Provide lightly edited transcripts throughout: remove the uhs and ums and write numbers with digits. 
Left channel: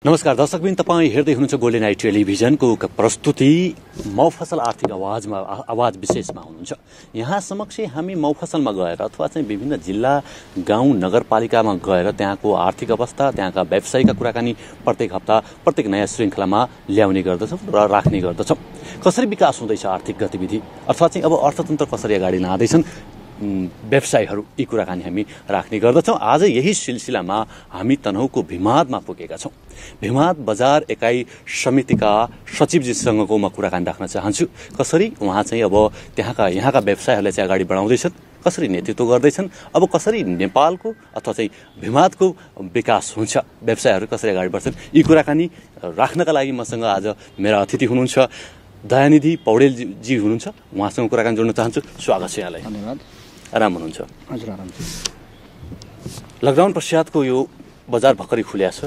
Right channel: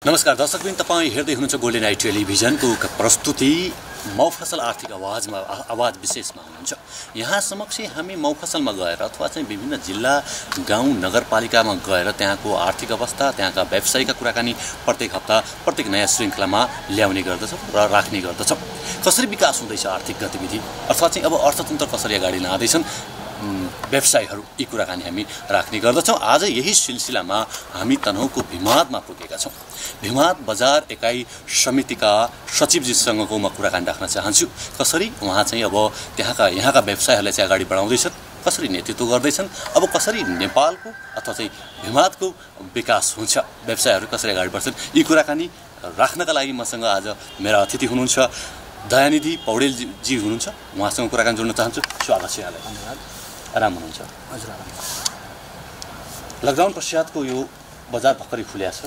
नमस्कार दर्शकवृन्द, तपाईँ हेर्दै हुनुहुन्छ गोल्डन आई टेलिभिजनको प्रस्तुति मौफसल आर्थिक आवाज विशेषमा हुनुहुन्छ। यहाँ समक्ष हामी मौफसलमा गएर अथवा चाहिँ विभिन्न जिल्ला गाउँ नगरपालिकामा गएर त्यहाँको आर्थिक अवस्था, त्यहाँका व्यवसायिका कुराकानी प्रत्येक हप्ता प्रत्येक नयाँ श्रृङ्खलामा ल्याउने गर्दछौँ र राख्ने गर्दछौँ। कसरी विकास हुँदैछ आर्थिक गतिविधि अथवा चाहिँ अब अर्थतन्त्र कसरी अगाडि लाँदैछन् व्यवसायहरू, यी कुराकानी हामी राख्ने गर्दछौँ। आज यही सिलसिलामा हामी तनहुँको भिमादमा पुगेका छौँ। भिमाद बजार एकाइ समितिका सचिवजीसँगको म कुराकानी राख्न चाहन्छु। कसरी उहाँ चाहिँ अब यहाँका व्यवसायहरूलाई चाहिँ अगाडि बढाउँदैछन्, कसरी नेतृत्व गर्दैछन्, अब कसरी नेपालको अथवा चाहिँ भिमादको विकास हुन्छ, व्यवसायहरू कसरी अगाडि बढ्छन्, यी कुराकानी राख्नका लागि मसँग आज मेरा अतिथि हुनुहुन्छ दयानिधि पौडेलजी हुनुहुन्छ। उहाँसँग कुराकानी जोड्न चाहन्छु। स्वागत छ यहाँलाई। धन्यवाद। आराम हुनुहुन्छ? हजुर, आराम छ। लकडाउन पश्चातको यो बजार भर्खरै खुल्या छ,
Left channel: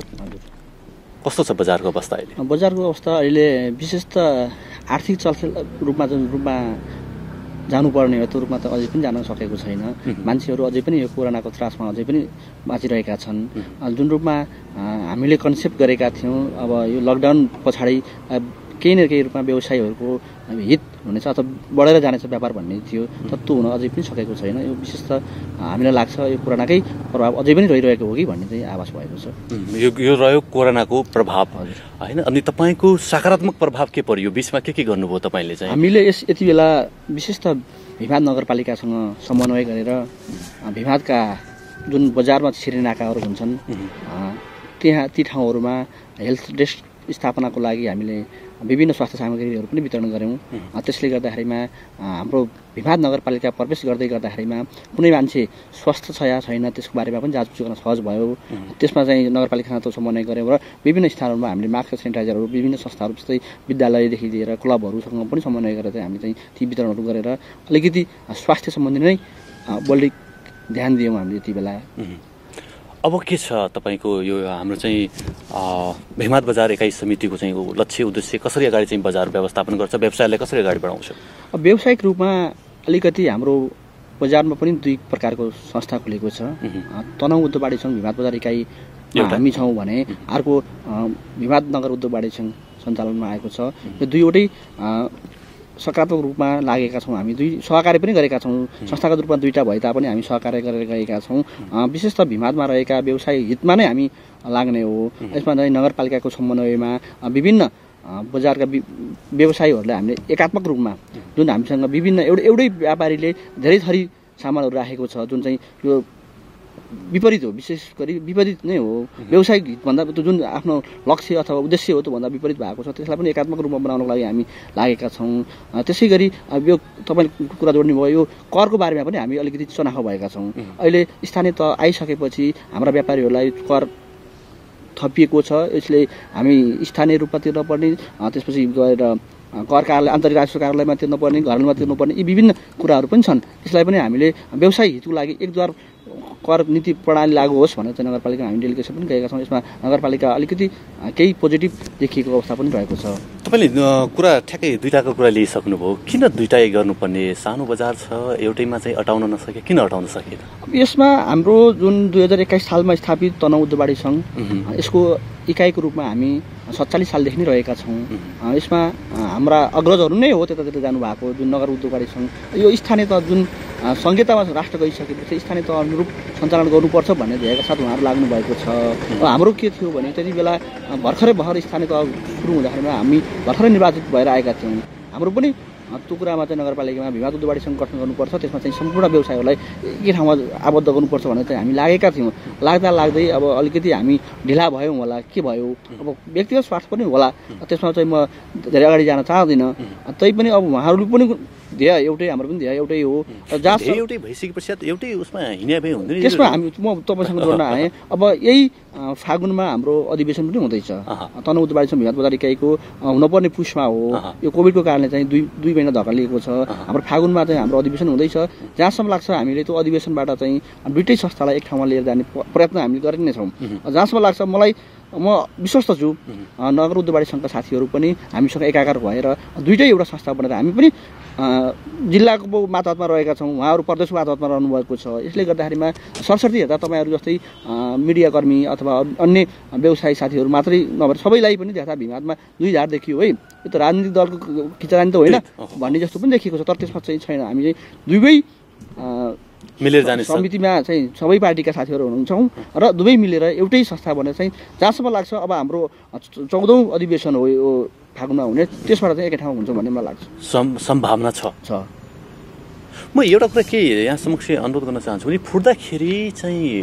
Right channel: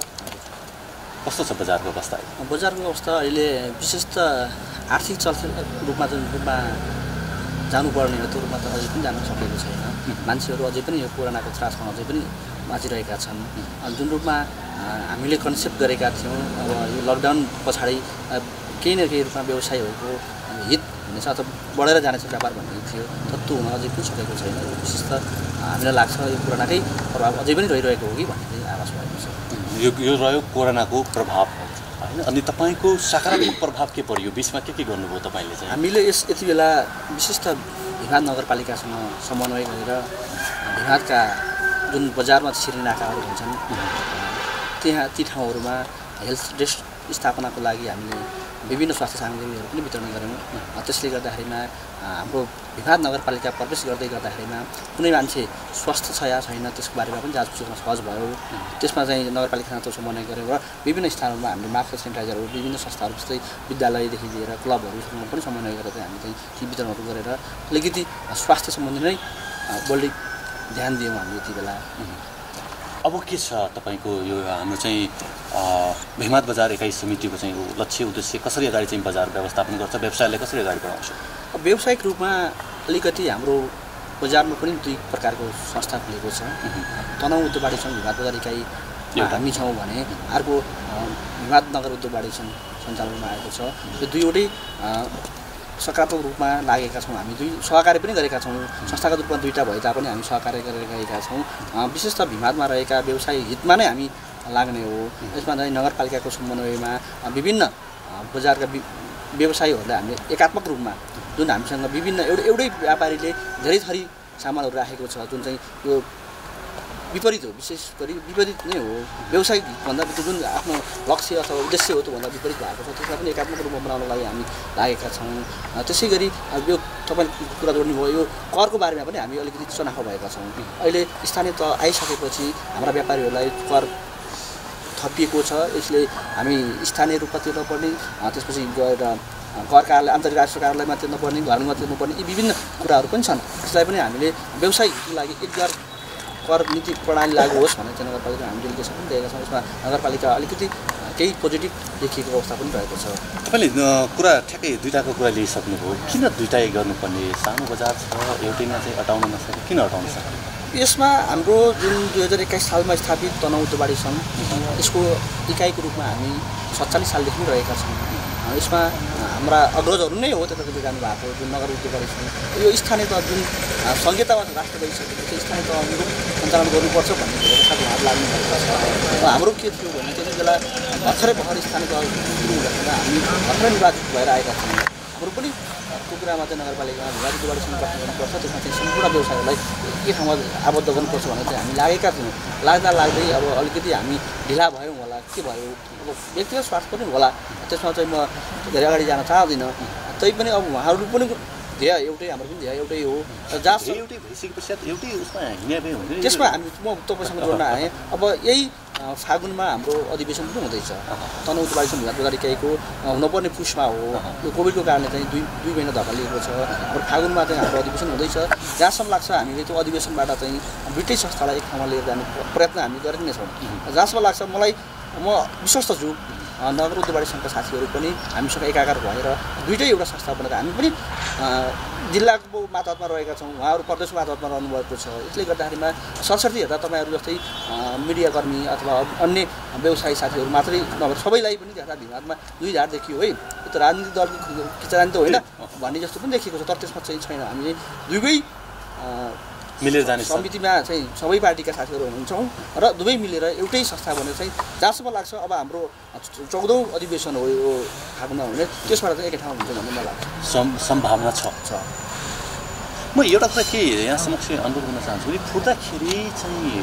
कस्तो छ बजारको अवस्था अहिले? बजारको अवस्था अहिले विशेष त आर्थिक चलखेल रूपमा जानुपर्ने हो त्यो रूपमा त अझै पनि जान सकेको छैन। मान्छेहरू अझै पनि यो कोरोनाको त्रासमा अझै पनि बाँचिरहेका छन्। जुन रूपमा हामीले कन्सेप्ट गरेका थियौँ, अब यो लकडाउन पछाडि केही न केही रूपमा व्यवसायहरूको हित हुनेछ अथवा बढेर जानेछ व्यापार भन्ने थियो, तर त्यो हुन अझै पनि सकेको छैन। यो विशेष त हामीलाई लाग्छ यो कोरोनाकै प्रभाव अझै पनि रहिरहेको हो कि भन्ने चाहिँ आभास भएको छ। यो रह्यो कोरोनाको प्रभाव होइन। अनि तपाईँको सकारात्मक प्रभाव के पर्यो? बिचमा के गर्नुभयो तपाईँले चाहिँ? हामीले यति बेला विशेष त भिमाद नगरपालिकासँग समन्वय गरेर भिमादका जुन बजारमा छिर्ने नाकाहरू हुन्छन् ती ठाउँहरूमा हेल्थ डेस्क स्थापनाको लागि हामीले विभिन्न स्वास्थ्य सामग्रीहरू पनि वितरण गऱ्यौँ। त्यसले गर्दाखेरिमा हाम्रो भिमाद नगरपालिका प्रवेश गर्दाखेरिमा कुनै मान्छे स्वस्थ छ या छैन त्यसको बारेमा पनि जाँच गर्न सहज भयो। त्यसमा चाहिँ नगरपालिकासँग समन्वय गऱ्यौँ र विभिन्न स्थानहरूमा हामीले मास्क, सेनिटाइजरहरू विभिन्न संस्थाहरू जस्तै विद्यालयदेखि लिएर क्लबहरूसँग पनि समन्वय गरेर चाहिँ हामीले ती वितरणहरू गरेर अलिकति स्वास्थ्य सम्बन्धी नै बढी ध्यान दियौँ हामीले यति बेला। अब के छ तपाईँको यो हाम्रो चाहिँ भिमाद बजार एकाइ समितिको चाहिँ लक्ष्य उद्देश्य, कसरी अगाडि चाहिँ बजार व्यवस्थापन गर्छ, व्यवसायलाई कसरी अगाडि बढाउँछ? व्यावसायिक रूपमा अलिकति हाम्रो बजारमा पनि दुई प्रकारको संस्था खुलेको छ। तनहुँ उद्योग वाणिज्य सङ्घ भिमाद बजार इकाइ हामी छौँ भने अर्को भिमाद नगर उद्योग वाणिज्य सङ्घ सञ्चालनमा आएको छ। यो दुईवटै सकारात्मक रूपमा लागेका छौँ। हामी दुई सहकार्य पनि गरेका छौँ। संस्थागत रूपमा दुईवटा भए तापनि हामी सहकार्य गरेर गएका छौँ। विशेष त भिमादमा रहेका व्यवसाय हितमा नै हामी लाग्ने हो। यसमा चाहिँ नगरपालिकाको समन्वयमा विभिन्न बजारका व्यवसायीहरूलाई हामीले एकात्मक रूपमा जुन हामीसँग विभिन्न एउटै व्यापारीले धेरै थरी सामानहरू राखेको छ, जुन चाहिँ यो विपरीत हो, विशेष गरी विपरीत नै हो। व्यावसायिक हितभन्दा त्यो जुन आफ्नो लक्ष्य अथवा उद्देश्य हो त्योभन्दा विपरीत भएको छ, त्यसलाई पनि एकात्मक रूपमा बनाउनको लागि हामी लागेका छौँ। त्यसै गरी यो तपाईँले कुरा जोड्नुभयो, यो करको बारेमा पनि हामी अलिकति चनाखो भएका छौँ। अहिले स्थानीय तह आइसकेपछि हाम्रा व्यापारीहरूलाई कर थपिएको छ। यसले हामी स्थानीय रूपमा तिर्नुपर्ने, त्यसपछि गएर कर कार्यालय, आन्तरिक राजस्व कार्यालयमा तिर्नुपर्ने, घरमा तिर्नुपर्ने, यी विभिन्न कुराहरू पनि छन्। त्यसलाई पनि हामीले व्यवसायिक हितको लागि एकद्वार कर नीति प्रणाली लागू होस् भनेर चाहिँ नगरपालिका हामी डेलिगेसन पनि दिएका छौँ। यसमा नगरपालिका अलिकति केही पोजिटिभ देखिएको अवस्था पनि रहेको छ। तपाईँले कुरा ठ्याक्कै दुईवटाको कुरा लिइसक्नुभयो। किन दुईवटै गर्नुपर्ने? सानो बजार छ, एउटैमा चाहिँ अटाउन नसके, किन अटाउन सके? यसमा हाम्रो जुन 2021 सालमा स्थापित तनहुँ उद्योग वाणिज्य सङ्घ, यसको इकाइको रूपमा हामी 47 सालदेखि नै रहेका छौँ। यसमा हाम्रा अग्रजहरू नै हो त्यतातिर जानुभएको जुन नगर उद्योग वाणिज्य सङ्घ। यो स्थानीय तह जुन संहितामा राष्ट्र गइसकेपछि स्थानीय तह अनुरूप सञ्चालन गर्नुपर्छ भन्ने भएका साथ उहाँहरू लाग्नु भएको छ। र हाम्रो के थियो भने त्यति बेला भर्खर स्थानीय तह सुरु हुँदाखेरि हामी भर्खरै निर्वाचित भएर आएका छौँ। हाम्रो पनि त्यो कुरामा चाहिँ नगरपालिकामा भिमाद उद्योग वाणिज्य सङ्घ गठन गर्नुपर्छ, त्यसमा चाहिँ सम्पूर्ण व्यवसायहरूलाई एकै ठाउँमा आबद्ध गर्नुपर्छ भनेर चाहिँ हामी लागेका थियौँ। लाग्दै अब अलिकति हामी ढिला भयौँ होला, के भयो, अब व्यक्तिगत स्वार्थ पनि होला, त्यसमा चाहिँ म धेरै अगाडि जान चाहदिनँ। तैपनि अब उहाँहरू पनि ध्येय एउटै, हाम्रो पनि ध्येय एउटै हो। जहाँ एउटै भइसके पश्चात एउटै उसमा हिँड्या भए हुँदैन। त्यसमा म तपाईँसँग जोड्न आएँ। अब यही फागुनमा हाम्रो अधिवेशन पनि हुँदैछ। तनहुँ उद्योग वाणिज्य सङ्घ भिमाद बजार इकाइको हुनुपर्ने पुसमा हो। यो कोभिडको कारणले चाहिँ दुई महिना धक्का लिएको छ। हाम्रो फागुनमा चाहिँ हाम्रो अधिवेशन हुँदैछ। जहाँसम्म लाग्छ हामीले त्यो अधिवेशनबाट चाहिँ दुईटै संस्थालाई एक ठाउँमा लिएर जाने प्रयत्न हामी गरि नै छौँ। जहाँसम्म लाग्छ मलाई म विश्वस्त छु नगर उद्योगवाडी सङ्घका साथीहरू पनि हामीसँग एकाकार भएर दुईटै एउटा संस्था बनेर हामी पनि जिल्लाको मातहतमा रहेका छौँ, उहाँहरू प्रदेशको मातहतमा रहनुभएको छ। यसले गर्दाखेरिमा सरसर्ती हेर्दा तपाईँहरू जस्तै मिडियाकर्मी अथवा अन्य व्यवसायी साथीहरू मात्रै नभएर सबैलाई पनि देख्दा भिमादमा दुई झार देखियो है। त्यो त राजनीतिक दलको किचरानी त होइन भन्ने जस्तो पनि देखिएको छ, तर त्यसमा चाहिँ छैन। हामी दुवै मिलेर जाने समितिमा चाहिँ सबै पार्टीका साथीहरू हुन्छौँ र दुवै मिलेर एउटै संस्था भनेर चाहिँ जहाँसम्म लाग्छ अब हाम्रो 14औं अधिवेशन हो यो फागुनमा हुने, त्यसबाट चाहिँ एकै ठाउँ हुन्छ भन्ने मलाई लाग्छ। सम्भावना छ। म एउटा कुरा के यहाँ समक्ष अनुरोध गर्न चाहन्छु कि फुट्दाखेरि चाहिँ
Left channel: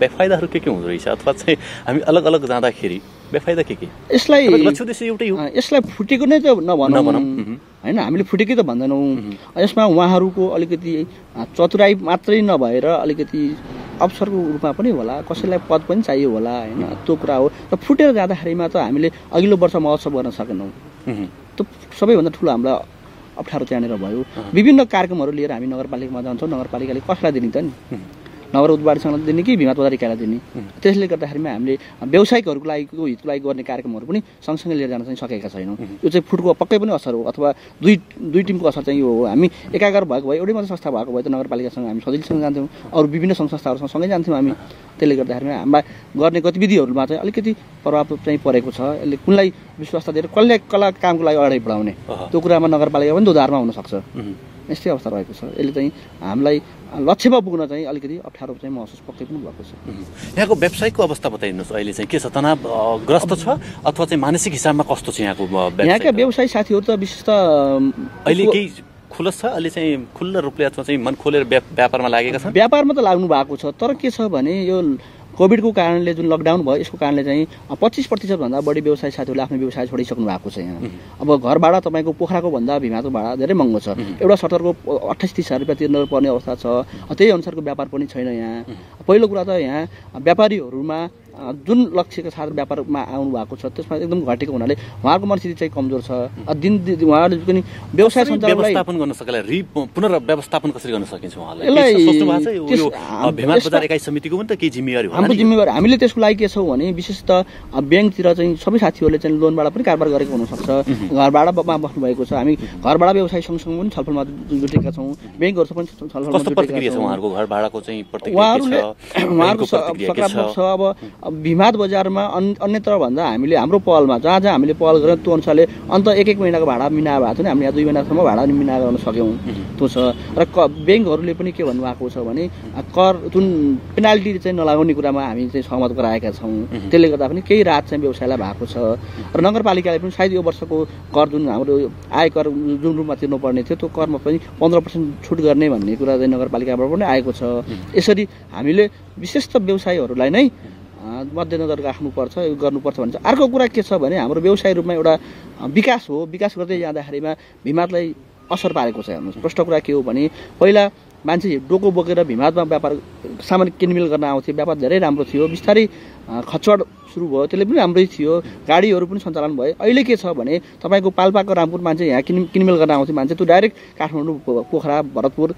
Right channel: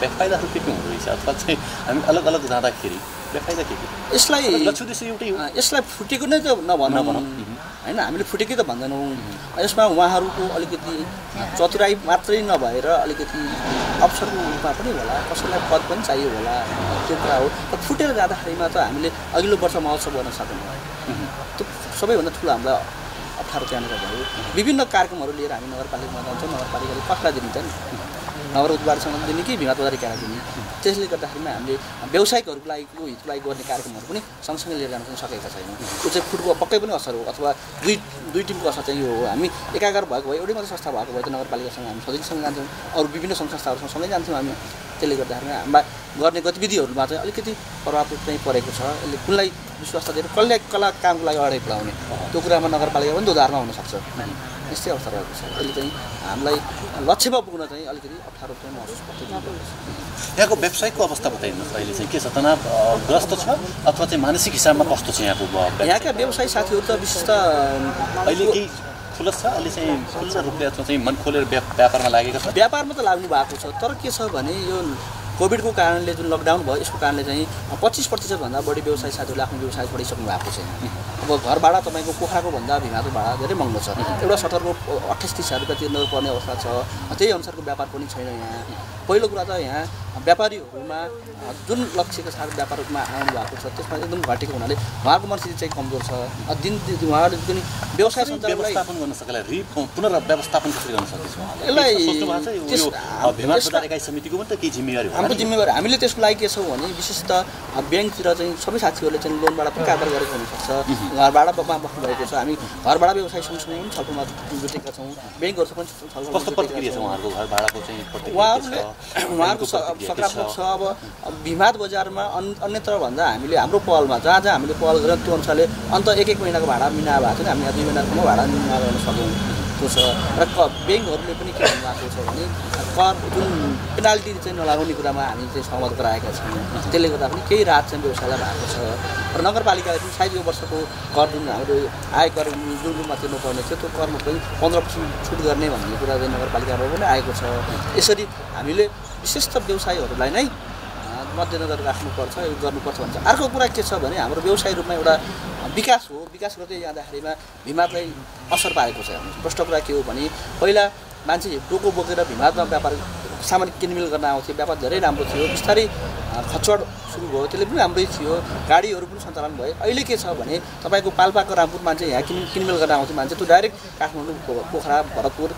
बेफाइदाहरू के हुँदो रहेछ अथवा चाहिँ हामी अलग अलग जाँदाखेरि बेफाइदा के यसलाई एउटै हो। यसलाई फुटेको नै त नभनौँ होइन, हामीले फुटेकै त भन्दैनौँ। यसमा उहाँहरूको अलिकति चतुराई मात्रै नभएर अलिकति अवसरको रूपमा पनि होला, कसैलाई पद पनि चाहियो होला होइन, त्यो कुरा हो। र फुटेर जाँदाखेरिमा त हामीले अघिल्लो वर्ष महोत्सव गर्न सकेनौँ। त्यो सबैभन्दा ठुलो हामीलाई अप्ठ्यारो त्यहाँनिर भयो। विभिन्न कार्यक्रमहरू लिएर हामी नगरपालिकामा जान्छौँ, नगरपालिकाले कसलाई दिन्छ नि, नगर उद्योगवादीसँग दिने कि भिमाद बजारिकालाई दिने। त्यसले गर्दाखेरिमा हामीले व्यावसायिकहरूको लागि हितको लागि गर्ने कार्यक्रमहरू पनि सँगसँगै लिएर जान चाहिँ सकेका छैनौँ। त्यो चाहिँ फुटको पक्कै पनि असर हो अथवा दुई टिमको असर चाहिँ यो हो। हामी एकाकार भएको भए एउटै मात्रै संस्था भएको भए त नगरपालिकासँग हामी सजिलोसँग जान्थ्यौँ, अरू विभिन्न सङ्घ संस्थाहरूसँग सँगै जान्थ्यौँ हामी। त्यसले गर्दाखेरि हाम्रा गर्ने गतिविधिहरूमा चाहिँ अलिकति प्रभाव चाहिँ परेको छ। यसले कुनलाई विश्वास दिएर कसलाई कामको लागि अगाडि बढाउने त्यो कुरामा नगरपालिका पनि दोधारमा हुनसक्छ। यस्तै अवस्था रहेको छ। यसले चाहिँ हामीलाई लक्ष्यमा पुग्न चाहिँ अलिकति अप्ठ्यारो चाहिँ महसुस पक्कै पनि भएको छ। यहाँको व्यावसायिकको अवस्था बताइदिनुहोस्, अहिले चाहिँ के छ, तनावग्रस्त छ अथवा चाहिँ मानसिक हिसाबमा कस्तो छ यहाँका व्यवसायी साथीहरू त विशेष त अहिले केही खुलस छ, अहिले चाहिँ खुल्ला रूपले अथवा चाहिँ मन खोलेर व्यापारमा लागेका छन्? व्यापारमा त लाग्नु भएको छ, तर के छ भने यो कोभिडको कारणले जुन लकडाउन भयो यसको कारणले चाहिँ 25% भन्दा बढी व्यवसायी साथीहरूले आफ्नो व्यवसाय छोडिसक्नु भएको छ यहाँ। अब घर भाडा तपाईँको पोखराको भन्दा भिमाको भाडा धेरै महँगो छ। एउटा सटरको 28-30 रुपियाँ तिर्नुपर्ने अवस्था छ। त्यही अनुसारको व्यापार पनि छैन यहाँ। पहिलो कुरा त यहाँ व्यापारीहरूमा जुन लक्ष्यका साथ व्यापारमा आउनु भएको छ त्यसमा एकदम घटेको हुनाले उहाँको मनस्थिति चाहिँ कमजोर छ। दिन उहाँहरूले पनि व्यवसाय सञ्चालनलाई व्यवस्थापन गर्न सकेला, पुनर्व्यवस्थापन कसरी गर्न सकिन्छ उहाँले? यसलाई भिमाद बजार इकाइ समितिको पनि त केही जिम्मेवारी हाम्रो जिम्मेवारी। हामीले त्यसको लागि के छ भने विशेष त ब्याङ्कतिर चाहिँ सबै साथीहरूले चाहिँ लोनबाट पनि कारोबार गरेको हुनसक्छ। घर भाडामा बस्नुभएको छ। हामी घर भाडा व्यवसाय सँगसँगै पनि छलफलमा जुटेका छौँ, ब्याङ्कहरूसँग पनि छलफलमा जुटेका छौँ। उहाँहरूको सकारात्मक छ। अब भिमाद बजारमा अन्यत्र भन्दा हामीले हाम्रो पहलमा जहाँ जहाँ हामीले पहल गरेर त्यो अनुसारले अन्त एक महिनाको भाडा मिना भएको थियो नि, हामीले 2 महिनासम्म भाडा मिना गर्न सक्यौँ त्यो छ। र ब्याङ्कहरूले पनि के भन्नुभएको छ भने कर जुन पेनाल्टी चाहिँ नलाउने कुरामा हामी चाहिँ सहमत गराएका छौँ। त्यसले गर्दा पनि केही राहत चाहिँ व्यवसायलाई भएको छ। र नगरपालिकाले पनि सायद यो वर्षको कर जुन हाम्रो आयकर जुन रूपमा तिर्नुपर्ने थियो त्यो करमा पनि 15% छुट गर्ने भन्ने कुरा चाहिँ नगरपालिकाबाट पनि आएको छ। यसरी हामीले विशेष त व्यवसायीहरूलाई नै मध्यनजर राख्नुपर्छ, यो गर्नुपर्छ भन्छ। अर्को कुरा के छ भने हाम्रो व्यवसाय रूपमा एउटा विकास हो। विकास गर्दै जाँदाखेरिमा भिमादलाई असर पारेको छ। हेर्नुहोस्, प्रष्ट कुरा के हो भने पहिला मान्छे डोको बोकेर भिमादमा व्यापार सामान किनमेल गर्न आउँथ्यो, व्यापार धेरै राम्रो थियो। बिस्तारै खचवड सुरु भयो, त्यसले पनि राम्रै थियो, गाडीहरू पनि सञ्चालन भयो। अहिले के छ भने तपाईँको पाल्पाको रामपुर मान्छे यहाँ किनमेल गर्न आउँथ्यो मान्छे, त्यो डाइरेक्ट काठमाडौँ, पोखरा, भरतपुर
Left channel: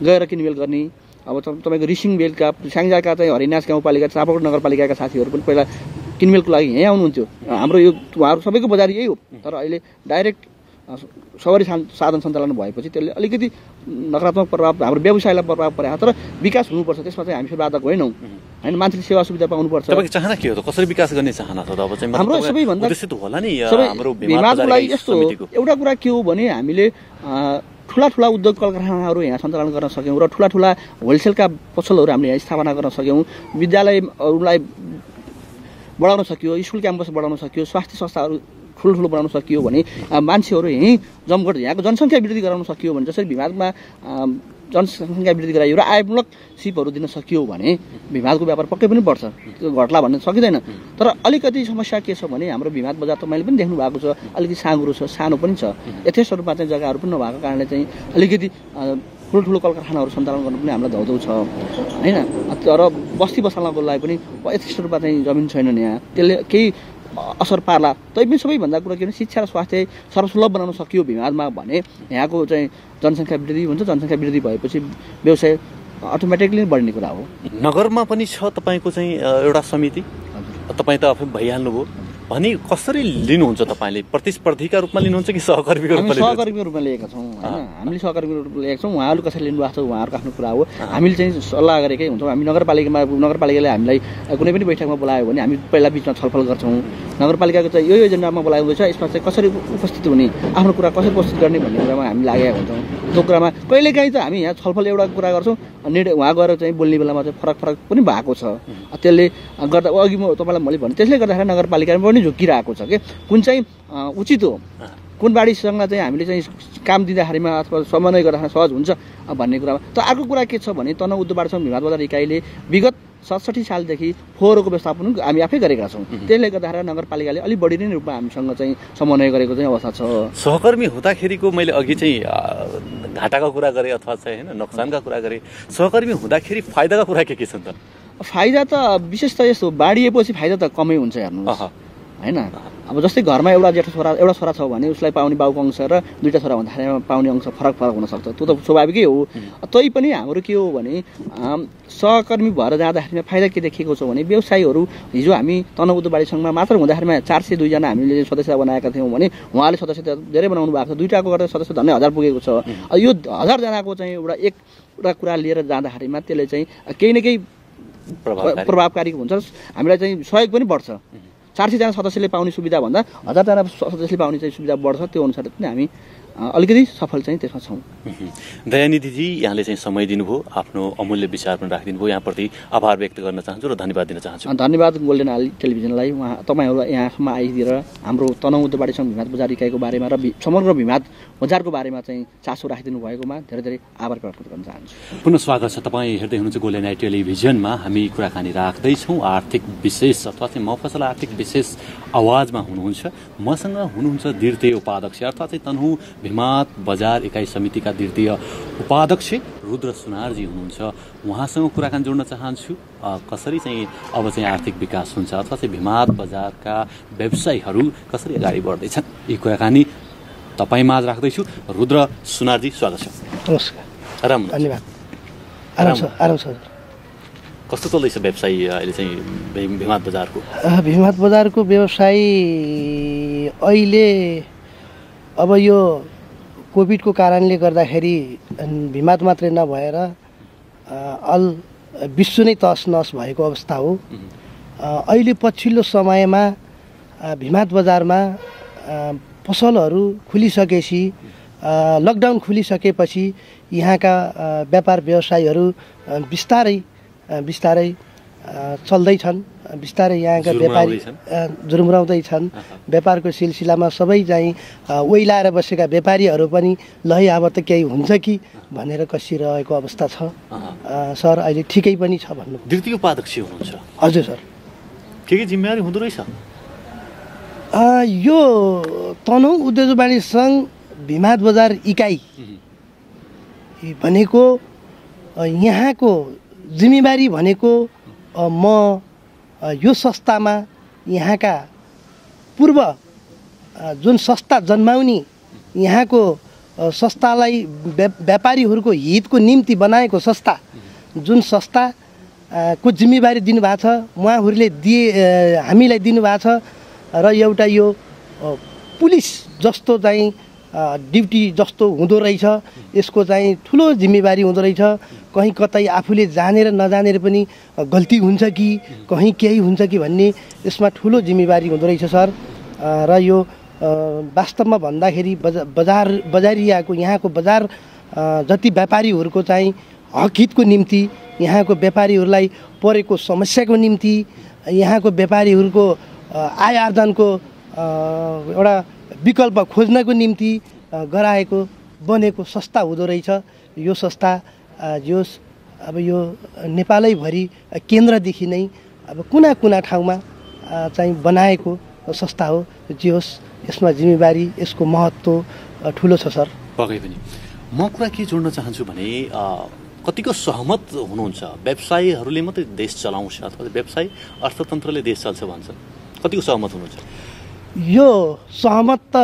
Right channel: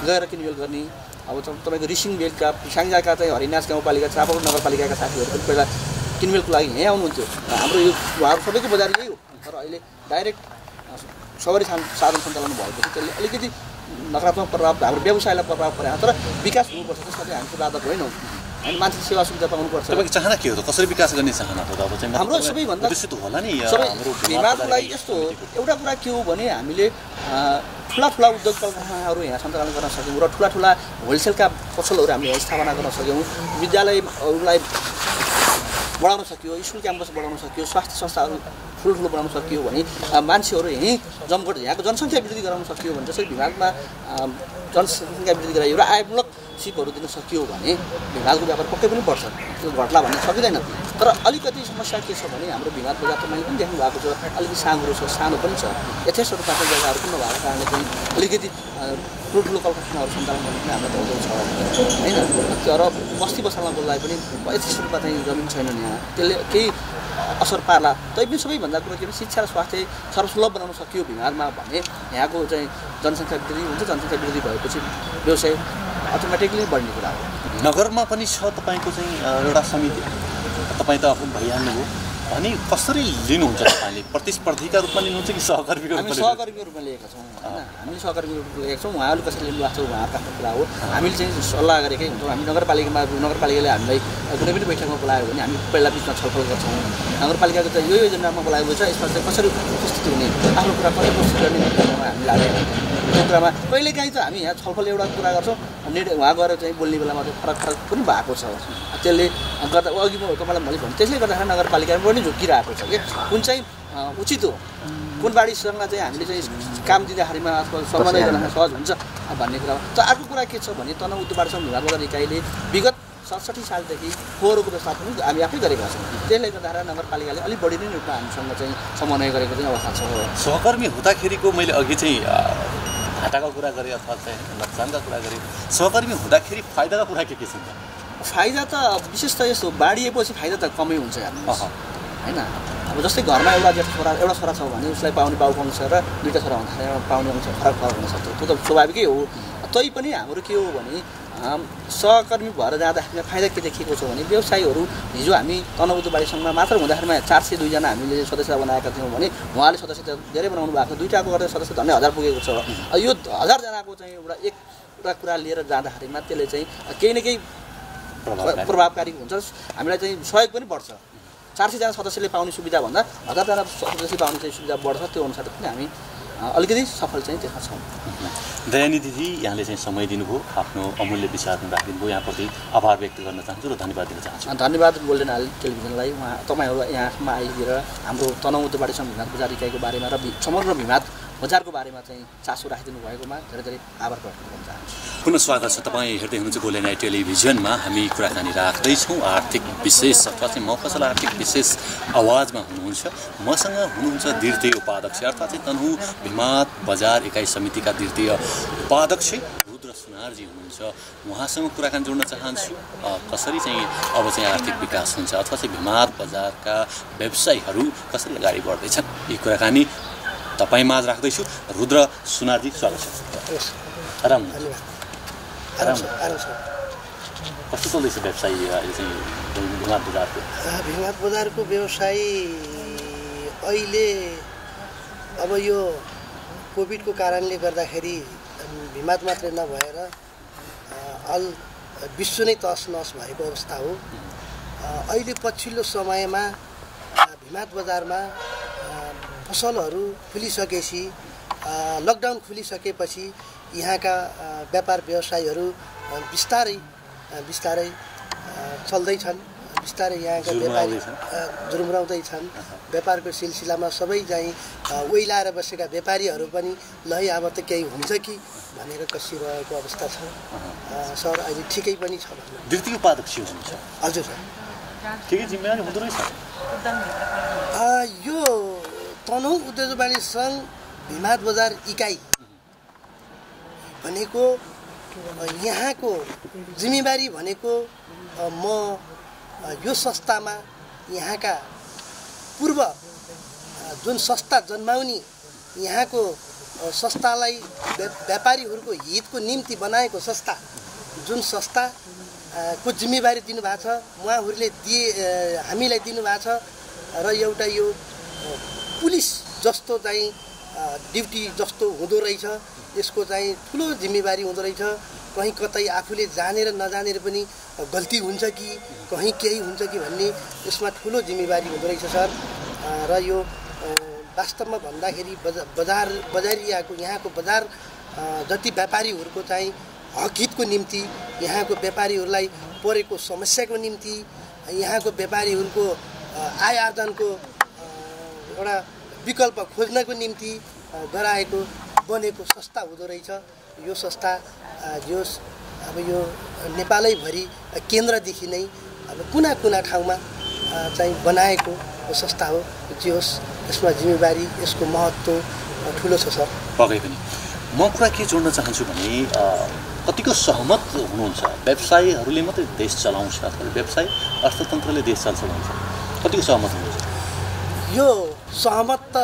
गएर किनमेल गर्ने। अब तपाईँको रिसिङ बेलका स्याङ्जाका चाहिँ हरिनास गाउँपालिका, चापाकोट नगरपालिकाका साथीहरू पनि पहिला किनमेलको लागि यहीँ आउनुहुन्थ्यो। हाम्रो यो उहाँहरू सबैको बजार यही हो, तर अहिले डाइरेक्ट सवारी साधन सञ्चालन भएपछि त्यसले अलिकति नकारात्मक प्रभाव हाम्रो व्यवसायलाई प्रभाव परेको, तर विकास हुनुपर्छ। त्यसमा चाहिँ हामी बाधक होइनौँ होइन, मान्छेले सेवा सुविधा पाउनुपर्छ। तपाईँको चाहना के हो त? कसरी विकास गर्ने चाहना त? अब चाहिँ हाम्रो सबैभन्दा होला नि हाम्रो भिमादको लागि यस्तो एउटा कुरा के हो भने हामीले ठुला उद्योग कल कारखानाहरू यहाँ सञ्चालन गर्न सक्यौँ र ठुला होलसेलका पसलहरू हामीले यहाँ स्थापना गर्न सक्यौँ। विद्यालयहरूलाई बढाउन सकियो, स्कुल क्याम्पस बढाउन सकियो, स्वास्थ्य संस्थाहरू ठुलो बनाउन सकियो भने मान्छेहरू यहीँ जमघट यहाँको जनसङ्ख्या वृद्धि गराउन सकियो भने, जसरी भिमादमा जनसङ्ख्या वृद्धि गरायो र आयमूलक सिपहरू दिन सकियो भने भिमादको व्यापार पक्कै पनि बढ्छ। त्यो घट्ला भन्ने सकिँदैन। तर अलिकति समस्या के छ भने हाम्रो भिमाद बजार तपाईँले पनि देख्नु भएको छ, अलिकति साँगुरो छ, सानो पनि छ। यथेष्ट रूपमा चाहिँ जग्गाहरू पनि नभएको कारणले चाहिँ अलिकति ठुलो कल कारखानाहरू सञ्चालन गर्न पनि हामीलाई धौधौ छ होइन। तर बस्ती बसाल्नको लागि पनि यथेष्ट रूपमा चाहिँ जमिन छैनन् यहाँ, त्यसले केही असर पार्ला। तैपनि सबैभन्दा कुरा के भने शिक्षा र स्वास्थ्य सर्वसुलभ बनाउन सकियो भिमादमा भने यहाँको चाहिँ जनसङ्ख्या वृद्धि हुन्छ। जनसङ्ख्या वृद्धि भएपछि व्यवसाय अटोमेटिकली बढ्ने कुरा हो। नगरमा पनि छ तपाईँको चाहिँ एउटा समिति? तपाईँ त आफू भइहाल्नुभयो अनि कसरी लिनुहुन्छ तपाईँले प्रतिस्पर्धीका रूपमा लिनुहुन्छ कि सहकर्मीको रूपमा हामी सहकर्मीको रूपमा लिएका छौँ होइन हामीले सहकर्मीको रूपमा लिएका छौँ उहाँहरू कसरी लिनुभएको छ उहाँहरूको आफ्नो कुरा हो हामीले चाहिँ सल्लाह गरेकै हुन्छौँ हामी नगरपालिकाले हामीलाई कुनै पनि बैठकमा बोलायो भने हामी पहिला बिचमा छलफल गर्छौँ नगरपालिकाको चाहिँ यो एजेन्डामा बोलाएको छ यसमा चाहिँ कसरी उपस्थित हुने आफ्नो कुरा कसरी प्रस्तुत गर्ने भन्ने कुरामा हामी लागेका हुन्छौँ त्यो कुरामा कहिलेकाहीँ चाहिँ हामी यहाँ छलफल एउटा कुरा गर्छौँ उहाँ गएर चाहिँ बोल्ने बेलामा चाहिँ फरक पनि भएको छ त्यसले गर्दा अघि म तपाईँलाई मैले भने त्यसले गर्दाखेरि नगरपालिकामा पनि झुकिरहेको छ कि कुन चाहिँ उचित हो कुन बाढीसँग चाहिँ हामीले चाहिँ काम दिँदाखेरिमा अथवा समन्वय गर्न सहज हुन्छ भन्ने कुरामा त अर्को कुरा के छ भने तनहुँ उद्योगवाडी विभाग बजार इकाइले विगत 67 सालदेखि फोहोरको व्यवस्थापन हामी आफै गरेका छौँ त्यसले गर्दाखेरि नगरपालिकाले अलिक बढी नै रूपमा हामीसँग चाहिँ समन्वय गरेको चाहिँ अवस्था छ सहकर्मी हुँदाखेरिको मैले अघि चाहिँ घाटाको कुरा गरेँ अथवा चाहिँ नोक्सानका कुरा गरेँ सहकर्मी हुँदाखेरि फाइदाका कुरा के छन् त फाइदा त विशेष त यस्तो बाढिएपछि फाइदा त कमै हुन्छ हेर्नुहोस् होइन अब जस्तै घरमा एउटा छोरा छ भने उसलाई पाउने बाउको अंश र दुईवटा छोरा भन्दाखेरि पाउने अंश फरक हुनसक्छ त्यो त स्वाभाविकै हो तै पनि हाम्रो के हो भने सहकर्मी भएर जाँदाखेरि फाइदा के देखिएको छ भने व्यवसायीहरू हिजो हामी तनहुँ उद्योगवाडी मात्र हुँदाखेरिमा 402 जना हामीले सदस्य बनाएका थियौँ भने उहाँले सदस्य धेरै बनाउनु भएको छ दुईटाको गर्दा सदस्य झन्डै 1000 पुगेको छ यो 1000 जनाको चाहिँ एउटा कुरा लिएर जाँदाखेरिमा त्यसले चाहिँ केही न केही प्रभावकारी हुन्छ हामीलाई चाहिँ सहयोग पनि बढ्छ 400 जना सदस्यले पाउने सुविधा भन्दा 1000 जना सदस्यले पाउने चाहिँ सुविधा बढ्छ त्यो अनुसार पनि हामी अलिकति सफल चाहिँ त्यसमा छौँ दयानी दिदी यहाँले चाहिँ समय दिनुभयो आफ्नो अमूल्य विचार पनि राखिदिनु भयो यहाँप्रति आभार व्यक्त गर्न चाहन्छु र धन्यवाद दिन चाहन्छु धन्यवाद गोल्डन आइल टेलिभिजनलाई तपाईँहरू यहाँसम्म आइदिएर हाम्रो तनहुँ उद्योगवाडी विभाग बजार इकाइको बारेमा र समग्र विभाग बजारको बारेमा चाहिँ चासो राखिदिनु भएकोमा धेरै धेरै आभार प्रकट गर्न चाहन्छु पुनः स्वागत छ तपाईँ हेर्दै हुनुहुन्छ गोल्डन आइल टेलिभिजनमा हामी कुराकानी राख्दैछौँ आर्थिक विशेष अथवा चाहिँ मफसल आर्थिक विशेष आवाजमा हुनुहुन्छ मसँग हुनुहुन्छ द्वितीय उपाध्यक्ष अर्थात् चाहिँ तनहुँ भिमात बजार इकाइ समितिका द्वितीय उपाध्यक्ष रुद्र सुनारजी हुनुहुन्छ उहाँसँग कुराकानी जोड्न चाहन्छु कसरी चाहिँ अब चाहिँ आर्थिक विकास हुन्छ अथवा चाहिँ भिमात बजारका व्यवसायीहरू कसरी अगाडि बढ्दैछन् यी कुराकानी तपाईँ माझ राख्दैछु रुद्र सुनारजी स्वागत छ नमस्कार आराम धन्यवाद आराम छ कस्तो चल्दैछ व्यवसाय अहिले चाहिँ भिमात बजारको भिमात बजारको व्यवसाय अहिले अब यो कोभिडको कारणले गर्दाखेरि भिमात मात्रै नभएर विश्व नै तहस नहस भएको अवस्था हो अहिले पछिल्लो समयमा भिमात बजारमा पसलहरू खुलिसकेपछि लकडाउन खुलिसकेपछि यहाँका व्यापार व्यवसायीहरू बिस्तारै चल्दैछन् बिस्तारै यहाँका व्यापारी जुरुम्राउँदैछन् व्यापारको सिलसिलामा सबै चाहिँ ओइलाएर बसेका व्यापारीहरू पनि ल अब त केही हुन्छ कि भनेर कसिरहेको अवस्था छ सर अहिले ठिकै पनि छ भन्नु द्वितीय उपाध्यक्ष हुनुहुन्छ हजुर सर के जिम्मेवारी हुँदो रहेछ यो तनहुँ उद्योगवाडी सङ्घ भिमात बजार इकाइ भनेको यहाँको जिम्मेवारी भनेको म यो संस्थामा यहाँका पूर्व जुन संस्था जन्माउने यहाँको संस्थालाई व्यापारीहरूको हितको निम्ति बनाएको संस्था जुन संस्थाको जिम्मेवारी दिनुभएको छ उहाँहरूले हामीलाई दिनुभएको छ र एउटा यो पुलिस जस्तो चाहिँ ड्युटी जस्तो हुँदो रहेछ यसको चाहिँ ठुलो जिम्मेवारी हुँदो रहेछ कहीँ कतै आफूले जानेर नजानेर पनि गल्ती हुन्छ कि कहीँ केही हुन्छ कि भन्ने यसमा ठुलो जिम्मेवारी हुँदो रहेछ सर र यो वास्तवमा भन्दाखेरि बजारियाको यहाँको बजार जति व्यापारीहरूको चाहिँ हकहितको निम्ति यहाँको व्यापारीहरूलाई परेको समस्याको निम्ति यहाँको व्यापारीहरूको आय आर्जनको एउटा विकल्प खोज्नको निम्ति गराएको बनेको संस्था हुँदो रहेछ यो संस्था अब यो नेपालैभरि केन्द्रदेखि नै अब कुना कुना ठाउँमा चाहिँ बनाएको संस्था हो जे होस् यसमा जिम्मेवारी यसको महत्त्व ठुलो छ सर पक्कै पनि म कुरा के जोड्न चाहन्छु भने कतिको सहमत हुनुहुन्छ व्यवसायीहरूले मात्रै देश चलाउँछ अथवा व्यवसाय अर्थतन्त्रले देश चल्छ भन्छ कतिको सहमत हुनुहुन्छ यो सहमत त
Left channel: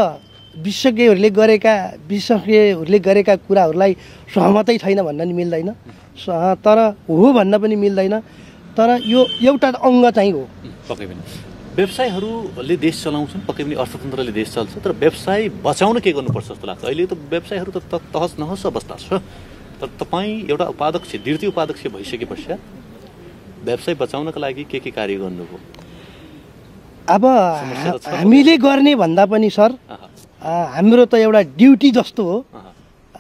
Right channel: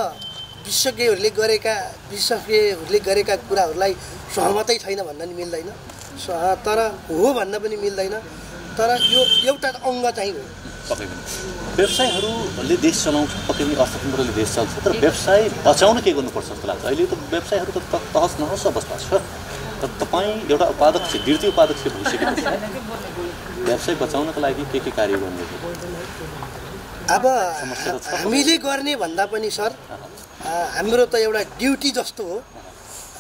विशेषज्ञहरूले गरेका कुराहरूलाई सहमतै छैन भन्न नि मिल्दैन तर हो भन्न पनि मिल्दैन तर यो एउटा अङ्ग चाहिँ हो पक्कै पनि व्यवसायहरूले देश चलाउँछन्, पक्कै पनि अर्थतन्त्रले देश चल्छ, तर व्यवसाय बचाउन के गर्नुपर्छ जस्तो लाग्छ? अहिले त व्यवसायहरू त तहस नहस अवस्था छ, तर तपाईँ एउटा उत्पादक द्वितीय उत्पादक भइसकेपछि व्यवसाय बचाउनको लागि के कार्य गर्नुभयो? अब हामीले गर्ने भन्दा पनि सर हाम्रो त एउटा ड्युटी जस्तो हो।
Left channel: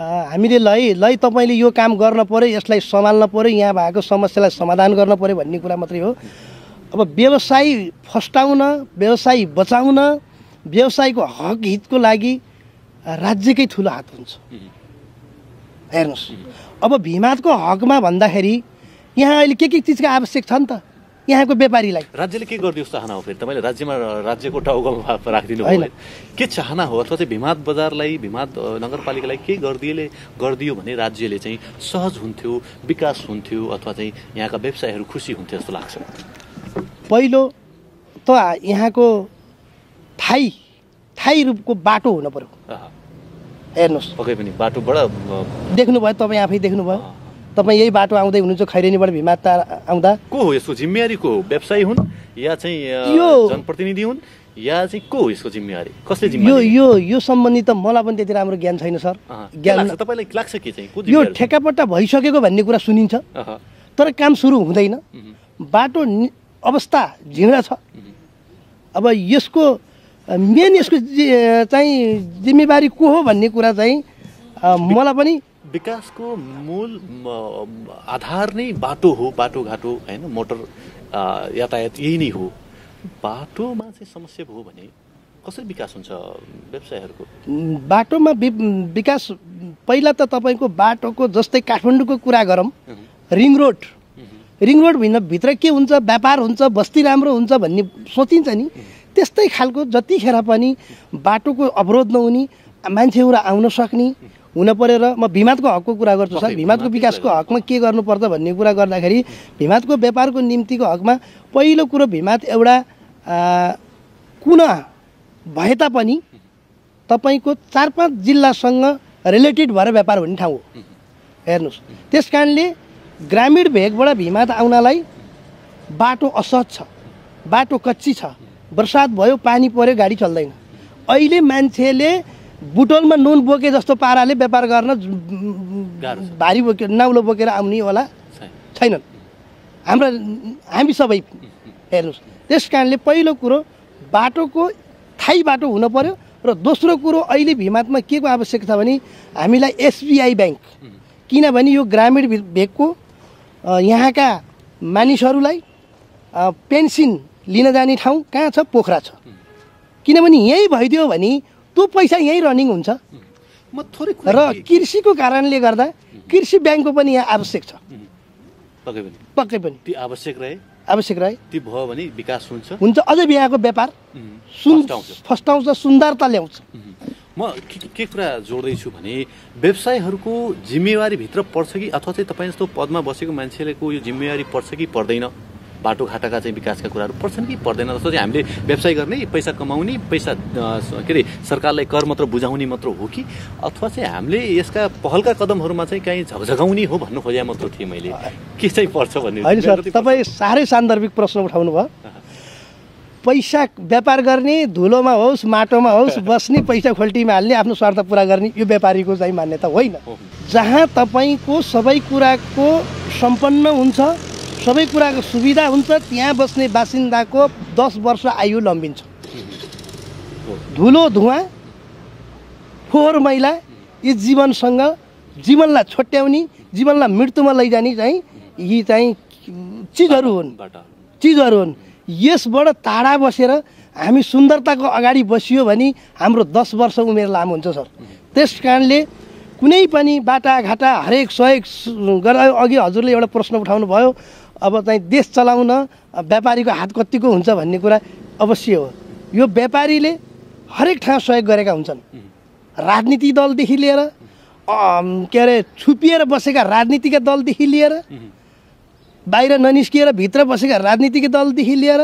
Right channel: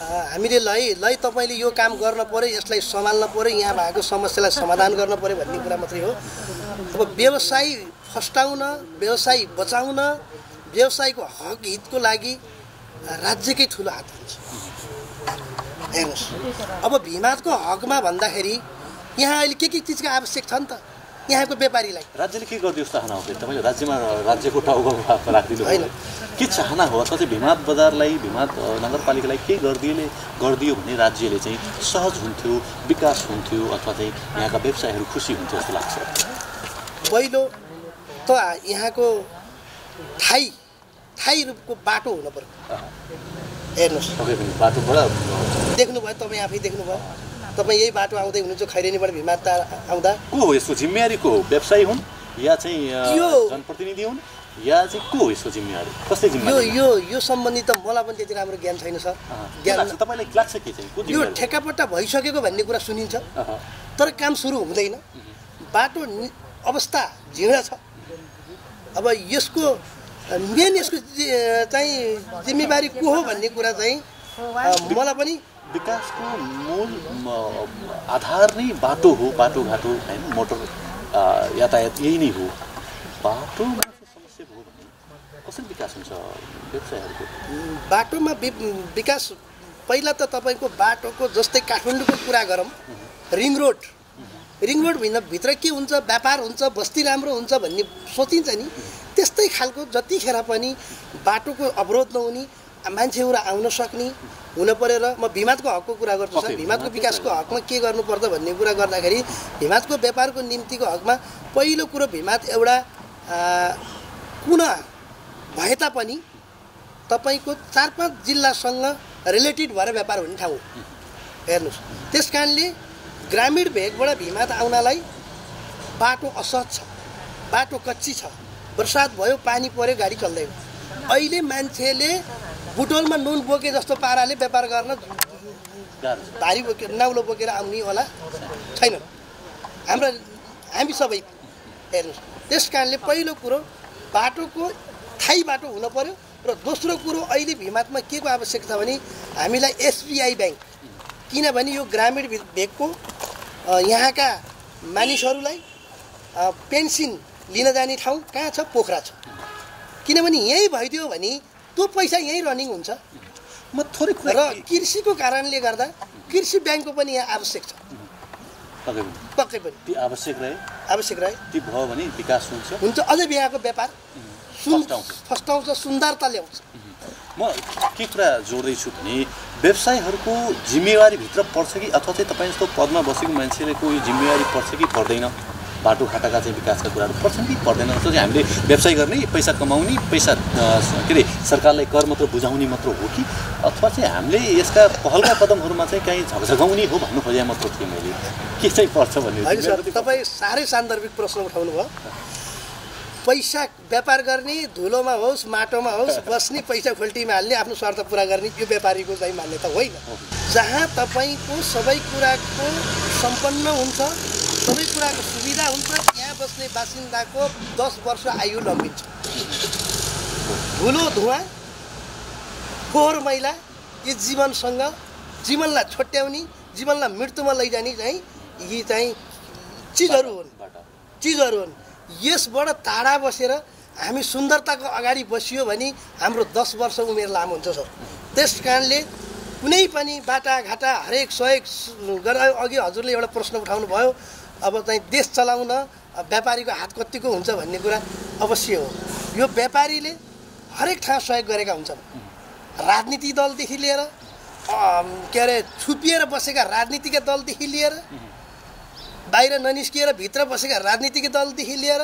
हामीले ल तपाईँले यो काम गर्न पर्यो, यसलाई सम्हाल्न पर्यो, यहाँ भएको समस्यालाई समाधान गर्न पर्यो भन्ने कुरा मात्रै हो। अब व्यवसाय फस्टाउन, व्यवसाय बचाउन, व्यवसायको हक हितको लागि राज्यकै ठुलो हात हुन्छ। हेर्नुहोस्, अब भिमादको हकमा भन्दाखेरि यहाँ अहिले के चिजको आवश्यक छ नि त यहाँको व्यापारीलाई। राज्यले के गरिदियोस् चाहना हो? तपाईँले राज्यको टाउकोमा राखिदिनु होइन, के चाहना हो? अथवा चाहिँ भिमाद बजारलाई, भिमाद नगरपालिकालाई के गरिदियो भने राज्यले चाहिँ सहज हुन्थ्यो, विकास हुन्थ्यो, अथवा चाहिँ यहाँका व्यवसायहरू खुसी हुन्थ्यो जस्तो लाग्छ? पहिलो त यहाँको थाई रूपको बाटो हुनु पर्यो। हेर्नुहोस्, पक्कै पनि बाटोबाट देख्नुभयो, तपाईँ आफै देख्नुभयो, तपाईँ यही बाटो आउँदै हुनुहुन्छ खैरेनीबाट भिमाद आउँदा। को हो यसको जिम्मेवारी? को हो? व्यवसायी हुन् या चाहिँ जनप्रतिनिधि हुन् या चाहिँ को हो यसको जिम्मेवारी? कसले जिम्मेवारी? यो सम्बन्धी त मलाई पनि त्यति राम्रो ज्ञान छैन सर। ज्ञान तपाईँलाई लाग्छ के चाहिँ यो ठेकापट्टा भइसकेको भन्ने कुरा सुनिन्छ, तर काम सुरु हुँदैन। बाटो अवस्था झिँडा छ। अब यसको यसको चाहिँ जिम्मेवारी को हो भन्ने कुरा चाहिँ मलाई पनि विकासको मूल आधार नै बाटो हो, बाटोघाटो होइन, मोटर यातायात यही नै हो। बाटोमा चाहिँ समस्या भयो भने कसरी विकास हुन्छ व्यवसायहरूको? बाटोमा विकास पहिला त तपाईँको बाटोको जस्तै काठमाडौँको कुरा गरौँ, रिङ रोड भित्र के हुन्छ, व्यापार हुन्छ, बस्ती राम्रो हुन्छ भन्ने सोचिन्छ नि, त्यस्तै खालको जतिखेर पनि बाटोको अवरोध नहुने, मान्छेहरू आउन सक्ने हुन पऱ्यो। र म भिमादको हकको कुरा गर्छु सर। भिमादको विकासको हकमा के गर्नुपर्छ भन्ने कुरा गर्दाखेरि भिमादको व्यापारको निम्तिको हकमा पहिलो कुरो भिमाद एउटा कुना भए तापनि तपाईँको 4-5 जिल्लासँग रिलेटेड भएर व्यापार हुने ठाउँ हो। हेर्नुहोस्, त्यस कारणले ग्रामीण भेगबाट भिमाद आउनलाई बाटो असहज छ, बाटो कच्ची छ, बर्सात भयो, पानी पर्यो, गाडी चल्दैन। अहिले मान्छेले बुटोलमा नुन बोके जस्तो पाराले व्यापार गर्न भारी बोकेर नाउलो बोकेर आउने होला छैनन् हामी सबै। हेर्नुहोस्, त्यस कारणले पहिलो कुरो बाटोको थाई बाटो हुन पर्यो। र दोस्रो कुरो अहिले भिमादमा के को आवश्यक छ भने हामीलाई एसबिआई ब्याङ्क, किनभने यो ग्रामीण भेगको यहाँका मानिसहरूलाई पेन्सन लिन जाने ठाउँ कहाँ छ? पोखरा छ। किनभने यही भइदियो भने त्यो पैसा यहीँ रनिङ हुन्छ। र कृषिको कारणले गर्दा कृषि ब्याङ्कको पनि यहाँ आवश्यक छ। पक्कै पनि ती आवश्यक रहे ती भयो भने विकास हुन्छ। अझै यहाँको व्यापार फस्टाउँछ, सुन्दरता ल्याउँछ। म के कुरा जोड्दैछु भने व्यवसायहरूको जिम्मेवारीभित्र पर्छ कि अथवा चाहिँ तपाईँ जस्तो पदमा बसेको मान्छेको यो जिम्मेवारी पर्छ कि पर्दैन? बाटोघाटाका चाहिँ विकासका कुराहरू पर्छन् कि पर्दैन? जस्तो चाहिँ हामीले व्यवसाय गर्ने, पैसा कमाउने, पैसा के अरे सरकारलाई कर मात्र बुझाउने मात्र हो कि अथवा चाहिँ हामीले यसका पहलका कदमहरूमा चाहिँ कहीँ झकझगाउने हो भन्नु खोजेँ मात्र थिएँ मैले। के चाहिँ पर्छ भन्ने? होइन सर, तपाईँ साह्रै सान्दर्भिक प्रश्न उठाउनु भयो। पैसा व्यापार गर्ने, धुलोमा होस् माटोमा होस् बस्ने, पैसा खोल्टीमा हाल्ने, आफ्नो स्वार्थ पुरा गर्ने, यो व्यापारीको चाहिँ मान्यता होइन। जहाँ तपाईँको सबै कुराको सम्पन्न हुन्छ, सबै कुराको सुविधा हुन्छ, त्यहाँ बस्ने बासिन्दाको 10 वर्ष आयु लम्बिन्छ। धुलो धुवा फोहोर मैला यी जीवनलाई छोट्याउने, जीवनलाई मृत्युमा लैजाने चाहिँ यी चाहिँ चिजहरू हुन्। यसबाट टाढा बसेर हामी सुन्दरताको अगाडि बसियो भने हाम्रो 10 वर्ष उमेर लामो हुन्छ सर। त्यस कारणले कुनै पनि बाटाघाटा हरेक सहयोग गरेर, अघि हजुरले एउटा प्रश्न उठाउनु भयो, अब चाहिँ देश चलाउन व्यापारीको हात कतिको हुन्छ भन्ने कुरा अवश्य हो। यो व्यापारीले हरेक ठाउँ सहयोग गरेका हुन्छन्। राजनीतिक दलदेखि लिएर के अरे छुपिएर बसेका राजनीतिक दलदेखि लिएर, बाहिर ननिस्किएर भित्र बसेका राजनीतिक दलदेखि लिएर,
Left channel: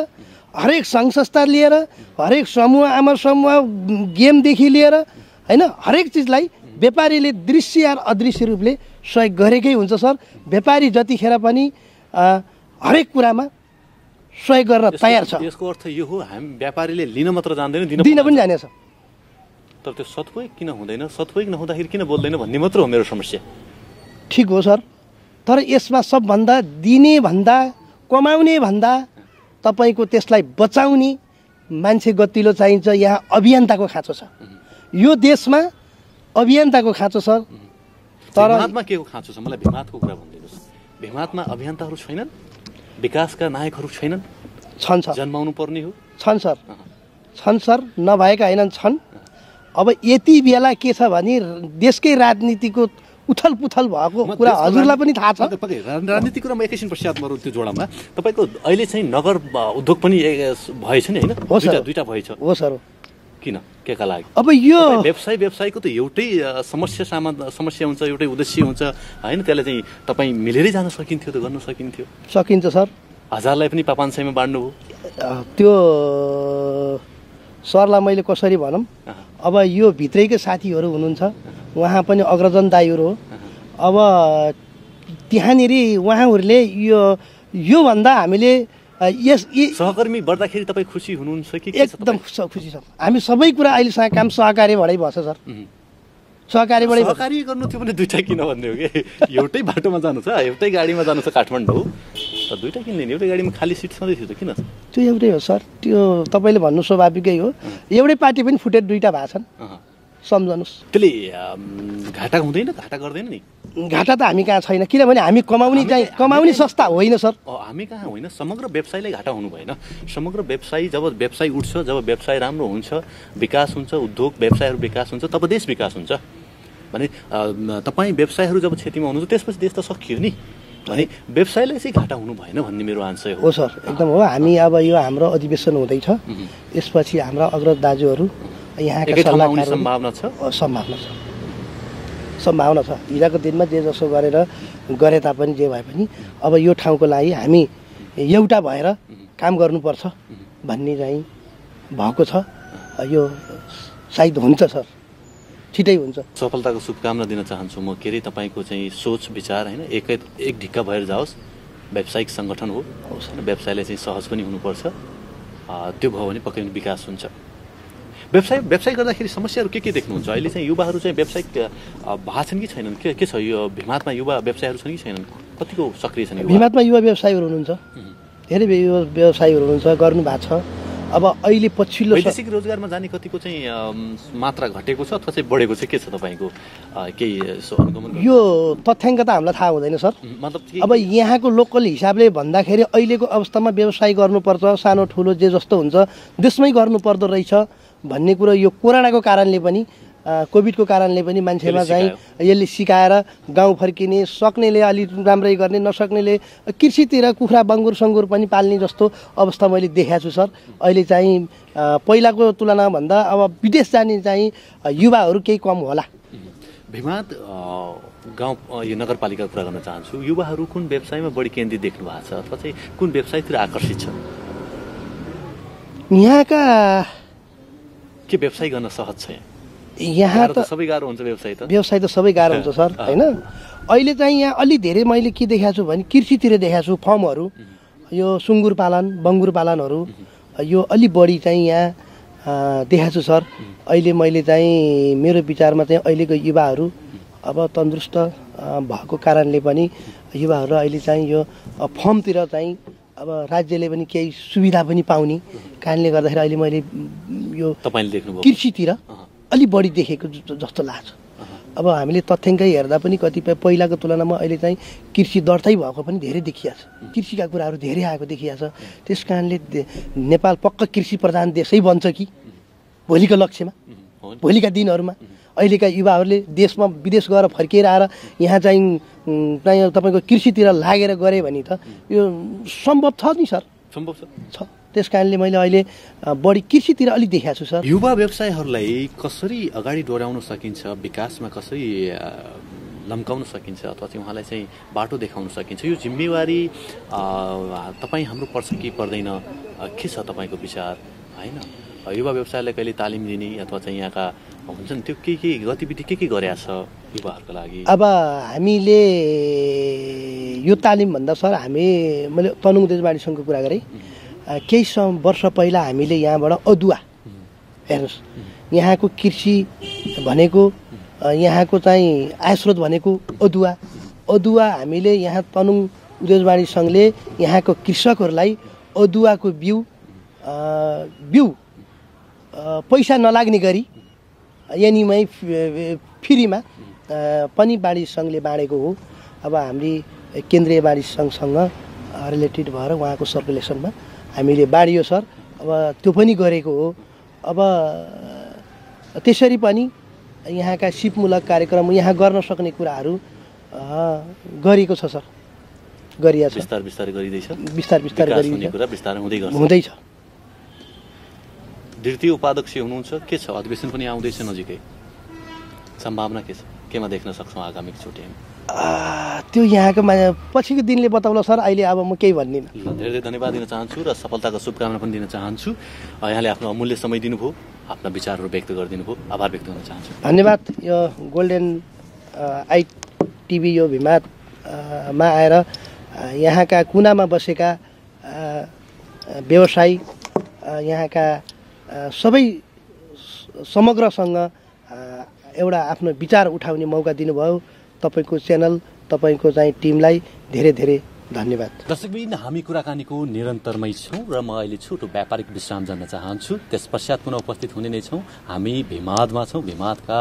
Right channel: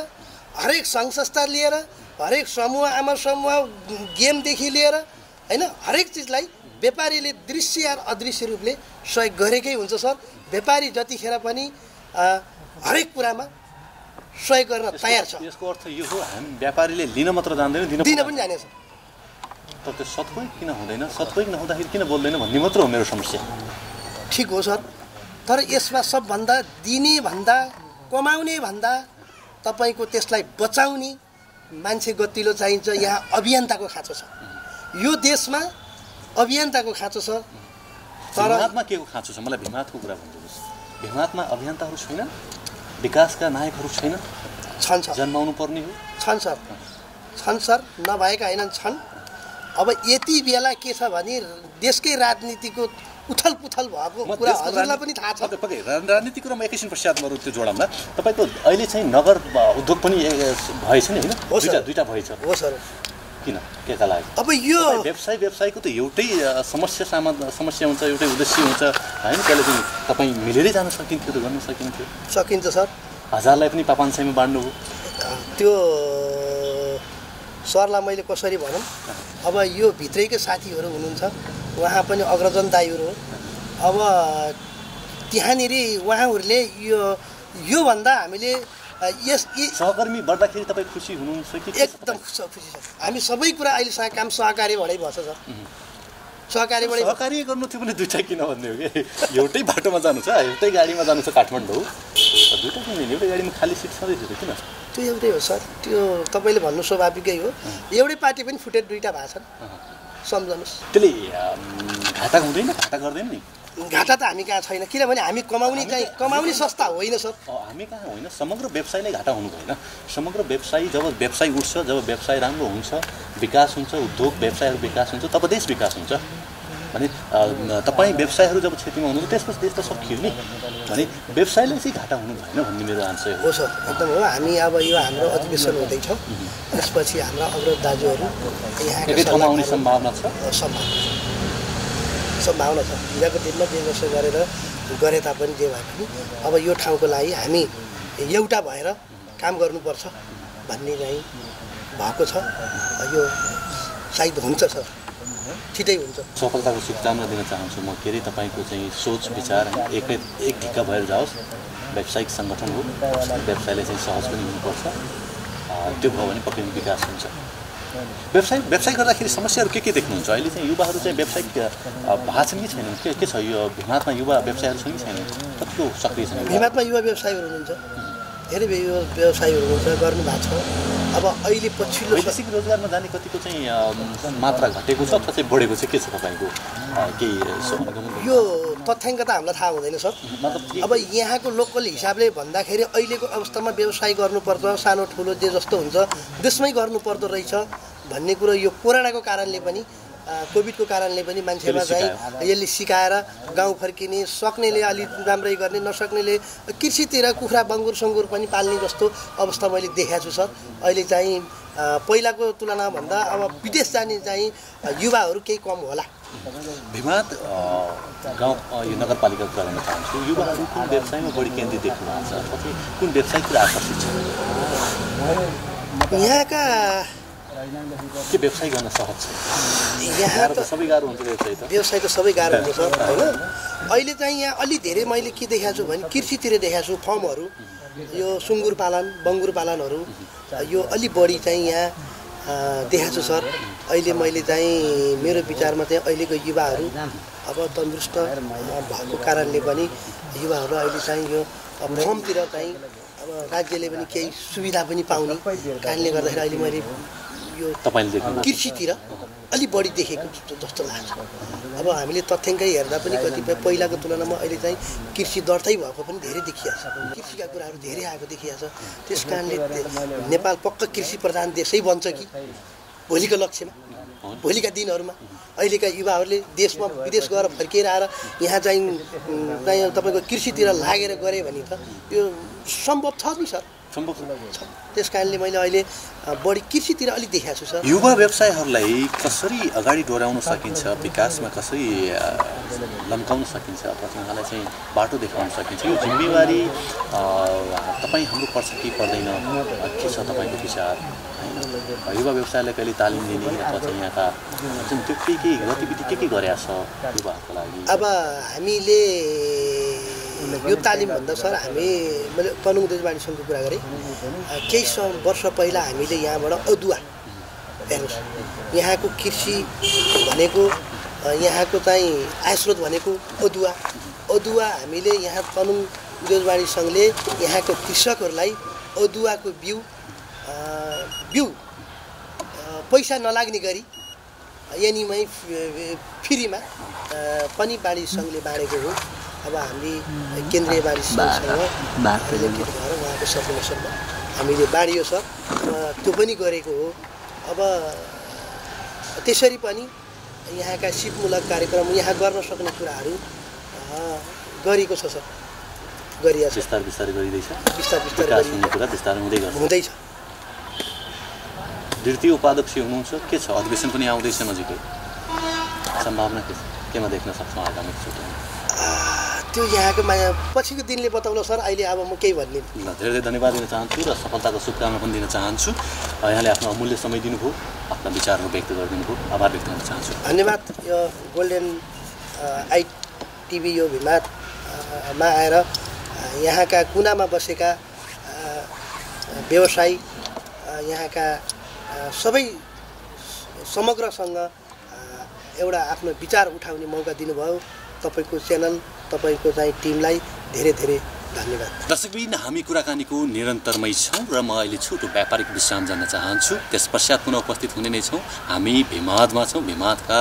हरेक सङ्घ संस्था लिएर, हरेक समूह, आमा समूह, गेमदेखि लिएर होइन, हरेक चिजलाई व्यापारीले दृश्य या अदृश्य रूपले सहयोग गरेकै हुन्छ सर। व्यापारी जतिखेर पनि हरेक कुरामा सहयोग गर्न तयार छ। यसको अर्थ यो हो हामी व्यापारीले लिन मात्र जान्दैन दिन पनि जानेछ। तर त्यो सदुपयोग किन हुँदैन, सदुपयोग नहुँदाखेरि किन बोल्दैन भन्ने मात्र हो मेरो समस्या। ठिक हो सर, तर यसमा सबभन्दा दिने भन्दा कमाउने भन्दा तपाईँको त्यसलाई बचाउने मान्छे गतिलो चाहिन्छ। यहाँ अभियन्ताको खाँचो छ, यो देशमा अभियन्ताको खाँचो छ। तर भिमातमा के को खाँचो छ? मलाई भिमातको कुरा भनिदिनुहोस्। भिमातमा अभियन्ताहरू छैनन्, विकासका नायकहरू छैनन्? छन् सर, जन्माउनु पर्ने हो। छन् सर, छन् सर, नभएका होइनन्, छन्। अब यति बेला के छ भने देशकै राजनीतिको उथल पुथल भएको कुरा हजुरलाई पनि थाहा छ। राजनीतिक कुरामा एकैछिन पश्चात मरौँ त्यो जोडामा। तपाईँको अहिले चाहिँ नगर उद्योग पनि भएछ नि होइन? दुईवटा भएछ। हो सर। किन, के का लागि? अब यो व्यवसायको त एउटै समस्या हुन्छ, एउटै उद्देश्य हुन्छ होइन? त्यसले चाहिँ तपाईँ मिलेरै जान सकिन्थ्यो, त गर्न सकिन्थ्यो। सकिन्छ सर। हजारलाई पनि 500 बाँड्नुभयो। त्यो सरलाई मैले कसरी भनौँ, अब यो भित्रैकै साथीहरू हुनुहुन्छ, उहाँ पनि अग्रजन दाइहरू हो। अब त्यहाँनिर उहाँहरूले योभन्दा हामीले सहकर्मी बढ्दाखेरि तपाईँ खुसी हुनुहुन्छ कि? एकदम खुसी छ। हामी सबै कुरा अहिलेसम्म काम सहकारीबाटै भन्छ सर। सहकारी गर्नु थियो भने दुईवटा किन भन्ने हो कि? एउटै बाटोमा जानु छ, एउटै गाडीमा जानु छ काठमाडौँ, दुईवटा किन लिने? एउटै गाडीमा खाली सिट छँदै थियो त किन? त्यो एउटै हो सर, त्यो तपाईँले भन्नु स्वाभाविकै हो। एउटै पार्टी पनि फुटेर दुईवटा भएको छन्, सम्झनुहोस्। त्यसले घाटा हुँदैन, घाटा गर्दैन नि? घाटा त हामी कहाँ छैन, किनभने हामी कमाउने संस्था होइन सर। हामी कहाँ होइन, समग्र व्यवसायले घाटा हुनु भएन। समग्र व्यवसाय जब व्यवसाय उठ्छ, जब व्यवसाय राम्रो हुन्छ, विकास हुन्छ, उद्योग व्यवसायहरू विकास हुन्छ, तब देश विकास हुन्छ। भने तपाईँ व्यवसायहरू जब क्षतिमा हुनुहुन्छ त्यसपछि देश त सकियो नि। भने व्यवसायले चाहिँ घाटा हुनु भएन भन्ने मेरो आन्सर हो सर। एकदम हो। हामी अब यो हाम्रो अधिवेशन हुँदैछ, त्यसपछि हाम्रो अग्रज दाजुहरू यहाँका सल्लाह सम्भावना छ। सम्भावना छ। हिजोको दिनमा जे जसो गरे तापनि जे भए पनि अब यो ठाउँको लागि हामी एउटा भएर काम गर्नुपर्छ भन्ने चाहिँ भएको छ। यो सायद हुन्छ सर, छिटै हुन्छ। सफलताको शुभकामना दिन चाहन्छु म। के अरे तपाईँको चाहिँ सोच विचार होइन एक ढिक्का भएर जाओस्। व्यावसायिक सङ्गठन हो, व्यवसायले चाहिँ सहज पनि हुनुपर्छ। त्यो भयो भने पक्कै विकास हुन्छ। व्यवसाय गर्दाखेरि समस्याहरू के देख्नुहुन्छ? अहिले चाहिँ युवाहरू चाहिँ व्यावसायिक भएको छन् कि छैनन्? के छ यो भिमातमा युवा व्यवसायहरू छन् कि छैनन्? कतिको सक्रिय छन्? भिमातमा युवा व्यवसायीहरू हुनुहुन्छ, धेरै व्यवसायीहरू हुनुहुन्छ, गर्नु भएको छ। अब अहिले पछिल्लो वैदेशिक रोजगारमा जाने कतिको चाहिँ मात्रा घटेको छ अथवा चाहिँ बढेको छ? के छ तपाईँको केही यो तथ्याङ्क त हामीलाई थाहा हुँदैन सर। अब यहाँको लोकल हिसाबले भन्दाखेरि अहिलेको अवस्थामा व्यवसाय गर्नुपर्छ, सानो ठुलो जे जस्तो हुन्छ देशमै गर्नुपर्दो रहेछ भन्ने कुरो यो कोरोनाको कारणले पनि, कोभिडको कारणले पनि मान्छेमा चाहिँ यसले सिकाएर गाउँ फर्किने, सक्नेले अलिक राम्रै गर्ने, नसक्नेले कृषितिर कुखुरा बङ्गुर सङ्गुर पनि पाल्ने जस्तो अवस्था मैले देखाएको छु सर। अहिले चाहिँ पहिलाको तुलनामा भन्दा अब विदेश जाने चाहिँ युवाहरू केही कम होला। भिमात गाउँ यो नगरपालिकाको कुरा गर्न चाहन्छु। युवाहरू कुन व्यवसायमा बढी केन्द्रित देख्नु भएको छ अथवा चाहिँ कुन व्यवसायतिर आकर्षित छ? यहाँका के व्यवसाय गर्न सहज छ? यहाँ त सबै गाह्रो हुन्छ। व्यवसाय त सबै गाह्रो हुन्छ सर होइन। अहिले चाहिँ यहाँ अलि धेरै मैले के देखाएको छु भने कृषितिर देखाएको छु। फर्महरू यो सुँगुर पालन, बङ्गुर पालनहरू यो अलि बढी चाहिँ यहाँ देखाएको छु सर। अहिले मैले चाहिँ मेरो विचारमा चाहिँ अहिलेको युवाहरू अब तन्दुरुस्त भएको कारणले पनि युवाहरू अहिले चाहिँ यो फर्मतिर चाहिँ अब राज्यले पनि केही सुविधा पनि पाउने कारणले गर्दाखेरि अहिले मैले यो कृषितिर अलि बढी देखेको जस्तो लाग्छ। अब हामीले तथ्याङ्कै हेर्दा पनि कतिपय पहिलाको तुलनामा अहिले चाहिँ कृषि दर्तै भएको पनि धेरै देखिएको छ। कृषिका कुराहरू धेरै आएको देखिएको छ। त्यस कारणले नेपाल पक्का कृषि प्रधान देशै बन्छ कि भोलिको लक्ष्यमा, भोलिका दिनहरूमा अहिलेका युवाहरूले देशमा विदेश गएर फर्किएर आएर यहाँ चाहिँ तपाईँको कृषितिर लागेर गरे भने त यो सम्भव छ नि सर। सम्भव छ। त्यस कारणले मैले अहिले बढी कृषितिर अलिक देखाएको छु सर। युवा व्यवसायहरूलाई कसरी अगाडि डोर्याउन सकिन्छ, विकासमा कसरी लम्काउन सकिन्छ अथवा चाहिँ उहाँलाई चाहिँ बाटो देखाउन सकिन्छ? यो जिम्मेवारी तपाईँ हाम्रो पर्छ कि पर्दैन? के छ तपाईँको विचार होइन? युवा व्यवसायलाई कहिले तालिम दिने अथवा चाहिँ यहाँका त्यो के गतिविधि के गरेका छ युवाहरूको लागि? अब हामीले यो तालिमभन्दा सर मैले तनुङ उद्योजवाडी सङ्घको कुरा गरेँ केही वर्ष पहिला हामीले यहाँबाट अदुवा हेर्नुहोस् यहाँको कृषि भनेको यहाँको चाहिँ आयस्रोत भनेको अदुवा हामीले यहाँ तनुङ उद्योजवाडी सङ्घले यहाँको कृषकहरूलाई अदुवाको बिउ पैसा नलाग्ने गरी यहीँमै फ्रीमा पनि बाढी सङ्घले बाँडेको हो। अब हामी केन्द्रीय बाढी सङ्घसँग रिलेटेड भएर उहाँको सपोर्टेसनमा हामीले बाँडियो सर। अब त्यो पनि गरेको हो। अब त्यसरी पनि यहाँका सिपमूलक कार्यक्रम यहाँ गर्न सक्ने कुराहरू गरेको छ सर, गरिएको छ। बिस्तार हुँदैछ। द्वितीय उपाध्यक्ष हुनुहुन्छ, के छ अधिवेशन पनि आउँदैछ नजिकै, सम्भावना के छ, केमा देख्न सक्छौँ आगामी चुनावमा? त्यो यहाँको पछिको दिनले बताउला सर, अहिले अब म केही भन्दिनँ। धेरै धन्यवाद दिन चाहन्छु र सफलताको शुभकामना पनि दिन चाहन्छु। यहाँले आफ्नो अमूल्य समय दिनुभयो, आफ्ना विचारहरू व्यक्त गरिदिनु भयो, आभार व्यक्त गर्न चाहन्छु। धन्यवाद। यो गोल्डेन ITV यो भिमादमा आएर यहाँका कुनामा बसेका व्यवसायी यहाँका सबै समग्रसँग एउटा आफ्नो विचार उठाउने मौका दिनुभयो। तपाईको च्यानल, तपाईको चाहिँ टिमलाई धेरै धेरै धन्यवाद। दर्शकबिन, हामी कुराकानीको निरन्तरमै छौँ र म अहिले छोटो व्यापारिक विश्राम जान चाहन्छु। त्यस पश्चात पुनः उपस्थित हुने नै छौँ। हामी भिमादमा छौँ, भिमादका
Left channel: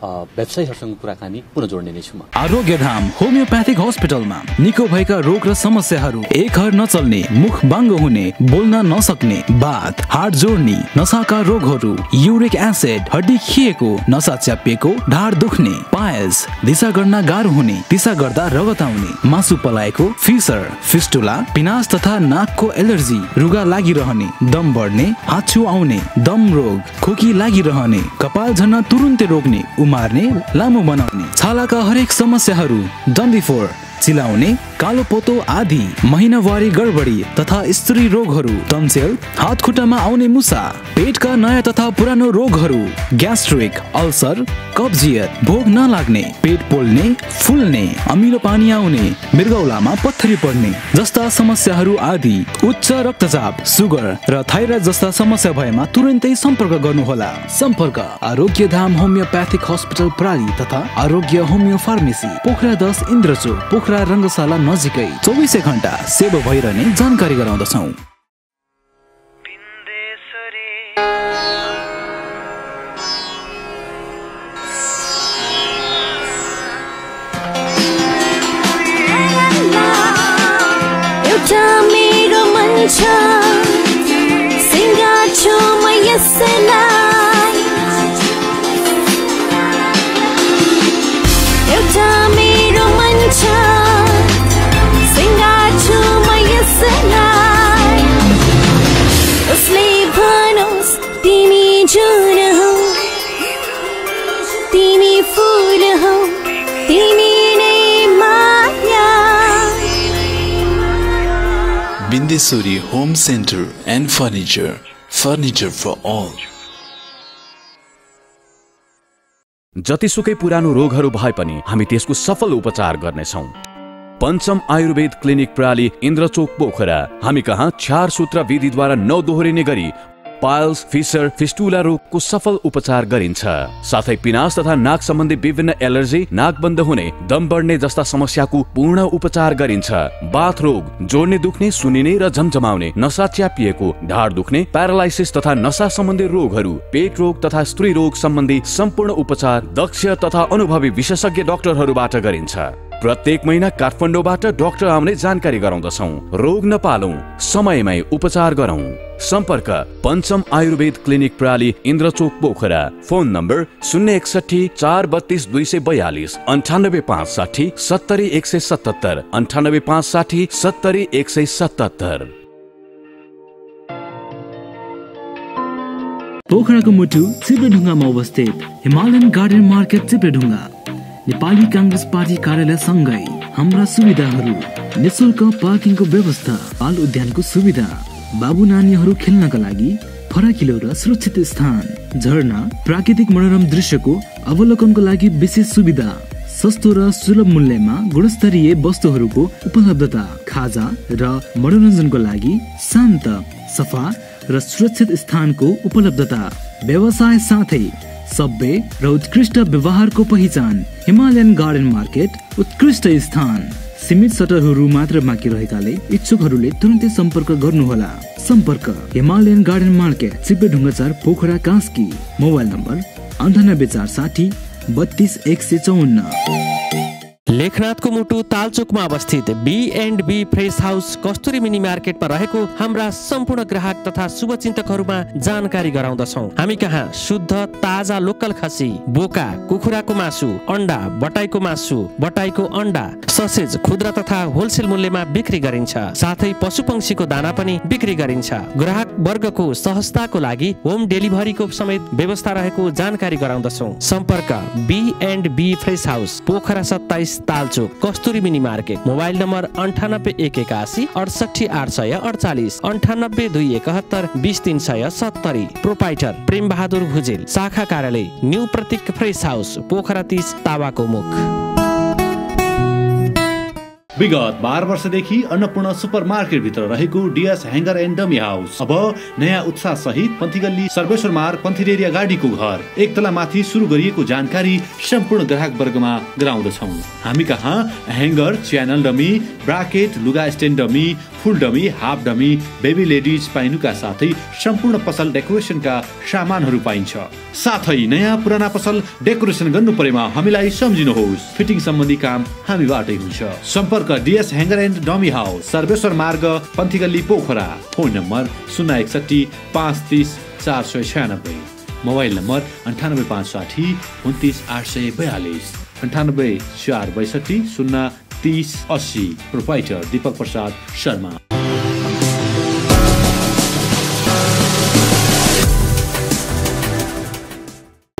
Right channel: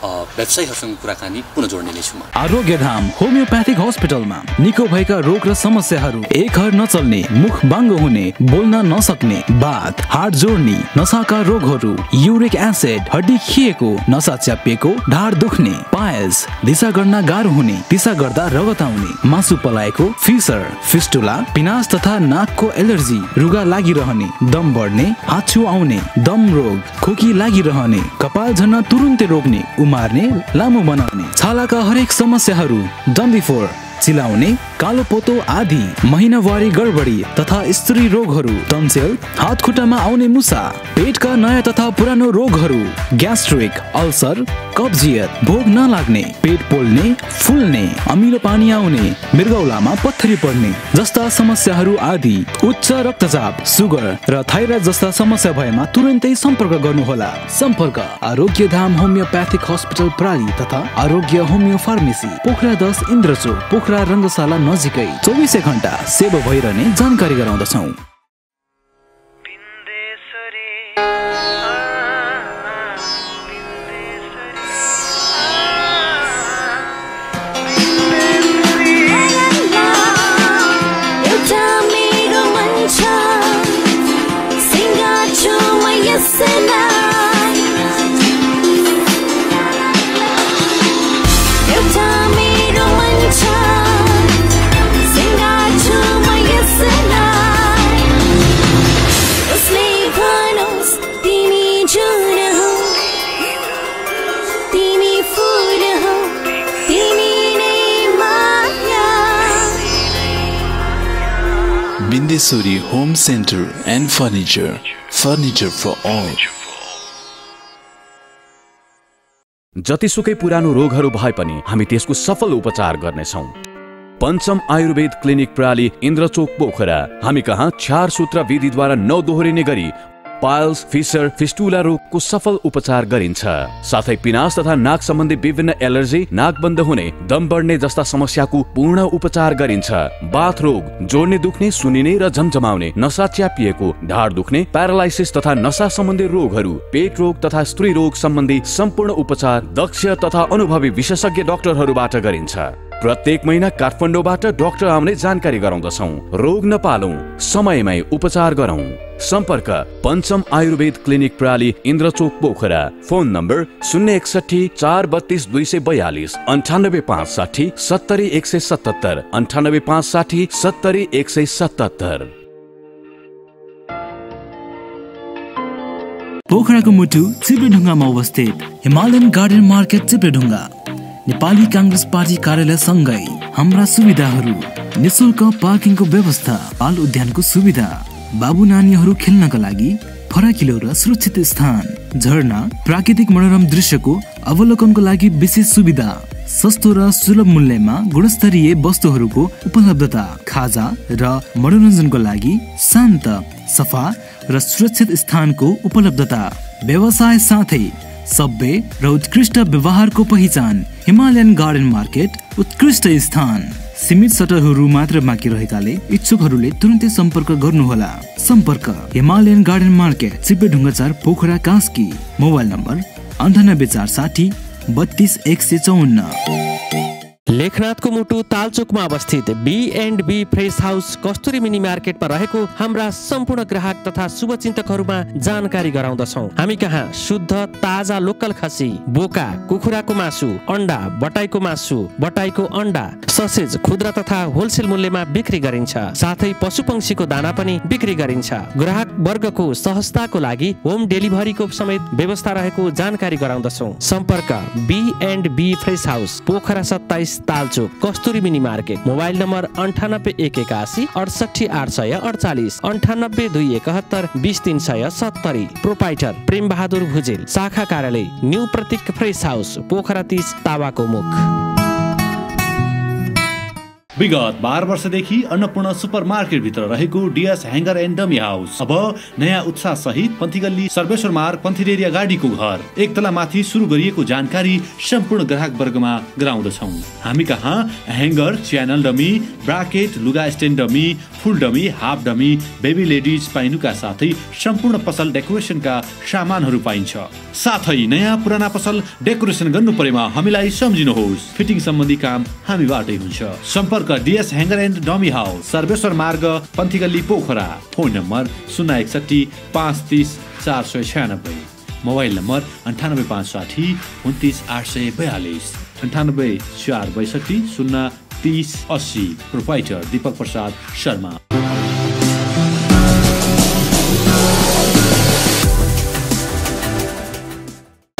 व्यवसायीहरूसँग कुराकानी पुनः जोड्ने नै छौँ। आरोग्यधाम होमियोप्याथिक हस्पिटलमा निको भएका रोग र समस्याहरू, एक हर नचल्ने, मुख बाङ्गो हुने, बोल्न नसक्ने, बात, हाड जोड्ने, नसाका रोगहरू, युरिक एसिड, हड्डी खिएको, नसा च्यापिएको, ढाड दुख्ने, पायल्स, दिशा गर्न गाह्रो हुने, दिशा गर्दा रगत आउने, मासु पलाएको, फिस्टुला, पिनास तथा नाकको एलर्जी, रुगा लागिरहने, दम बढ्ने, हाच्छू आउने, दम रोग, खोकी लागिरहने, कपाल झर्न तुरुन्तै रोक्ने, उमार्ने, लामो बनाउने, छालाका हरेक समस्याहरू, डन्डीफोर, चिलाउने, कालो पोतो आदि, महिनावारी गडबडी तथा स्त्री रोगहरू, टन्सिल, हात खुट्टामा आउने मुसा, पेटका नयाँ तथा पुरानो रोगहरू, ग्यास्ट्रिक, अल्सर, कब्जियत, भोग नलाग्ने, पेट पोल्ने, फुल्ने, अमिलो पानी आउने, मृगौलामा पत्थरी पर्ने जस्ता समस्याहरू आदि, उच्च रक्तचाप, सुगर र थाइरोइड जस्ता समस्या भएमा तुरन्तै सम्पर्क गर्नुहोला। सम्पर्क आरोग्यधाम होमियोप्याथिक हस्पिटल प्राली तथा आरोग्य होमियो फार्मेसी, पोखरा 10 इन्द्रचोक, पोखरा रङ्गशाला नजिकै 24 घण्टा सेवा भइरहने जानकारी गराउँदछौँ। एउटा मेरो मन छ, सिङ्गार्छु म यसलाई, एउटा मेरो मन छ, सिङ्गार्छु म यसलाई, उसले भनोस् तिमी जुन हौ, तिमी फुल हौ, तिमी नै माया। Bindesuri Home Center and Furniture, furniture for all. जतिसुकै पुरानो रोगहरू भए पनि हामी त्यसको सफल उपचार गर्नेछौँ। पञ्चम आयुर्वेद क्लिनिक प्राली इन्द्रचोक पोखरा। हामी कहाँ 4 सूत्र विधिद्वारा नदोहोरिने गरी पाइल्स, फिसर, फिस्टुला रोगको सफल उपचार गरिन्छ। साथै पिनास तथा नाक सम्बन्धी विभिन्न एलर्जी, नाक बन्द हुने, दम बढ्ने जस्ता समस्याको पूर्ण उपचार गरिन्छ। बाथ रोग, जोड्ने दुख्ने, सुनिने र झमझमाउने, नसा च्यापिएको, ढाड दुख्ने, प्यारालाइसिस तथा नसा सम्बन्धी रोगहरू, पेट रोग तथा स्त्री रोग सम्बन्धी सम्पूर्ण उपचार दक्ष तथा अनुभवी विशेषज्ञ डाक्टरहरूबाट गरिन्छ। प्रत्येक महिना काठमाडौँबाट डाक्टर आउने जानकारी गराउँदछौँ। रोग नपालौं, समयमै उपचार गरौं। सम्पर्क पञ्चम आयुर्वेद क्लिनिक प्राली इन्द्रचोक पोखरा। Phone number 061 432 242, 98 560 70 177, 98 560 70 177। पोखराको मुटु चिप्लेढुङ्गामा अवस्थित Himalayan garden market Chipledhunga. Nepali Congress party कार्यालय सँगै हाम्रा सुविधाहरू, निशुल्क पार्किङको व्यवस्था, बाल उद्यानको सुविधा, बाबु नानीहरू खेल्नका लागि फराकिलो र सुरक्षित स्थान, झरना, प्राकृतिक मनोरम दृश्यको अवलोकनको लागि विशेष सुविधा, सस्तो र सुलभ मूल्यमा गुणस्तरीय वस्तुहरूको उपलब्धता, खाजा र मनोरञ्जनको लागि शान्त, सफा र सुरक्षित स्थानको उपलब्धता, व्यवसाय साथै सभ्य र उत्कृष्ट व्यवहारको पहिचान। हिमालयन गार्डन मार्केट उत्कृष्ट स्थान। सीमित सटरहरू मात्र बाँकी रहेकाले इच्छुकहरूले तुरन्तै सम्पर्क गर्नुहोला। सम्पर्क Himalayan garden market, Chipledhunga 4, Pokhara, Kaski. Mobile number 9846 32 लेखनाथको मुटु तालचोकमा अवस्थित B&B फ्रेस हाउस कस्तुरी मिनी मार्केटमा रहेको हाम्रा सम्पूर्ण ग्राहक तथा शुभचिन्तकहरूमा जानकारी गराउँदछौँ। हामी कहाँ शुद्ध ताजा लोकल खसी, बोका, कुखुराको मासु, अन्डा, बटाईको मासु, बटाईको अन्डा, ससेज खुद्रा तथा होलसेल मूल्यमा बिक्री गरिन्छ। साथै पशुपक्षीको दाना पनि बिक्री गरिन्छ। ग्राहक वर्गको सहजताको लागि होम डेलिभरीको समेत व्यवस्था रहेको जानकारी गराउँदछौँ। सम्पर्क B&B fresh house, Pokhara 27, Talchok, Kasturi mini market. Mobile number 98 181 68 848, 98 271 20 370। Proprietor Prem Bahadur Bhujel. शाखा कार्यालय new Pratik fresh house, Pokhara 30, तावाको मुख। विगत 12 वर्षदेखि अन्नपूर्ण सुपर मार्केट भित्र रहेको DS hanger and dummy house अब नयाँ उत्साह सहित पन्थीगल्ली सर्वेश्वर मार्ग पन्थीरेरिया गाडीको घर एक तला माथि सुरु गरिएको जानकारी सम्पूर्ण ग्राहक वर्गमा गराउँदछौँ। हामी कहाँ ह्याङ्गर, च्यानल डमी, ब्राकेट, लुगा stand dummy, full dummy, half dummy, baby ladies पाइनुका साथै सम्पूर्ण पसल डेकोरेसनका सामानहरू पाइन्छ। साथै नयाँ पुराना पसल डेकोरेसन गर्नु परेमा हामीलाई सम्झिनुहोस्। फिटिङ सम्बन्धी काम हामीबाटै हुन्छ। सम्पर्क DS hanger and dummy house, Sarweshwar Marg Panthigalli, Pokhara. Phone number 061 530 496। Mobile number 98 560 29 842, 98 462 0 30 80। Proprietor Deepak Prasad Sharma.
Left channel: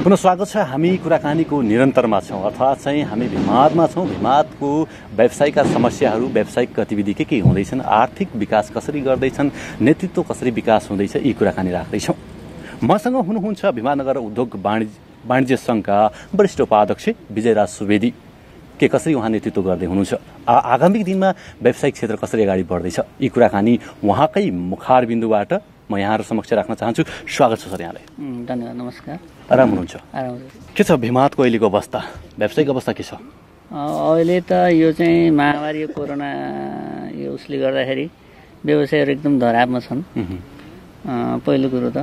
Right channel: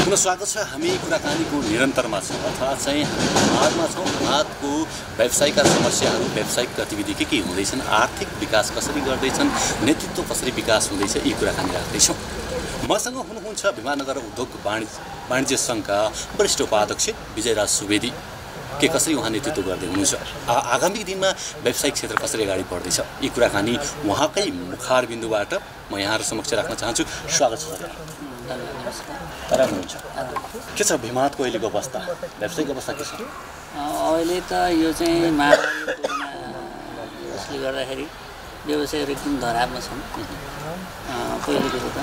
पुनः स्वागत छ। हामी कुराकानीको निरन्तरमा छौँ, अर्थात् चाहिँ हामी भिमादमा छौँ। भिमादको व्यावसायिक समस्याहरू, व्यावसायिक गतिविधि के हुँदैछन्, आर्थिक विकास कसरी गर्दैछन्, नेतृत्व कसरी विकास हुँदैछ, यी कुराकानी राख्दैछौँ। मसँग हुनुहुन्छ भिमानगर उद्योग वाणिज्य सङ्घका वरिष्ठ उपाध्यक्ष विजयराज सुवेदी। के कसरी उहाँ नेतृत्व गर्दै हुनुहुन्छ, आगामी दिनमा व्यावसायिक क्षेत्र कसरी अगाडि बढ्दैछ, यी कुराकानी उहाँकै मुखार बिन्दुबाट म यहाँहरू समक्ष राख्न चाहन्छु। स्वागत छ सर यहाँलाई। धन्यवाद। नमस्कार। आराम हुनुहुन्छ? के छ भिमादको अहिलेको अवस्था, व्यावसायिक अवस्था के छ? अहिले त यो चाहिँ महामारी कोरोना यसले गर्दाखेरि व्यवसायहरू एकदम धरापमा छन्। पहिलो कुरो त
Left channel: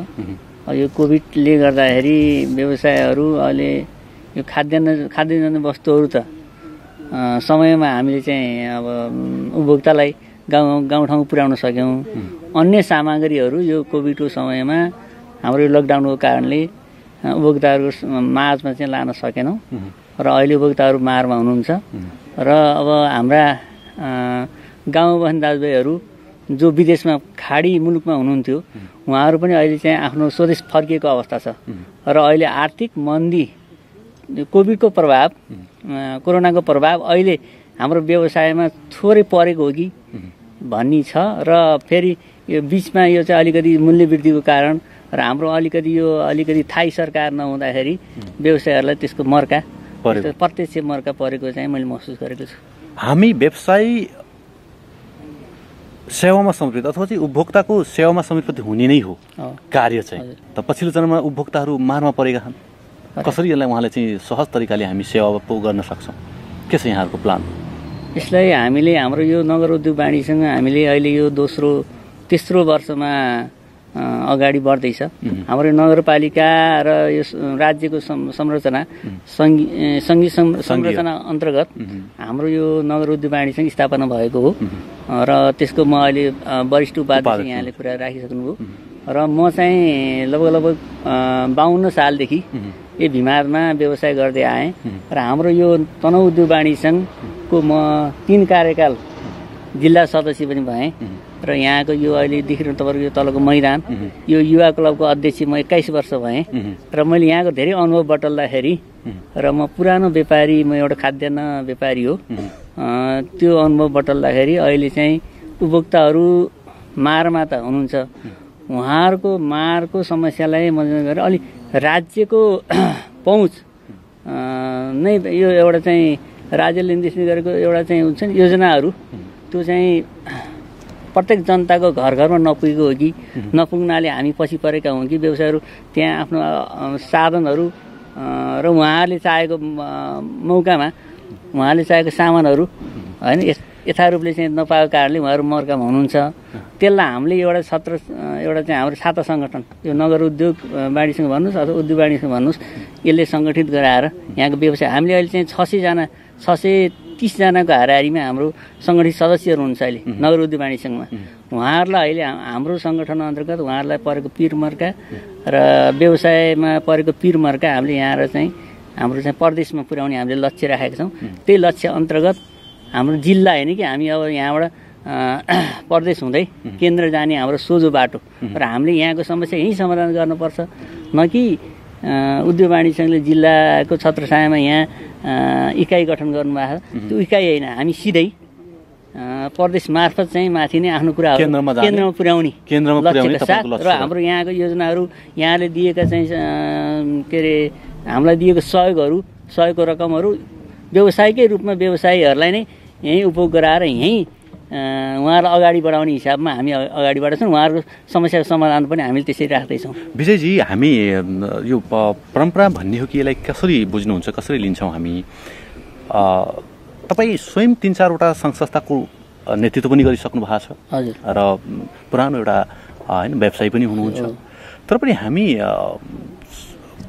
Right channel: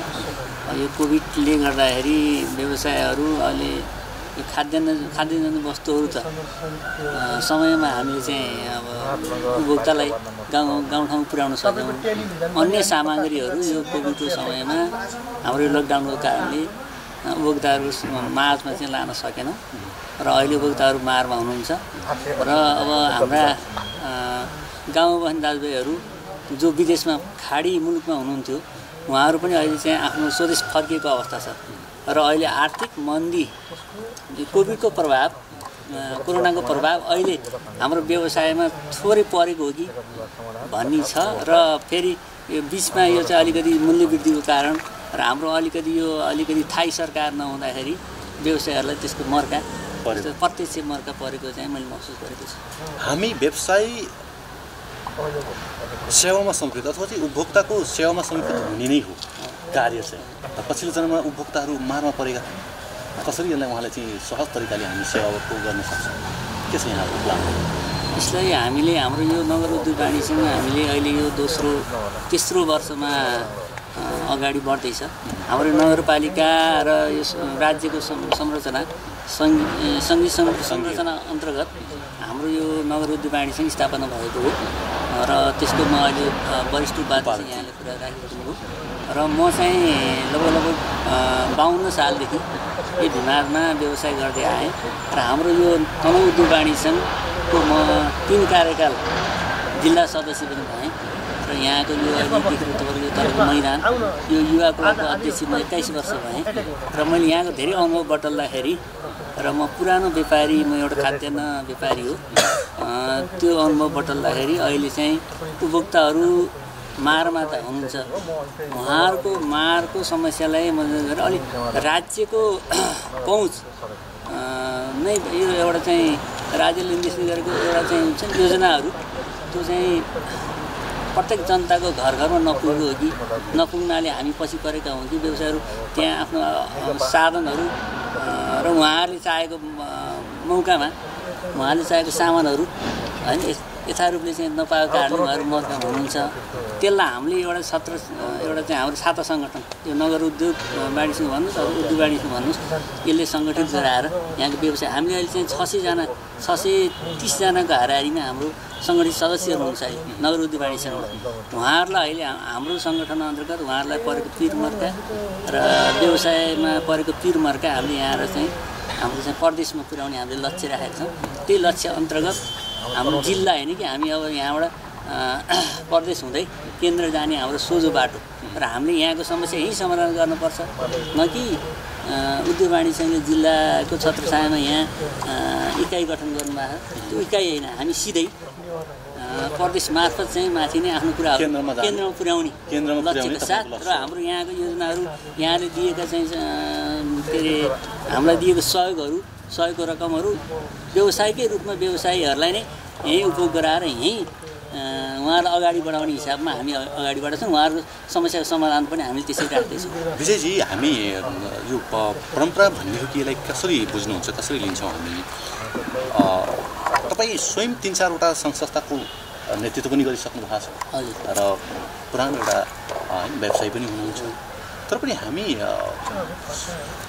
यो कोभिडले गर्दाखेरि व्यवसायहरू अहिले यो खाद्यान्न वस्तुहरू त समयमा हामीले चाहिँ अब उपभोक्तालाई गाउँठाउँ पुर्याउन सक्यौँ। अन्य सामग्रीहरू यो कोभिडको समयमा हाम्रो यो लकडाउनको कारणले उपभोक्ताहरू माझमा चाहिँ लान सकेनौँ र अहिले उपभोक्ताहरू मारमा हुनुहुन्छ। र अब हाम्रा गाउँ बस्ने दाजुभाइहरू जो विदेशमा खाडी मुलुकमा हुनुहुन्थ्यो उहाँहरू पनि अहिले चाहिँ आफ्नो स्वदेश फर्किएको अवस्था छ। र अहिले आर्थिक मन्दी, कोभिडको प्रभाव, कोरोनाको प्रभाव अहिले हाम्रो व्यवसायमा थोरै परेको हो कि भन्ने छ। र फेरि यो बिचमा यो चाहिँ अलिकति मूल्य वृद्धिको कारण र हाम्रो अलिकति थाई सरकार नहुँदाखेरि व्यवसायहरूलाई त्यसको मर्का, प्रत्यक्ष मर्का परेको चाहिँ मैले महसुस गरेको छु। हामी व्यवसाय सेवामा समर्पित अथवा चाहिँ उपभोक्ताको सेवामा समर्पित हुने नै हो कार्य चाहिँ। त पछिल्लो चरणमा उपभोक्ताहरू मारमा परेका छन्, कसरी यसलाई उहाँले चाहिँ सहज तरिकाले हामी सेवाको गर्न सक्छौँ, के छ यहाँको प्लान? यसलाई हामीले हाम्रो यो नगर उद्योग वाणिज्यसँग हामीले अहिले यो तेस्रो वर्षमा अगाडि बढ्दैछ। हाम्रो नगरपालिका र यो राज्यको संरचना सङ्घीय संरचना अन्तर्गत हाम्रो यो नगर उद्योग वाणिज्य स्थापना भएको हो र त्यसको म अहिले वरिष्ठ उपाध्यक्ष यहाँले कुरा राखिसक्नु हो। र म चाहिँ लगभग 52 सालदेखि यो भिमादमा व्यवसाय गर्दै आएँ र हाम्रो यो तनहुँ उद्योग वाणिज्य सङ्घको म 3 कार्यकाल जिल्ला सदस्य पनि भएँ र यहाँको यो अहिलेदेखि तपाईँको यो तलको मैदान यो युवा क्लबको अध्यक्ष म 21 वर्ष भएँ र मैले यहाँको धेरै अनुभव बटल्दाखेरि र म पुरानो व्यापारी, म एउटा खाद्यान्न व्यापारी हो, त्यो अनुभव बटल्दाखेरि अहिले चाहिँ उपभोक्ताहरू मारमा त हुनुहुन्छ, उहाँहरूको मारको समस्यालाई मध्यनजर गरेर अलिक राज्यको पहुँच नै यो एउटा चाहिँ राज्यले निर्देशन गरेको एउटा चाहिँ हुन्छ नि योजनाहरू त्यो चाहिँ प्रत्येक जनताको घर घरमा नपुगेको हो कि नपुग्नाले हामी पछि परेका हौँ कि व्यवसायहरू त्यहाँ आफ्नो साधनहरू र उहाँहरूले चाहेको मौकामा उहाँले चाहेको सामानहरू होइन यथारूपले चाहिँ नपाएको कारणले उहाँहरू मर्कामा हुनुहुन्छ। त्यसलाई हामीले एउटा एउटा चाहिँ हाम्रो छाता सङ्गठन यो नगर उद्योग वाणिज्यसँग भन्नुहोस् अथवा उद्योग वाणिज्यसँग भन्नुहोस् यसले सङ्गठित गराएर यहाँको व्यवसाय हामीले अहिले चाहिँ 630जनाको हाराहारीमा हाम्रो सङ्गठित सदस्यहरू हुनुहुन्छ अहिले नगर उद्योग वाणिज्यमा। उहाँहरूलाई अहिले हाम्रो सङ्गठन अन्तर्गत उहाँहरूलाई परेको पिरमर्का र व्यवसायमा परेको पिरमर्का हामीले यहाँ चाहिँ हाम्रो चाहिँ प्रदेशमा पुर्याउने हामीले लक्ष्य राखेका छौँ। त्यही लक्ष्य अन्तर्गत हाम्रो जिल्ला होइन कि हामी अब यहाँबाट प्रदेश हुँदै केन्द्र जाने हाम्रो सोझो बाटो र हामीले यहाँको समस्या यहीँ समाधान गर्नुपर्छ न कि उद्योग वाणिज्यले जिल्लाको छत्रछायामा यहाँ इकाइ गठन गर्नुभएको छ। त्यो इकाइ होइन हामी सिधै प्रदेश मार्फत चाहिँ माथि नै आफ्नो कुराहरू केन्द्रमा पुर्याउने लक्ष्यका साथ र हाम्रो यहाँको योजनाहरू यहाँले दिएका चाहिँ के अरे हामीलाई दिएको सहयोगको रकमहरू व्यवसायकै रूपमा व्यवसायीहरूलाई नै यहीँ उपभोग गराएर यहीँ उहाँहरूलाई अगाडि बढाउने हिसाबमा हामी अगाडि बढाउँछौँ। उहाँहरूको समस्याको समाधान पनि हामीले त्यसरी राख्दैछौँ। विजयजी हामी यो परम्परा भन्ने हो कि यसलाई कसरी बुझ्नुहुन्छ कसरी लिन्छौँ हामी? तपाईँ स्वयं 3-4वटा सङ्घ संस्थाको नेतृत्व पनि गरिसक्नु भएको छ हजुर र पुरानो एउटा होइन व्यवसायी पनि हुनुहुन्छ तर पनि हामी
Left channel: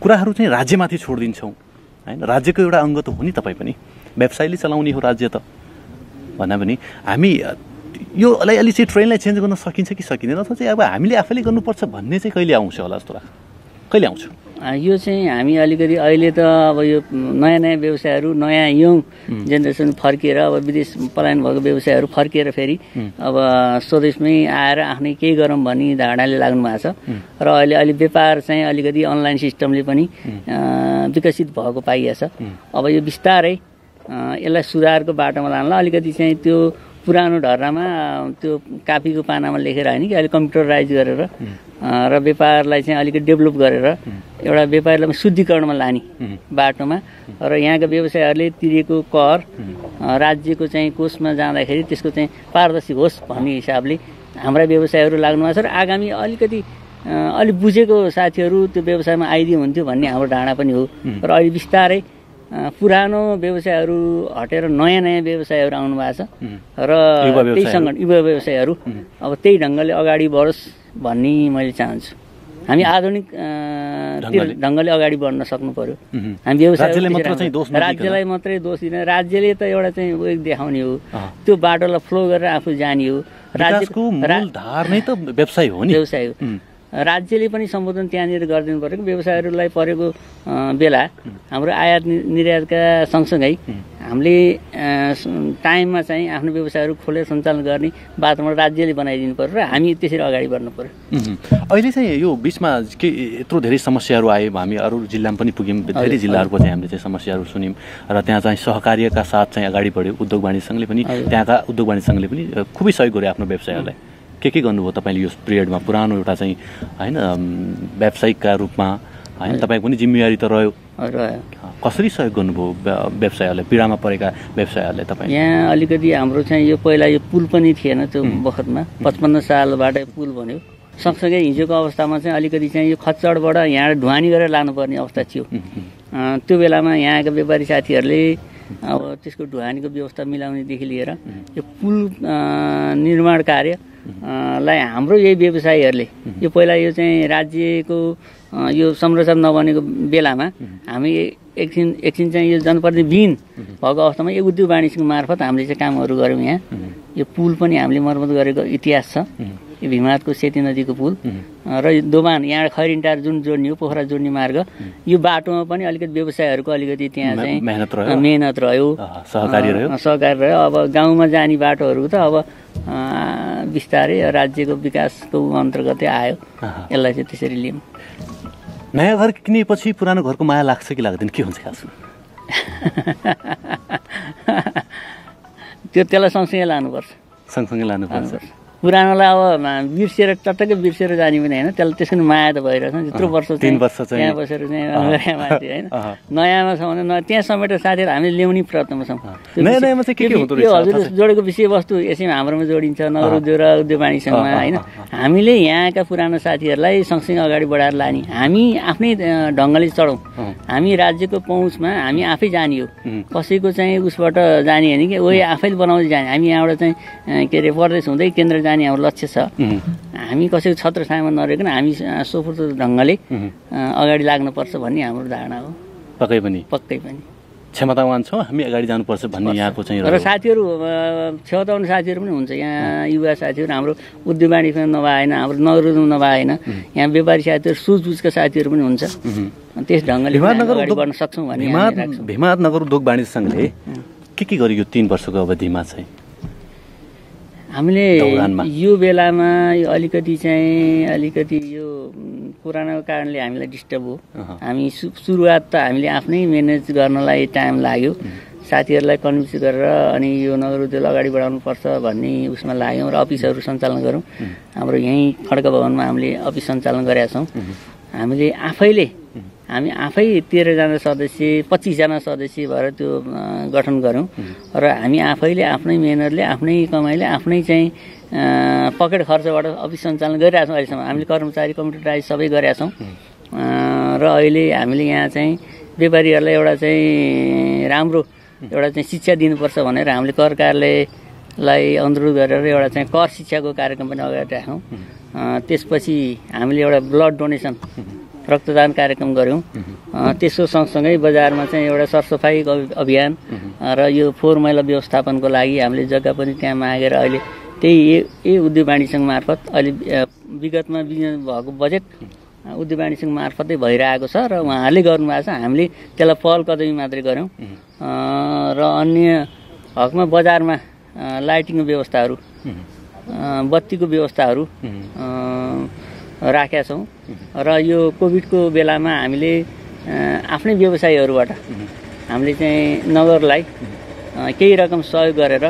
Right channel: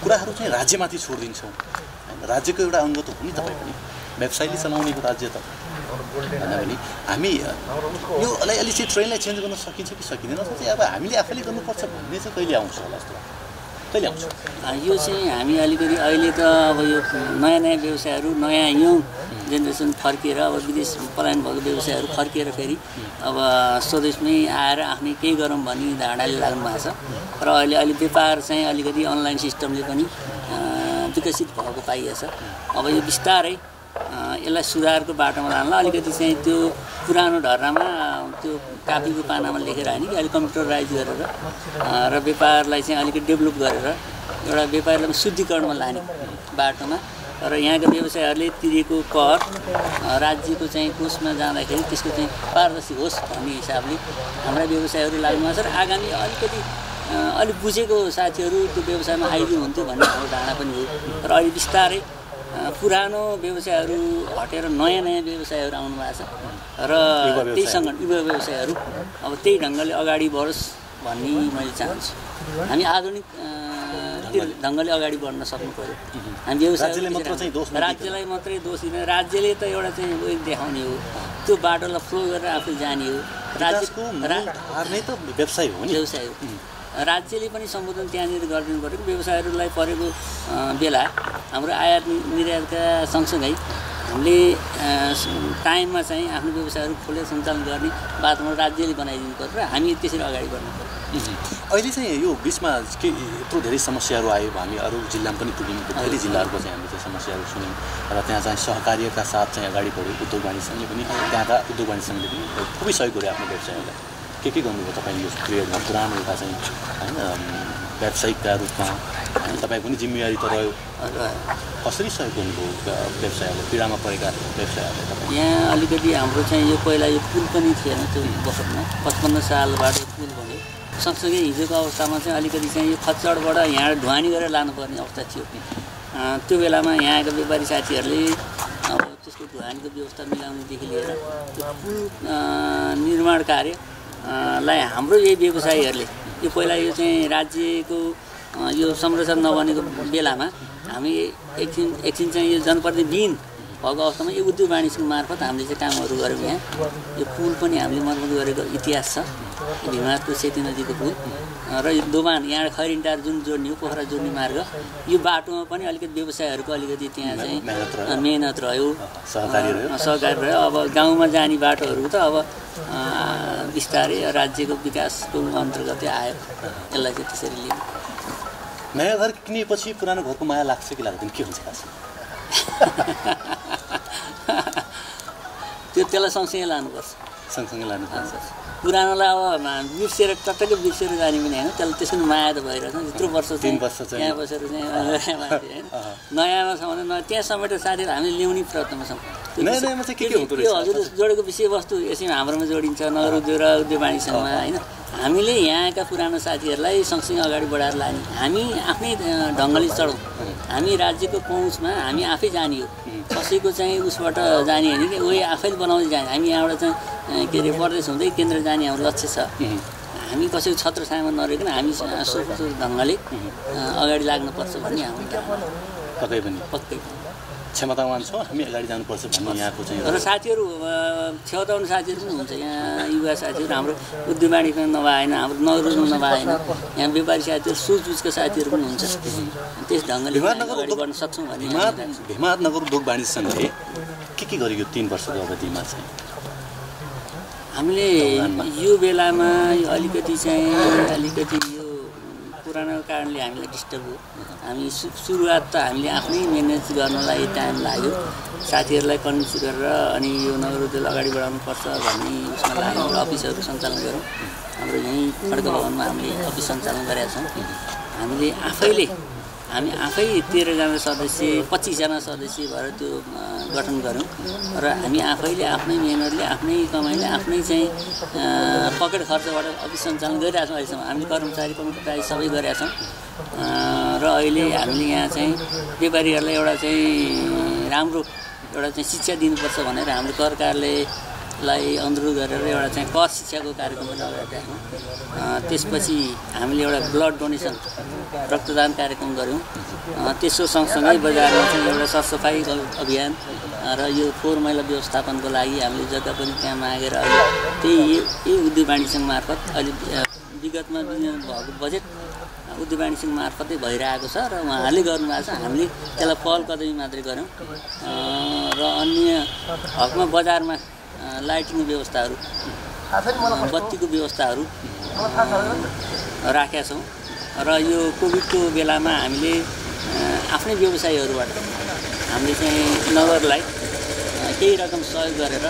कुराहरू चाहिँ राज्यमाथि छोडिदिन्छौँ होइन। राज्यको एउटा अङ्ग त हो नि तपाईँ पनि व्यवसायले चलाउने हो राज्य त भन्दा पनि हामी योलाई अलि चाहिँ ट्रेनलाई चेन्ज गर्न सकिन्छ कि सकिँदैन अथवा चाहिँ अब हामीले आफैले गर्नुपर्छ भन्ने चाहिँ कहिले आउँछ होला जस्तो लाग्छ? कहिले आउँछ यो चाहिँ हामी अलिकति अहिले त अब यो नयाँ नयाँ व्यवसायहरू नयाँ यङ जेनेरेसन फर्किएर अब विदेश पलायन भएको व्यवसायहरू फर्किएर फेरि अब स्वदेशमै आएर आफ्नै केही गरौँ भन्ने धारणाले लाग्नु भएको छ र अहिले अलि व्यापार चाहिँ अलिकति अनलाइन सिस्टमले पनि विकसित भएको पाइएको छ। अब यो बिस्तारै यसलाई सुधारको बाटोमा लानलाई अलिकति चाहिँ त्यो पुरानो ढर्रामा त्यो कापीको पानामा लेखेर होइन कि अहिले कम्प्युटराइज गरेर र व्यापारलाई चाहिँ अलिकति डेभलप गरेर एउटा व्यापारलाई शुद्धिकरणमा लाने बाटोमा र यहाँका व्यवसायहरूले तिरेको कर राज्यको चाहिँ कोषमा जाँदाखेरि त्यसको चाहिँ पारदर्शी होस् भन्ने हिसाबले हाम्रा व्यवसायहरू लाग्नु भएको छ र आगामी अलिकति अलिक बुझेको साथीहरू त्यो व्यवसायमा आइदियो हुन्थ्यो भन्ने हाम्रो धारणा पनि हो र अहिले बिस्तारै पुरानो व्यवसायहरू हटेर नयाँ नयाँ व्यवसायहरू आउनु भएको छ र त्यही सङ्गठन युवा व्यवसायहरू अब त्यही ढङ्गले अगाडि बढोस् भन्ने मैले चाहन्छु। हामी आधुनिक ढङ्गले अगाडि बढ्न सक्नु पर्यो। हामी राज्यलाई मात्रै दोष दिन राज्यले त एउटा चाहिँ उयो देखाउने हो त्यो बाटोलाई फ्लो गरेर आफू जाने हो। राज्यको मूलधार नै त व्यवसाय हो नि व्यवसाय हो। राज्यले पनि सम्बोधन त्यहाँनिर गरिदिनु पऱ्यो। व्यवसायहरूलाई परेको बेला हाम्रो आयात निर्यातका सँगसँगै हामीले टाइममा चाहिँ आफ्नो व्यवसायहरू खोलेर सञ्चालन गर्ने वातावरण राज्यले बनाइदिनु पर्यो र हामी त्यसरी अगाडि बढ्नु पर्यो। अहिले चाहिँ यो बिचमा के यत्रो धेरै समस्याहरू आयो हामी अरू जिल्लामा पनि पुग्यौँ धेरै जिल्लाहरूको चाहिँ हामीले चाहिँ समस्याहरू सुन्यौँ र त्यहाँ चाहिँ सहकार्यका साथ चाहिँ अगाडि बढ्यो। उद्योग वाणिज्य सङ्घले पनि त्यहाँका उद्योग वाणिज्य सङ्घले पनि खुबै सहयोग गर्यो आफ्नो व्यवसायहरूलाई। के गर्नुभयो तपाईँले यो पिरियडमा पुरानो एउटा चाहिँ होइन व्यावसायिकका रूपमा होइन तपाईँ पनि जिम्मेवारी त रह्यो कसरी सहयोग गर्नुभयो व्यवसायहरूलाई पीडामा परेका व्यवसायहरूलाई तपाईँ? यहाँ अलिकति हाम्रो चाहिँ यो पहिला यो पुल पनि थिएन त्यो बखतमा 55 सालबाटै पुल बन्यो। सँगसँगै हिजोको अवस्थामा चाहिँ अलिकति चाहिँ यो खच्चडबाट यहाँ ढुवानी गरेर लानुपर्ने अवस्था थियो। त्यो बेलामा यहाँका व्यापारी साथीहरूले अब त्यसको ढुवानीको व्यवस्था मिलाउनेदेखि लिएर यो पुल निर्माण कार्यलाई हाम्रो यही व्यवसायीहरूले यो पहिला यो चाहिँ राज्यको यो संरचना नबनेको बेलामा हामी एकछिन चाहिँ यो जनप्रतिनिधिविहीन भएको अवस्थामा यो उद्योग वाणिज्य मार्फत हामीले चाहिँ कामहरू गऱ्यौँ। यहाँ यो पुल पनि हामीले मर्मत गरेको इतिहास छ। यो भीमहातको सेती नदीको पुल र यो दोभान यहाँ खैरिन्टार जुन जोड्ने हो पोखरा जोड्ने मार्ग यो बाटोमा पनि अलिकति व्यवसायहरूको अलिकति त्यहाँ चाहिँ मेहनत रह्यो सहकारी रह्यो। अब गाउँमा जाने बाटोहरू त अब बिस्तारै राज्यको विकासको अन्तर्गतै आयो। यसलाई चाहिँ त्यसरी लियौँ। नयाँ घर किनेपछि पुरानो घरको माया लाग्छ कि लाग्दैन के हुन्छ खासमा? त्यसलाई सँगसँगै लानुपर्छ। सँगसँगै लानुपर्छ। पुरानोलाई अब बिर्सेर टट्टकै बिर्सेर जाने पनि होइन, त्यसलाई त्यसको माया त भइरहेछ त्यत्रो वर्ष त्यहाँ बसेर चाहिँ माथि होइन। नयाँमा छ भने त्यहाँ समेटेर साथीहरू हामीले ल्याउने प्रयत्नमा छौँ। यो हजुरले जोडेको विषयवस्तु यसैमा हाम्रोमा जोडिन्छ नगर उद्योग र उद्योग वाणिज्यमा होइन। हामीले यहाँका पुरानो साथीहरूलाई सँगसँगै अगाडि बढाएर लाने, हामी आफ्नै ढङ्गले चढौँ, हामी राज्यको पहुँचमा हामी आफै जाने हो, कसैको चाहिँ उसबाट जाने होइन कि वही आफैले बनाउँदै जाने। हामी यहाँबाट चाहिँ के अरे प्रदेश हुँदै केन्द्र जाने हाम्रो लक्ष्य छ। हामी कसैको छत्र छायामा नरहेकन हामी सोच ढङ्गले अगाडि लाग्नुपर्छ भन्ने हाम्रो धारणा हो। पक्कै पनि क्षमतावान छौँ हामी अगाडि जानुपर्छ भन्ने यहाँको चाहिँ। र साथीहरू छेउताउनु साथीहरू पनि हुन्छ, यहाँ युवा साथीहरू हाम्रो उद्योग वाणिज्यमा नभएन, हाम्रो नगरमा नभएन, यहाँ व्यापारी साथीहरू सुझबुझका साथीहरू पनि हुन्छ। त्यस ढङ्गले अगाडि बढ्न सक्छौँ भन्ने भीमहाटनगर उद्योग वाणिज्य सङ्घले के गरियो 3 वर्षको अवधिमा चाहिँ? हामीले यो बेलामा यो अलिकति यो पुरानो कारणले हामीलाई डिस्टर्ब हो। हामी सुरुवात त हामीले आफ्नै म्यानेज गर्नलाई टाइम लाग्यो, साथीहरूलाई कन्भिन्स गरेर अनि यो नगर उद्योग अगाडि बढाउनुपर्छ भन्ने उसमा लाग्यौँ र अफिसहरू सञ्चालन गऱ्यौँ। हाम्रो यहीँ खड्ग भवनमा हामीले अफिस सञ्चालन गरेका छौँ। हामी आफै 13जना सदस्य 25जना सदस्य भएर त्यो गठन गऱ्यौँ र हामी आफैले आफ्नै मेहनतले आफ्नै कमाइले आफ्नै चाहिँ पकेट खर्चबाट अफिस सञ्चालन गरिरहेका छौँ। अहिलेसम्म हामीले कर्मचारी कम्प्युटराइज सबै गरेका छौँ र अहिले हामीले यहाँ चाहिँ व्यापारीहरूलाई एउटा चाहिँ राम्रो एउटा चाहिँ शिक्षा दिनुपर्छ भनेर हामीले कर कार्यालयलाई अनुरोध गरेर एउटा चाहिँ कर शिक्षाको कार्यक्रम पनि अगाडि राख्यौँ। त्यसपछि हामीले एउटा ब्लड डोनेसन रक्तदान कार्यक्रम गऱ्यौँ। त्यसो सँगसँगै बजारमा चाहिँ एउटा सरसफाइ अभियान र यो फोहोर मैला व्यवस्थापनको लागि हामीले जग्गा पनि त्यहाँ मागेर अहिले त्यही उद्योग वाणिज्य सङ्घ मार्फत अहिले विगतमा भएको बजेट उद्योग वाणिज्य सङ्घ मार्फतै भइरहेको छ र उहाँहरूले गर्नुभएको छ। हामीले त्यसलाई पहल कदमी मात्रै गऱ्यौँ र अन्य हकमा बजारमा लाइटिङको व्यवस्थाहरू बत्तीको व्यवस्थाहरू राखेका छौँ र यो कोभिडको बेलामा हामीले आफ्नै व्यवसायीहरूबाट हामीले चाहिँ नगरलाई केही रकम सहयोग गरेर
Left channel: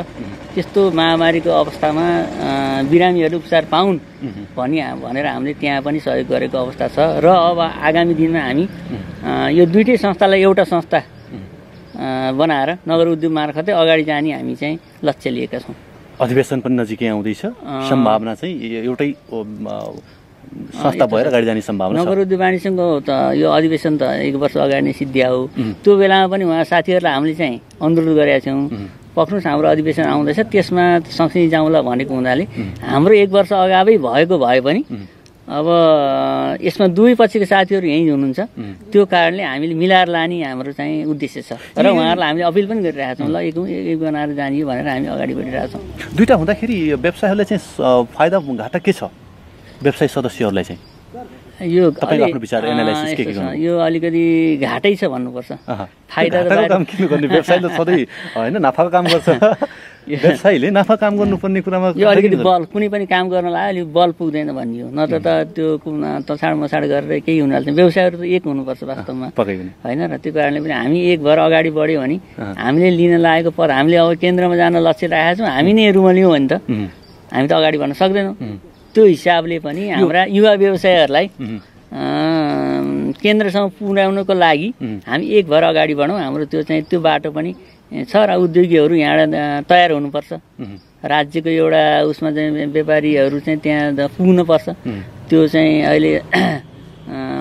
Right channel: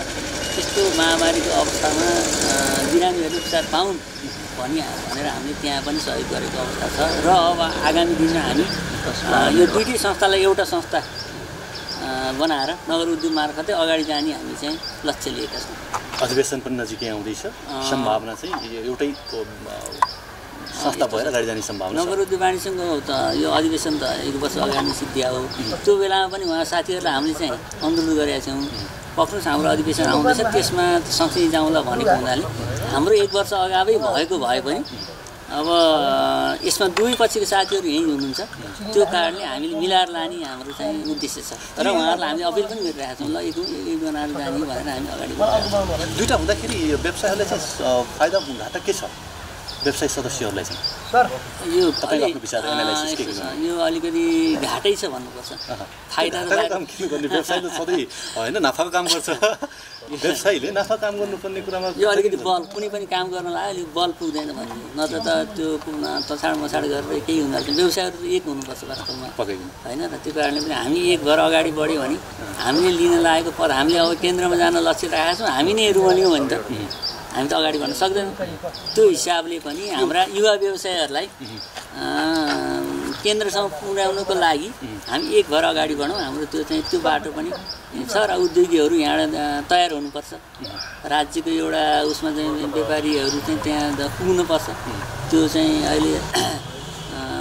त्यस्तो महामारीको अवस्थामा बिरामीहरू उपचार पाउन् भनेर हामीले त्यहाँ पनि सहयोग गरेको अवस्था छ र अब आगामी दिनमा हामी यो दुईटै संस्थालाई एउटा संस्था बनाएर नगर उद्योग मार्फतै अगाडि जाने हामी चाहिँ लक्ष्य लिएका छौँ। अधिवेशन पनि नजिकै आउँदैछ, सम्भावना चाहिँ एउटै संस्था भएर अगाडि जाने सम्भावना छ। नगर उद्योग वाणिज्यको त यो अधिवेशन त 1 वर्ष अगाडि नै सिद्धिया हो। त्यो बेलामा पनि उहाँ साथीहरूलाई हामीले चाहिँ अनुरोध गरेका छौँ, पक्नुहोस् हाम्रो अधिवेशन आउँदैछ त्यसमा सँगसँगै जाउँला भनेको हुनाले हाम्रो 1 वर्ष अगावै भएको भए पनि अब यसमा दुवै पक्षका साथीहरू यहीँ हुनुहुन्छ, त्यो कारणले हामीले मिलाएर लाने हाम्रो चाहिँ उद्देश्य छ र उहाँहरूलाई हामीले अपिल पनि गरिरहेका छौँ, ल एक बनाएर जाने भनेर हामी अगाडि बढिरहेका छौँ। दुईवटा हुँदाखेरि व्यवसायहरूलाई चाहिँ फाइदा घाटा के छ व्यवसाय सदस्यहरूलाई चाहिँ? यो तपाईँको आफ्नो विचार एनालाइसिस के गर्नु? यो अलिकति घाटै छ भन्नुपर्छ। फाइदा त काम किन गर्ने? व्यवसायले सधैँ होइन नाफाको काम गर्छ, व्यवसायीले नाफा काम गर्नुपर्ने कुरामा यो अलिकति बल कुनै पनि काम गर्नलाई अलिक बल पुग्दैन भन्ने हो, नत्र त त्यो तछाड मछाड गरेर केही हुन हाल्छ। व्यवसायहरू त एक हुनुपर्छ वास्तवमा होइन र त्यो कारणले पनि हामी एक भएर अगाडि बढ्यो भने हामीले लिन लागेको पद हामीले अब केन्द्रमा जान लक्ष्य राखेका छौँ, हामी नै रुमल्यौँ भने त हामी त अगाडि बढ्न सक्दैनौँ। त्यो हिसाबले पनि हाम्रा युवा व्यवसायहरूलाई केन्द्रसम्म पुर्याउनको लागि हामी एक भएर अगाडि बढौँ। हाम्रो त्यो चाहिँ त्यो बाटो पनि छ र उद्योगीहरू यहाँबाट तयार हुनुपर्छ। राज्यको एउटा उसमा चाहिँ व्यापारीहरू चाहिँ त्यहाँ पुग्नुपर्छ। त्यो चाहिँ अहिले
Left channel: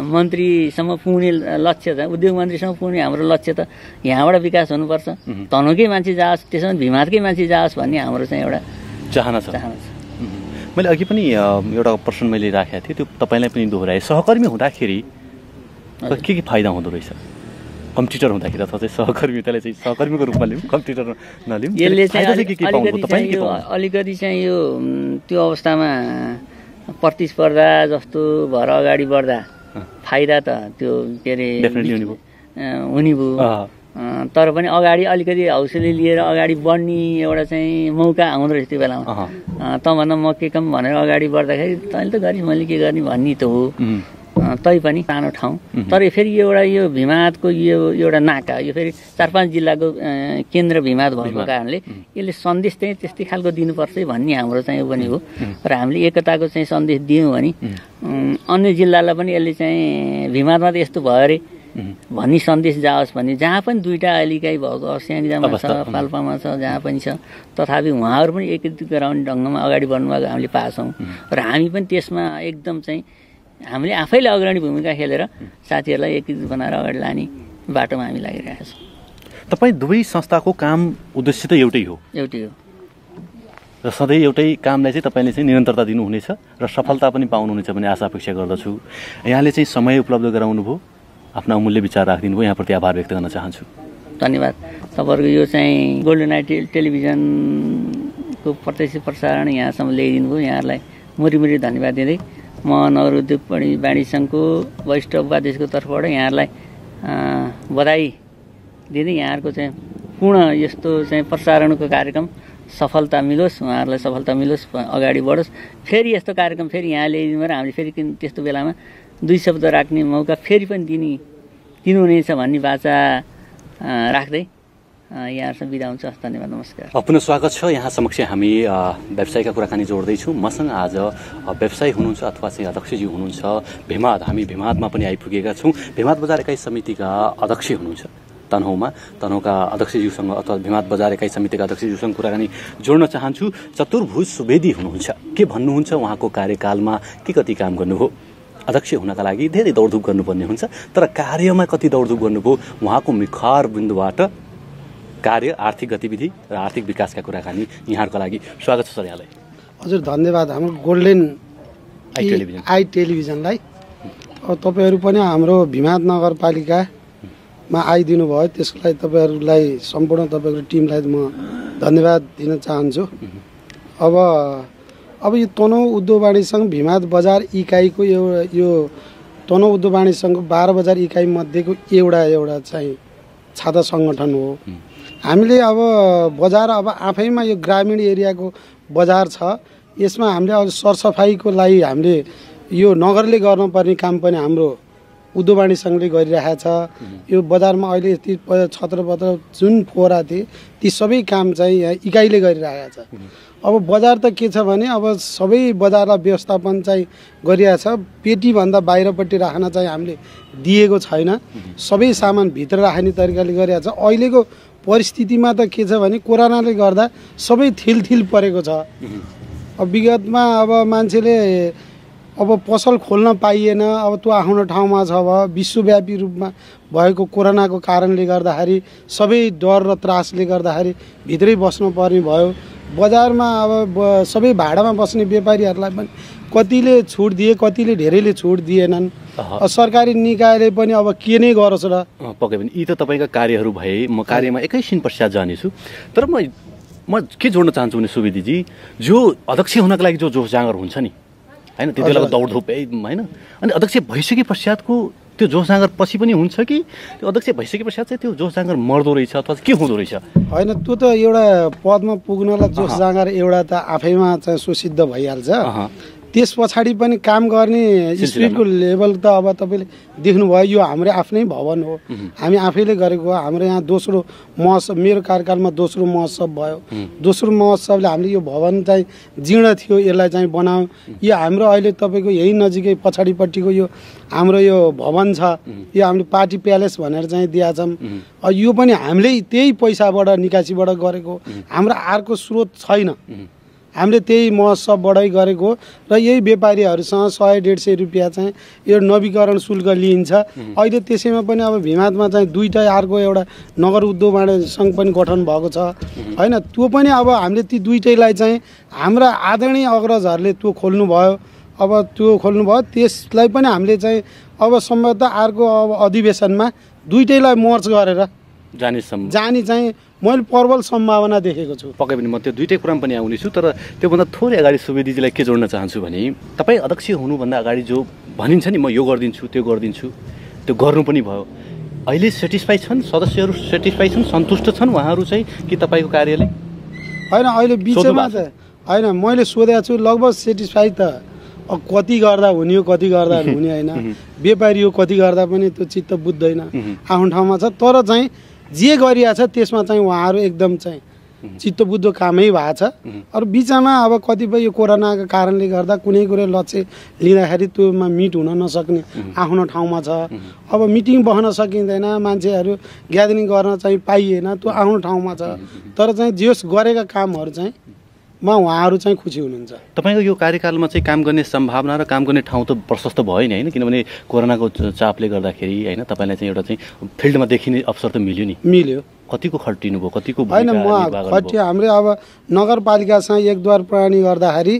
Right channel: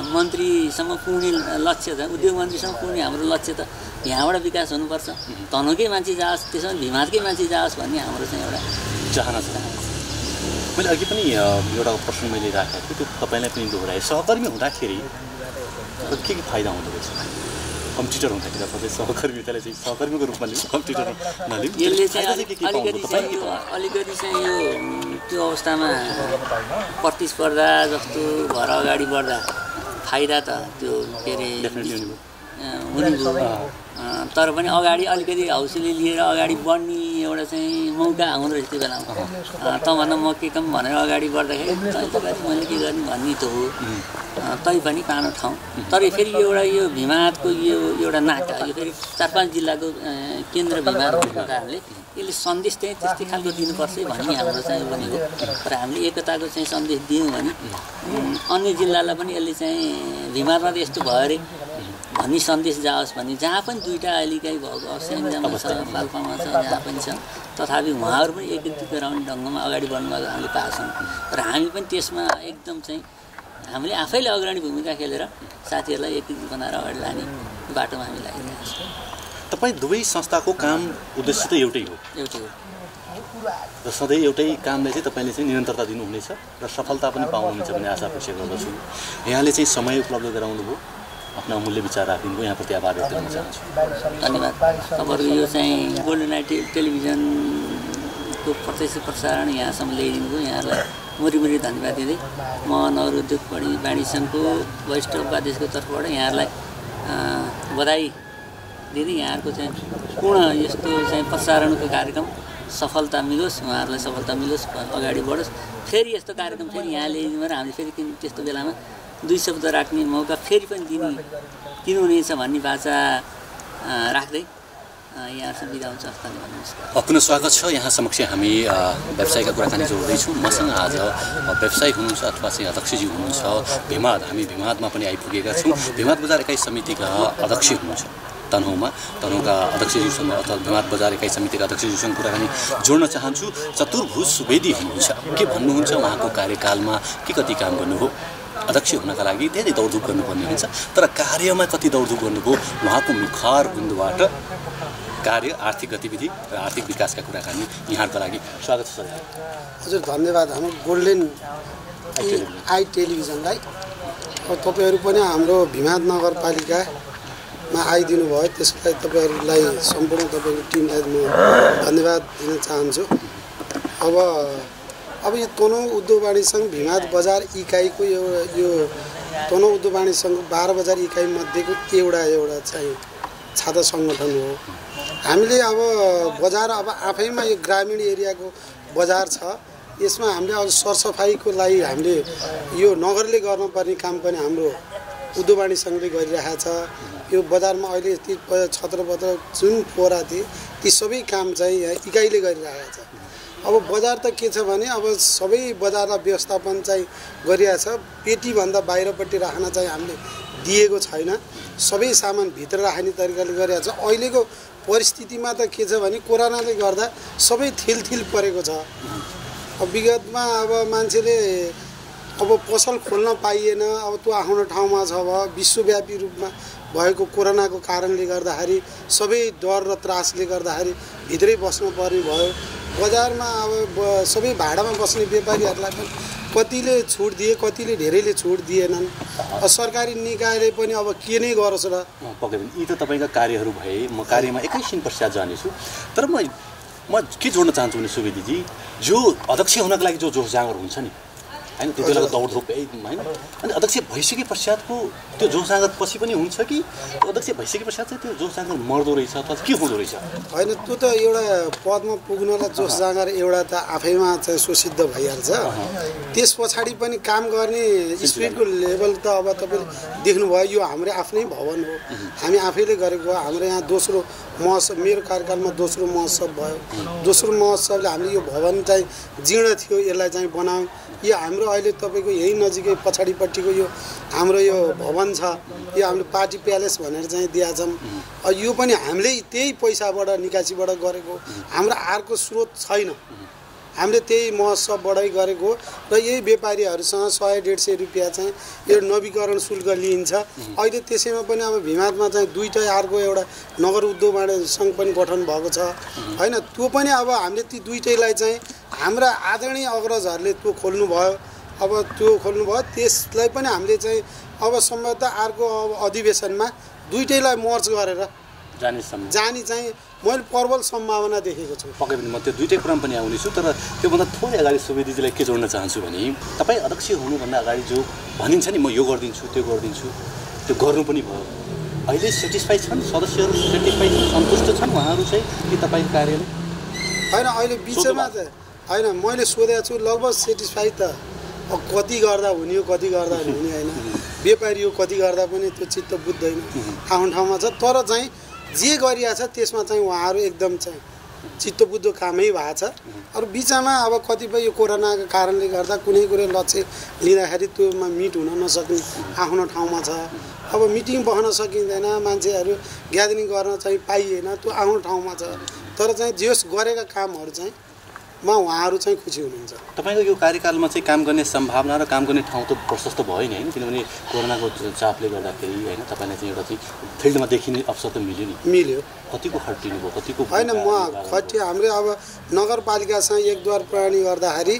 मन्त्रीसम्म पुग्ने लक्ष्य छ, उद्योग मन्त्रीसम्म पुग्ने हाम्रो लक्ष्य त यहाँबाट विकास हुनुपर्छ। तनहुकै मान्छे जाओस्, त्यसमा भीमहाटकै मान्छे जाओस् भन्ने हाम्रो चाहिँ एउटा चाहना छ। मैले अघि पनि एउटा प्रश्न मैले राखेको थिएँ, त्यो तपाईँलाई पनि दोहोऱ्याएँ। सहकर्मी हुँदाखेरि के फाइदा हुँदो रहेछ? कम्प्युटर हुँदाखेरि तपाईँ सहकर्मी त्यसलाई चाहिँ सहकर्मीको रूपमा लिउँ, कम्प्युटर नलिउँ, यसले चाहिँ अलिकति चाहिँ यो त्यो अवस्थामा प्रतिस्पर्धा जस्तो भएर अगाडि बढ्दा फाइदा त त्यो के अरे हुने भयो, तर पनि अगाडि अलिकति हौसले लिएर अगाडि बढ्ने एउटा चाहिँ मौका आउँदो रहेछ त्यो बेलामा। त भन्न म के काम भनेर अगाडि बढ्दाखेरि तैँले त गर्ने मैले के गर्ने भन्ने त हो। तैपनि पानो ठाउँ तर फेरि यो भिमादको यो एउटा नाका यो फेरि 4-5 जिल्लाको केन्द्र भिमाद भएको कारणले यसले सन्देश चाहिँ त्यस्तै खालको दिनुपर्छ भन्ने हाम्रो चाहिँ पनि हो र हामीले एकताको चाहिँ सन्देश दियौँ भने अन्य जिल्लालाई पनि यसले चाहिँ भिमादमा त यस्तो भयो अरे भन्ने सन्देश जाओस् भन्ने जहाँ पनि दुईवटा अहिलेकै भएको स्याङ्जामा छ पाल्पामा छ जहाँ पनि छ तथापि उहाँहरू पनि एकीकृत गराउने ढङ्गमा अगाडि बढ्नुभएको हामीले पाएछौँ र हामी पनि त्यसमा एकदम चाहिँ हामीले आफैले अग्रणी भूमिका खेलेर साथीहरूलाई एकीकृत बनाएर अगाडि लाने बाटोमा हामी लागिरहेका छौँ। तपाईँ दुवै संस्थाको काम उद्देश्य त एउटै हो र सधैँ एउटै कामलाई चाहिँ तपाईँले चाहिँ निरन्तरता दिनुहुनेछ र सफलता पनि पाउनुहुनेछ भन्ने आशा अपेक्षा गर्दछु। यहाँले चाहिँ समय उपलब्ध गराउनु भयो, आफ्नो अमूल्य विचार राखिदिनु भयो, यहाँप्रति आभार व्यक्त गर्न चाहन्छु। धन्यवाद। तपाईँहरूको यो चाहिँ गोल्डन नाइट टेलिभिजनको प्रत्यक्ष प्रसारण यहाँसम्म ल्याइदिनु भयो, यहाँहरूलाई मुरी धन्यवाद दिँदै म नगर उद्योग वाणिज्य सङ्घको वरिष्ठ उपाध्यक्षको तर्फबाट यहाँहरूलाई बधाई दिँदै यहाँहरूको चाहिँ पूर्ण यस्तो चाहिँ प्रसारणको कार्यक्रम सफलता मिलोस्, उहाँहरूलाई सफलता मिलोस्, अगाडि बढोस्। फेरि यस्तो कार्यक्रम फेरि यहाँ ल्याइदिनु र हामीले फेरि त्यस्तो बेलामा 2 शब्द राख्ने मौका फेरि पनि दिनुहुनेछ भन्ने बाचा राख्दै यहाँहरूसँग बिदा हुन्छ। धन्यवाद, नमस्कार। पुनः स्वागत छ। यहाँ समक्ष हामी व्यवसायका कुराकानी जोड्दैछौँ। मसँग आज व्यवसायी हुनुहुन्छ अथवा चाहिँ अध्यक्षजी हुनुहुन्छ भिमाद। हामी भिमादमा पनि आइपुगेका छौँ। भिमाद बजार इकाइ समितिका अध्यक्ष हुनुहुन्छ तनहुँका अध्यक्षज्यूसँग अथवा भिमाद बजार इकाइ समितिका अध्यक्षज्यूसँग कुराकानी जोड्न चाहन्छु। चतुर्भुज सुवेदी हुनुहुन्छ, के भन्नुहुन्छ उहाँको कार्यकालमा के कति काम गर्नुभयो? अध्यक्ष हुनका लागि धेरै दौडधुप गर्नुपर्ने हुन्छ, तर कार्यमा कति दौडधुप गर्नुभयो? उहाँको मुखार बिन्दुबाट कार्य, आर्थिक गतिविधि र आर्थिक विकासका कुराकानी यहाँहरूको लागि स्वागत छ सर। यहाँलाई हजुर धन्यवाद हाम्रो गोल्डन आई टेलिभिजनलाई। तपाईँहरू पनि हाम्रो भिमाद नगरपालिकामा आइदिनु भयो, त्यसको लागि तपाईँहरूलाई सम्पूर्ण तपाईँको टिमलाई म धन्यवाद दिन चाहन्छु। अब यो तनहुँ उद्योग वाणिज्य सङ्घ भिमाद बजार इकाइको यो तनहुँ उद्योग वाणिज्य सङ्घको 12 बजार इकाइ मध्येको एउटा चाहिँ छाता सङ्गठन हो। हामीले अब बजार अब आफैमा यो ग्रामीण एरियाको बजार छ, यसमा हामीले अब सरसफाइको लागि हामीले यो नगरले गर्नुपर्ने काम पनि हाम्रो उद्योग वाणिज्य सङ्घले गरिरहेको छ। यो बजारमा अहिले यति छत्रपत्र जुन फोरा थिए ती सबै काम चाहिँ यहाँ इकाइले गरिरहेको छ। अब बजार त के छ भने अब सबै बजारलाई व्यवस्थापन चाहिँ गरिरहेछ, पेटीभन्दा बाहिरपट्टि राख्न चाहिँ हामीले दिएको छैन, सबै सामान भित्र राख्ने तरिकाले गरिरहेछ। अहिलेको परिस्थितिमा त के छ भने कोरोनाले गर्दा सबै थिल परेको छ। अब विगतमा अब मान्छेले अब पसल खोल्न पाइएन, अब त्यो आफ्नो ठाउँमा छ। अब विश्वव्यापी रूपमा भएको कोरोनाको कारणले गर्दाखेरि सबै डर र त्रासले गर्दाखेरि भित्रै बस्नुपर्ने भयो। बजारमा अब सबै भाडामा बस्ने व्यापारीहरूलाई पनि कतिले छुट दिए, कतिले धेरैले छुट दिएनन्। सरकारी निकायले पनि अब के नै गरोस् र। पक्कै पनि यी त तपाईँका कार्यहरू भए, म कार्यमा एकैछिन पश्चात जानेछु। तर म के जोड्न चाहन्छु भने सुवेदीजी, जो अध्यक्ष हुनको लागि जो जोस जाँगर हुन्छ नि होइन, त्यति बेलाको दौडधुप होइन, अनि अध्यक्ष भइसके पश्चातको त्यो जोस जाँगर पछि पनि हुन्छ कि त्यो अध्यक्ष भइसके पश्चात चाहिँ त्यो जोस जाँगर मर्दो रहेछ अथवा के हुँदो रहेछ? होइन, त्यो त एउटा पदमा पुग्नलाई जोस जाँगर एउटा त आफैमा चाहिँ सुसिद्ध भइहाल्छ। त्यस पछाडि पनि काम गर्ने स्पिडको लेभल त अब तपाईँले देख्नुभयो, यो हाम्रो आफ्नै भवन हो, हामी आफैले गरेको। हाम्रो यहाँ दोस्रो महोत्सव, मेरो कार्यकालमा दोस्रो महोत्सव भयो। दोस्रो महोत्सवले हामीले यो भवन चाहिँ जीर्ण थियो, यसलाई चाहिँ बनायौँ। यो हाम्रो अहिले तपाईँको यही नजिकै पछाडिपट्टिको यो हाम्रो यो भवन छ, यो हामीले पार्टी प्यालेस भनेर चाहिँ दिएका छौँ। यो पनि हामीले त्यही पैसाबाट निकासीबाट गरेको, हाम्रो अर्को स्रोत छैन। हामीले त्यही महोत्सवबाटै गरेको र यही व्यापारीहरूसँग 100-150 रुपियाँ चाहिँ यो नवीकरण शुल्क लिइन्छ। अहिले त्यसैमा पनि अब भिमादमा चाहिँ 2टा अर्को एउटा नगर उद्योग वाणिज्य सङ्घ पनि गठन भएको छ होइन। त्यो पनि अब हामीले ती 2टैलाई चाहिँ हाम्रा आदरणीय अग्रजहरूले त्यो खोल्नुभयो। अब त्यो खोल्नुभयो, त्यसलाई पनि हामीले चाहिँ अब सम्भवतः अर्को अब अधिवेशनमा 2टैलाई मर्ज गरेर जाने चाहिँ मैले प्रबल सम्भावना देखेको छु। पक्कै पनि म त्यो 2टै कुरामा पनि आउनेछु, तर त्योभन्दा थोरै अगाडि सुवेदीजीलाई के जोड्न चाहन्छु भने तपाईँ अध्यक्ष हुनुभन्दा अगाडि जो भनिन्छ नि म यो गरिदिन्छु त्यो गरिदिन्छु, त्यो गर्नु पनि भयो। अहिले सेटिस्फाई छन् सदस्यहरू, सेटिस्फाई छन्, सन्तुष्ट छन् उहाँहरू चाहिँ कि तपाईँको कार्यले? होइन, अहिले बिचमा त होइन, मैले सोधेको छु लगभग सेटिस्फाई त कति गर्दा हुने हो कति गर्दा हुने होइन, व्यापारी हो कति गर्दा पनि त्यो चित्त बुझ्दैन, आफ्नो ठाउँमा छ। तर चाहिँ जे गरिरहेको छ त्यसमा चाहिँ उहाँहरू एकदम चाहिँ चित्त बुझ्दो कामै भएको छ। अरू बिचमा अब कतिपय यो कोरोनाको कारणले गर्दा कुनै कुनै लक्ष्य लिँदाखेरि त्योमा मिट हुन नसक्ने आफ्नो ठाउँमा छ। अब मिटिङ बस्न सकिँदैन, मान्छेहरू ग्यादरिङ गर्न चाहिँ पाइएन, त्यो आफ्नो ठाउँमा छ। तर चाहिँ जस गरेका कामहरू चाहिँ उहाँहरू चाहिँ खुसी हुनुहुन्छ। तपाईँको यो कार्यकालमा चाहिँ काम गर्ने सम्भावना र काम गर्ने ठाउँ त प्रशस्त भयो नि होइन, किनभने कोरोनाको चापले गर्दाखेरि होइन तपाईँलाई चाहिँ एउटा चाहिँ फिल्डमा देखिने अवसर त मिल्यो नि। मिल्यो। कतिको खटिनु भयो, कतिको होइन म खटियो। हाम्रो अब नगरपालिकासँग एकद्वार प्रणाली गर्दाखेरि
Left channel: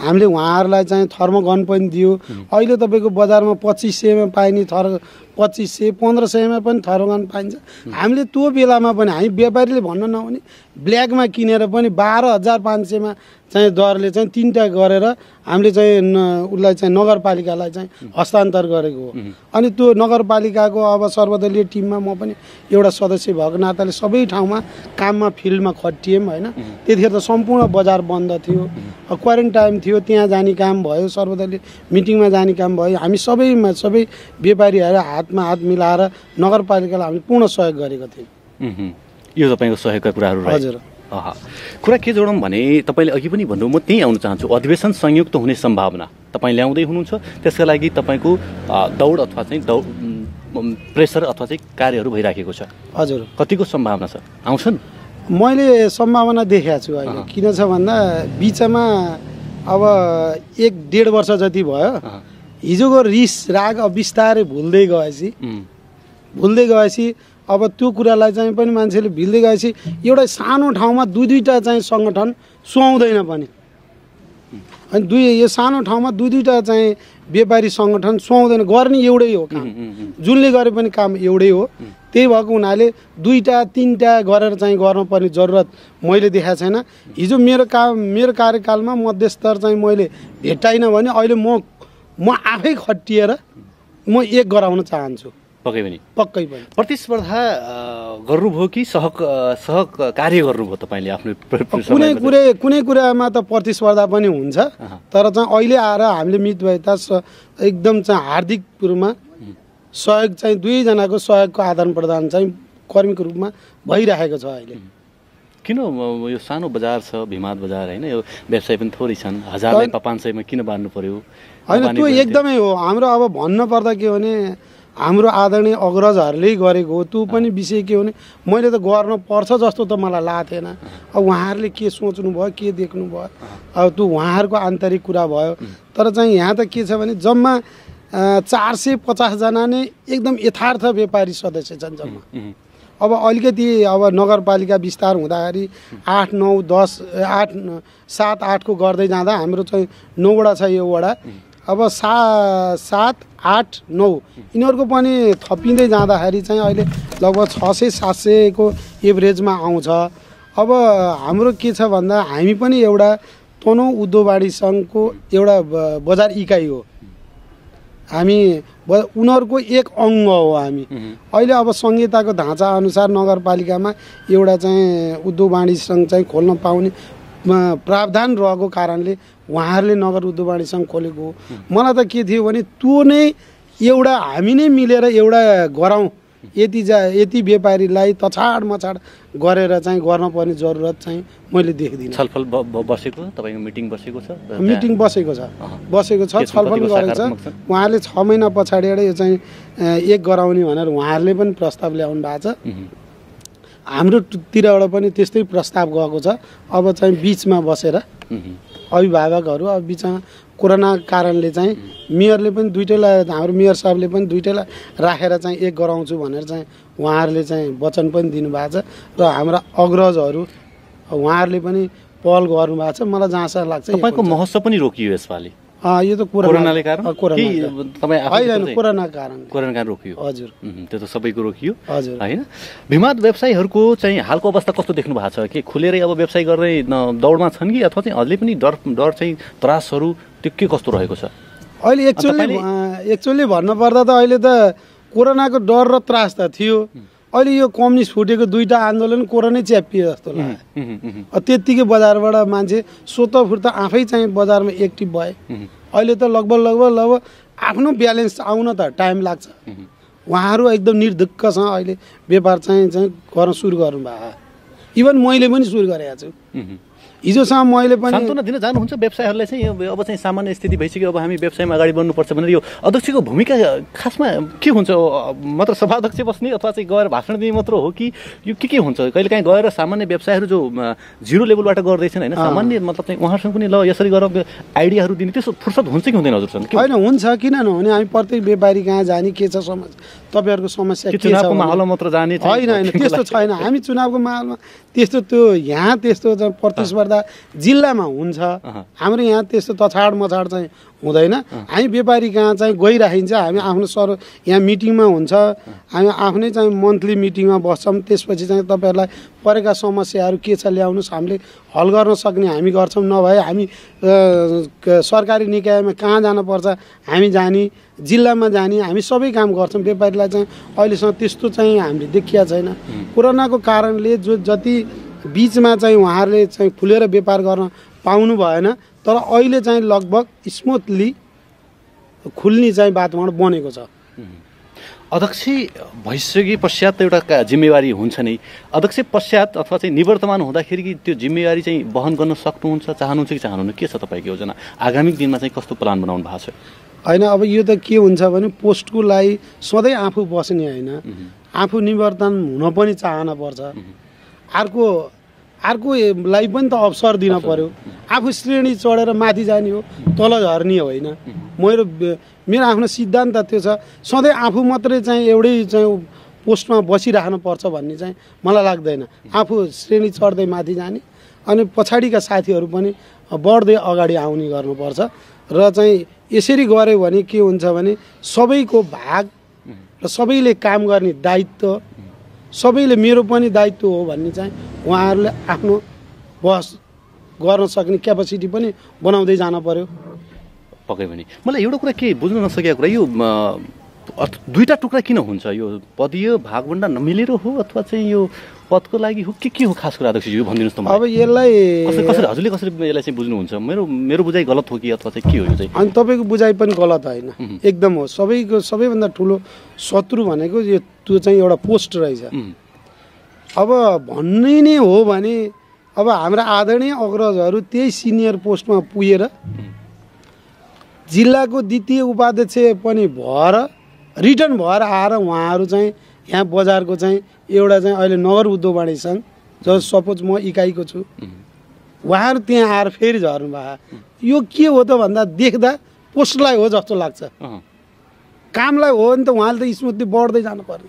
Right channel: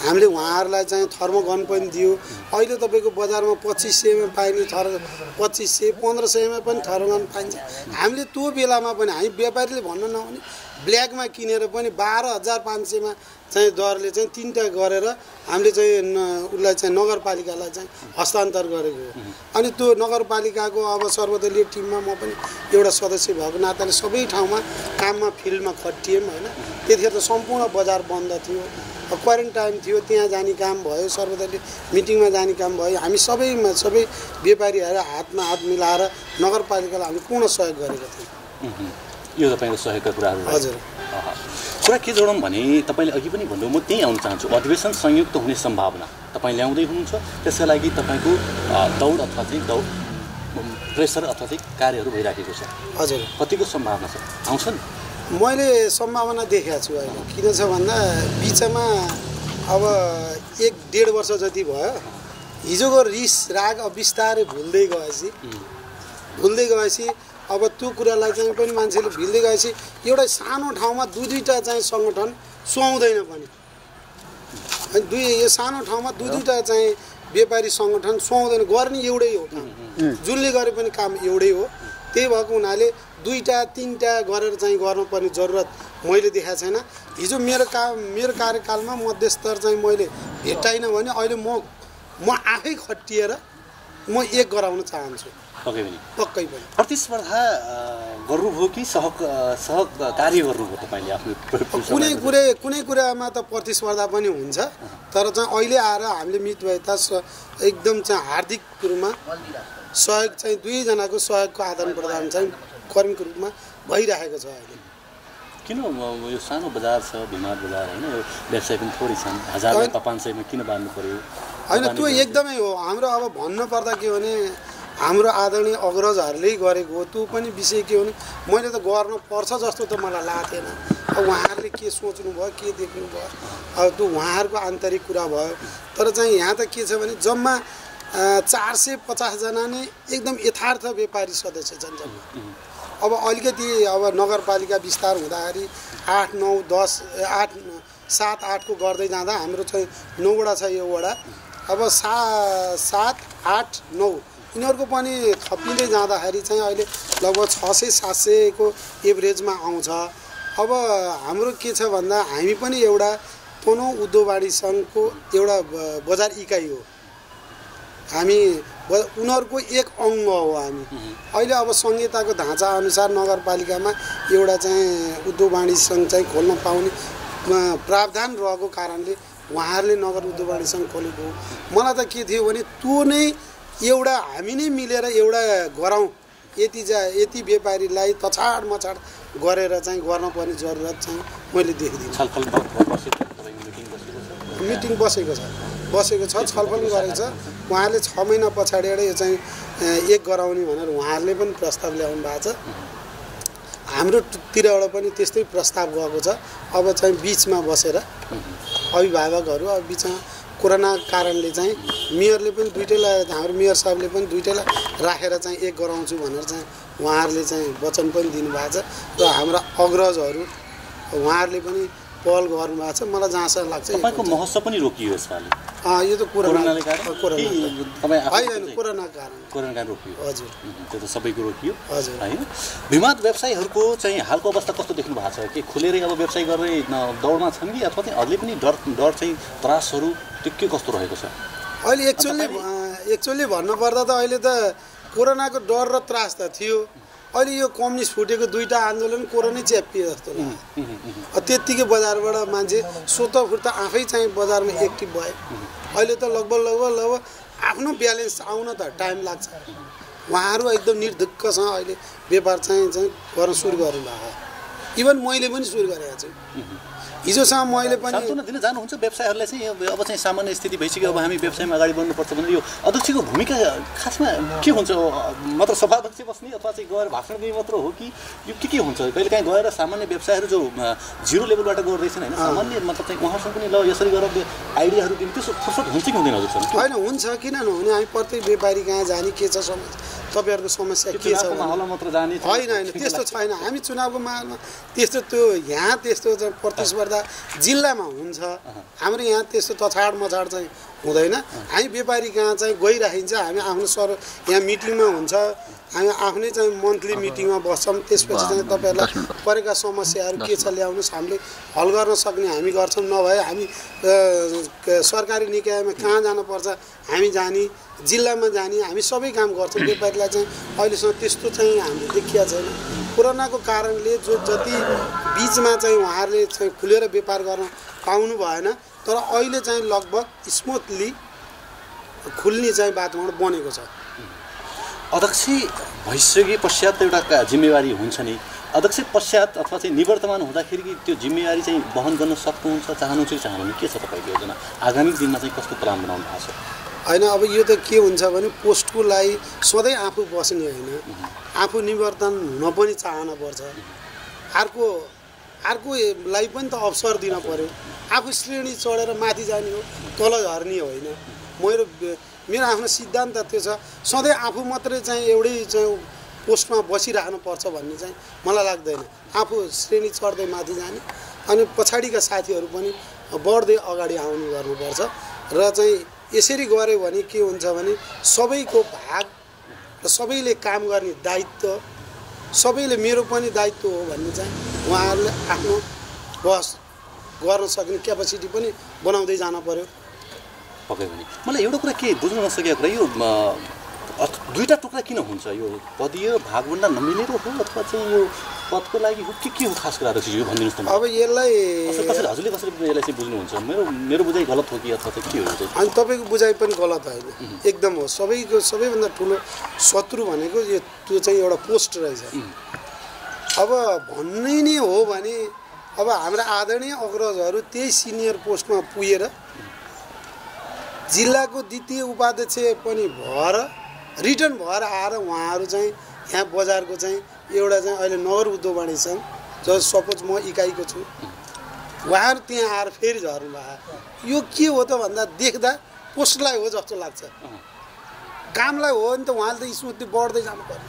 हामीले उहाँहरूलाई चाहिँ थर्मोगन पनि दियो। अहिले तपाईँको बजारमा 2500मा पाइने 2500 1500मा पनि थर्मोगन पाइन्छ। हामीले त्यो बेलामा पनि हामी व्यापारीले भन्न नहुने ब्ल्याकमा किनेर पनि 12,500मा चाहिँ दरले चाहिँ 3टा गरेर हामीले चाहिँ उसलाई चाहिँ नगरपालिकालाई चाहिँ हस्तान्तर गरेको हो। अनि त्यो नगरपालिकाको अब सर्वदलीय टिममा म पनि एउटा सदस्य भएको नाताले सबै ठाउँमा काममा फिल्डमा खटिएँ होइन। त्यतिखेर त सम्पूर्ण बजार बन्द थियो, क्वारेन्टाइन थियो, त्यहाँ जाने काम भयो, सर्वदलीय मिटिङमा जाने काम भयो। हामी सबै व्यापारीहरू हातमा हात मिलाएर नगरपालिकालाई हामी पूर्ण सहयोग गरेका थियौँ। यो तपाईँको सहयोगका कुराहरू हजुर। कुरा के जोडौँ भने तपाईँले अघि पनि भन्नु, म त्यहीँ आउन चाहन्छु। अधिवेशन संयुक्त हुने सम्भावना तपाईँ ल्याउँदै हुनुहुन्छ, त्यसका लागि तपाईँको दौड अथवा चाहिँ प्रेसर अथवा चाहिँ कार्यहरू भइराखेको छ। हजुर। कतिको सम्भावना छ, आउँछन्? मैले सम्भावना देखेको छु अहिले। किन छ भन्दा बिचमा अब 1-1.5 वर्ष जति भयो, हिजोको रिस राग अब बिस्तारै भुल्दै गएपछि अब त्यो कुरालाई चाहिँ पनि मान्छेले भिल्दै गएपछि एउटा सानो ठाउँमा दुईटा चाहिँ सङ्गठन सुहाउँदैन पनि। अनि यो सानो ठाउँमा दुईटा चाहिँ व्यापारी सङ्गठन सुहाउँदैन। गर्ने एउटै हो काम, जुनले गरे पनि काम एउटै हो। त्यही भएको हुनाले 2-3टा गरेर चाहिँ गर्नुपर्ने जरुरत मैले देखाएको छैन। हिजो मेरो कार्यकालमा मध्यस्तर चाहिँ मैले भेट्टाइनँ भने अहिले म आफै खटिएर म एक गराउन चाहन्छु। पक्कै पनि प्रतिस्पर्धा गर्नुभयो कि सहकार्य गर्नुभयो तपाईँले आफ्नो? कुनै कुरामा त प्रतिस्पर्धा पनि हुन्छ, तर चाहिँ अहिले आएर हामीले मितव्ययता एकदम चाहिँ हार्दिक रूपमा सहयोग चाहिँ दुईजनाको सहयोगको आदान प्रदान चाहिँ कर्मीको रूपमा भइरहेको छ। अहिले किन यो सानो बजार छ भिमाद बजार होइन, यो व्यवसाय पनि थोरै छन्, 1000-500मा किन बाँध्नु पर्यो? होइन त्यो एकदमै हो। हाम्रो अब भन्नुपर्दा के हो भने हाम्रो आदरणीय अग्रजहरूले गरेको हो। त्यो पनि विषय के हो भने मैले त गर्न पर्छ जस्तो त मलाई लागेको थिएन। अब उहाँहरूले के सोच्नु भयो, के देख्नु भयो, अब त्यो उहाँहरूको आन्तरिक कुरा भयो। तर चाहिँ यहाँ त के छ भने जम्मा 450 जना नै एकदम यथार्थ व्यापारी सदस्य छन् जम्मा। अब अलिकति अब नगरपालिका विस्तार हुँदाखेरि 8, 9, 10, 8, 7, 8 को गर्दै जाँदा हाम्रो चाहिँ 9 वडा छ यो वडा। अब 7, 8, 9 यिनीहरूको पनि थपिँदै जाँदाखेरि चाहिँ अहिले लगभग 600-700 को एभरेजमा आउँछ। अब हाम्रो के छ भन्दा हामी पनि एउटा तनहुँ उद्योग वाणिज्य सङ्घको एउटा बजार इकाइ हो। हामी उनीहरूको एक अङ्ग हो हामी। अहिले अब संहिताको ढाँचा अनुसार नगरपालिकामा एउटा चाहिँ उद्योग वाणिज्य सङ्घ चाहिँ खोल्न पाउने प्रावधान रहेको कारणले उहाँहरूले नगर उद्योग वाणिज्य सङ्घ खोलेको हो। मलाई त के थियो भने त्यो नै एउटा हामी नै मिलेर एउटा गराउँ, यति व्यापारीलाई तछाड मछाड गरेर चाहिँ गर्नुपर्ने जरुरत चाहिँ मैले देखिदिनँ। छलफल बसेको तपाईँको मिटिङ बसेको छ? मिटिङ बसेको छ, छलफल गरेको छ। उहाँहरूले 6 महिना पछाडि यो चाहिँ एक गराउने भनेर उहाँहरूले पनि प्रस्ताव ल्याउनु भएको छ। हाम्रोतिरबाट पनि त्यस्तै प्रस्ताव गएको छ। अब चाहिँ बिचमा बसेर अभिभावकहरू अब बिचमा कोरोना कारणले चाहिँ मेयरले पनि दुईटैलाई, हाम्रो मेयर साहबले पनि दुईटैलाई राखेर चाहिँ एक गराउँछु भनेर चाहिँ उहाँहरूले चाहिँ वचन पनि दिनुभएको छ। र हाम्रा अग्रजहरू उहाँहरूले पनि पहल गर्नुभएको छ। मलाई जहाँसम्म लाग्छ तपाईँको महोत्सव पनि रोकियो यसपालि। यो त कोरोनाले कारण कोरोना कारण रोकियो। हजुर, त्यो त सबैको रोकियो हजुर होइन। भिमाद व्यवसायीहरूको चाहिँ हालको अवस्था कस्तो देख्नु भएको छ? के खुलेरै अब व्यवसाय गर्ने दौडमा छन् कि अथवा चाहिँ अझै पनि डर चाहिँ त्रासहरू त्यो के कस्तो रहेको छ? अहिले एक्चुअली भन्नुपर्दा त अहिले त कोरोनाको डर र त्रास त थियो। अहिले यो कम्युनिस्ट फुटेको 2टा आन्दोलन कोरोनै च्यापिए जस्तो लाग्यो। त्यत्तिकै बजारबाट मान्छे स्वतः फुर्ता आफै चाहिँ बजारमा एक्टिभ भए। अहिले त लगभग आफ्नो ब्यालेन्स आउन त टाइम लाग्छ। उहाँहरू एकदम निर्धुक्कसँग अहिले व्यापार चाहिँ गर्न सुरु गर्नुभएको। इभन मैले पनि सुरु गरेको छु। हिजोसम्म मैले पनि सान्त्वना दिन जानुहुन्छ व्यवसायहरूलाई चाहिँ अब चाहिँ सामान्य स्थिति भइसक्यो, अब हामी व्यवसायमा अगाडि बढ्नुपर्छ भनेर यो अध्यक्षको भूमिका खासमा के हुन्छ? मात्र सभाध्यक्ष बस्ने अथवा चाहिँ गएर भाषण दिने मात्र हो कि यो के हुन्छ? कहिलेकाहीँ गएर सामान्य व्यवसायहरू जो जिरो लेभलबाट गर्दैछन् होइन, सामान्य मतलब चाहिँ उहाँसँग पनि ल यसरी गरेर आइडियाहरू दिने त्यस्तो फुर्सद हुन्छ कि हुँदैन हजुरसँग? होइन, हुन्छ, किन नहुने। हामी प्रत्येक व्यापारी कहाँ जाने, के छ समस्या, तपाईँहरूको समस्या के छ माहौलमा मात्र जाने होइन, त्यस्तो छैन। हामी चुनावको माहौलमा त्यस्तो त्यो यहाँ त्यस्तो प्रतिस्पर्धा जिल्लामा हुन्छ, हाम्रो यहाँ त्यस्तो तछाड मछाड चाहिँ हुँदैन। हामी व्यापारी कहाँ चाहिँ गइराखिन्छ, हामी आफ्नो यहाँ मिटिङमा हुन्छ, हामी आफ्नै चाहिँ मन्थली मिटिङमा बस्छौँ। त्यसपछि चाहिँ तपाईँहरूलाई परेका समस्याहरू के छ ल्याउनुहोस्, हामीले हल गर्न सक्ने हामी गर्छौँ। नभए हामी सरकारी निकायमा कहाँ जानुपर्छ हामी जाने, जिल्लामा जाने, हामी सबै काम गर्छौँ। व्यापारीलाई चाहिँ अहिलेसम्म त्यस्तो चाहिँ हामीले देखिया छैन। कोरोनाको कारणले जति बिचमा चाहिँ उहाँहरूले चाहिँ खुलेर व्यापार गर्न पाउनु भएन, तर अहिले चाहिँ लगभग स्मुथली खुल्ने चाहिँ वातावरण बनेको छ। अध्यक्ष भइसके पश्चात एउटा जिम्मेवारी हुन्छ नि, अध्यक्ष पश्चात अथवा चाहिँ निवर्तमान हुँदाखेरि त्यो जिम्मेवारी चाहिँ वहन गर्न सक्नुहुन्छ, चाहनुहुन्छ कि चाहनुहुन्न? के छ तपाईँको योजना? आगामी दिनमा चाहिँ कस्तो प्लान बनाउनु भएको छ? होइन, अब यो त के हुन्छ भने पोस्टको लागि सधैँ आफू बस्ने होइन, आफू निवर्तन हुन पनि चाहना पर्छ। अर्कोलाई पनि त अवसर दिन पर्यो। आफू श्रेणी चढेर माथि जाने हो, तल झर्ने होइन। मेरो आफ्नो सिद्धान्त त्यो छ, सधैँ आफू मात्रै चाहिँ एउटै चाहिँ पोस्टमा बसिराख्नुपर्छ भन्ने चाहिँ मलाई लाग्दैन। आफू श्रेणी चढ्दै माथि जाने अनि पछाडिका साथीहरू पनि बढ्दै अगाडि आउने गर्नुपर्छ। र चाहिँ यसरी गऱ्यो भने के हुन्छ भने सबैको भाग र सबैले काम गर्ने दायित्व, सबैले मेरो पनि दायित्व हो भन्ने चाहिँ उहाँहरूले आफ्नो बस गर्न सक्ने क्यापासिटी पनि बनाउँदै जान पर्यो। पक्कै पनि मलाई एउटा कुरा के बुझ्नु नसकेको कुरा, यो दुईवटा टुक्रा किन हुन्छ? यो पदीय भागभन्डा नमिलेर हो अथवा चाहिँ यो पदको लागि हो के हो खास कुरा अध्यक्षज्यू भनिदिनुहोस् त। अब यसलाई हजुरले कसरी यसलाई चाहिँ बुझ्नुहुन्छ? मेरो बुझाइ गलत हो कि अथवा चाहिँ के हो चाहिँ? अनि तपाईँको बुझाइ पनि गलत होइन, एकदम हो। सबैभन्दा ठुलो शत्रु भनेको यो त्यो चाहिँ एउटा पोस्ट रहेछ। अब भन्ने नै हो भने अब हाम्रा आदरणीय अग्रजहरू त्यही सिनियर पोस्टमा पुगेर जिल्लाको द्वितीय उपाध्यक्ष पनि भएर रिटर्न भएर आएर उहाँहरू चाहिँ यहाँ बजारको चाहिँ एउटा चाहिँ अहिले नगर उद्योग वाणिज्य सङ्घ जो सपोज म इकाइको छु, उहाँहरू त्यहाँ आएर फेरि झर्नु भएको। यो के हो त भन्दा देख्दा पोस्टलाई हो जस्तो लाग्छ, कामलाई हो नि त उहाँले त स्मुथली बढ्दै जानु पर्यो,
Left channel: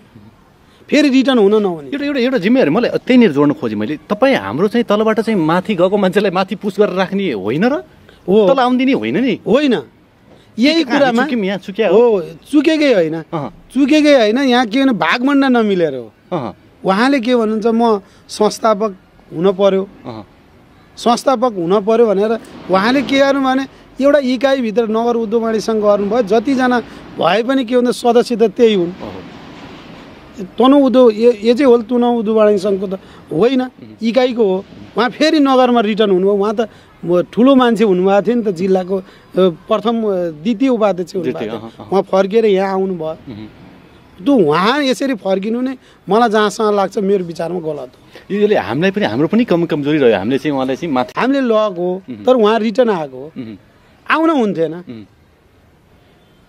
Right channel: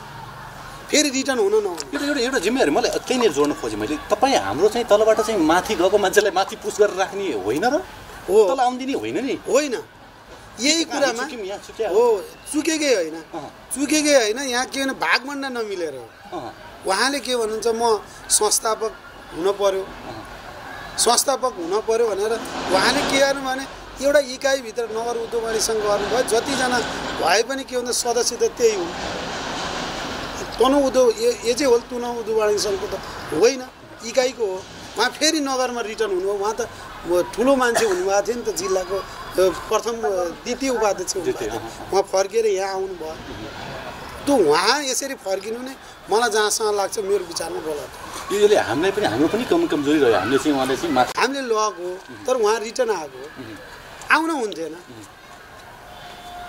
फेरि रिटर्न हुन नहुने। यो त एउटा जिम्मेवारी मलाई त्यहीँनिर जोड्नु खोजेँ मैले। तपाईँ हाम्रो चाहिँ तलबाट चाहिँ माथि गएको मान्छेलाई माथि पुस गरेर राख्ने होइन र हो, तल आउँदिने होइन नि? होइन, यही कुरामा हो, चुकेकै होइन। यहाँ के भने भागभन्डा नमिलेर हो। उहाँले के भन्नुहुन्छ, म संस्थापक हुन पर्यो भनेर उहाँले के गर्नु भने एउटा इकाइभित्र नगर उद्योग वाणिज्य सङ्घ गर्नुभयो। जतिजना भए पनि के भन्छ सदस्य त त्यही हुन्। तनहुँ उद्योग यो चाहिँ हो तनहुँ उद्योग वाणिज्य सङ्घको त होइन, इकाइको हो। उहाँ फेरि नगरमा रिटर्न हुनुभयो। उहाँ त ठुलो मान्छे हुनुभएको थियो नि त, जिल्लाको प्रथम द्वितीय उपाध्यक्ष हुनुभयो। उहाँ फर्केर यहाँ आउनुभयो। त उहाँ यसरी फर्किनु नै मलाई जहाँसम्म लाग्छ मेरो विचारमा गलत हो। यसले हामीलाई पनि हाम्रो पनि कमजोरी रह्यो। हामीले चाहिँ उहाँलाई चाहिँ माथि हामीले लगेको तर उहाँ रिटर्न आएको हो, आउन हुन्थेन।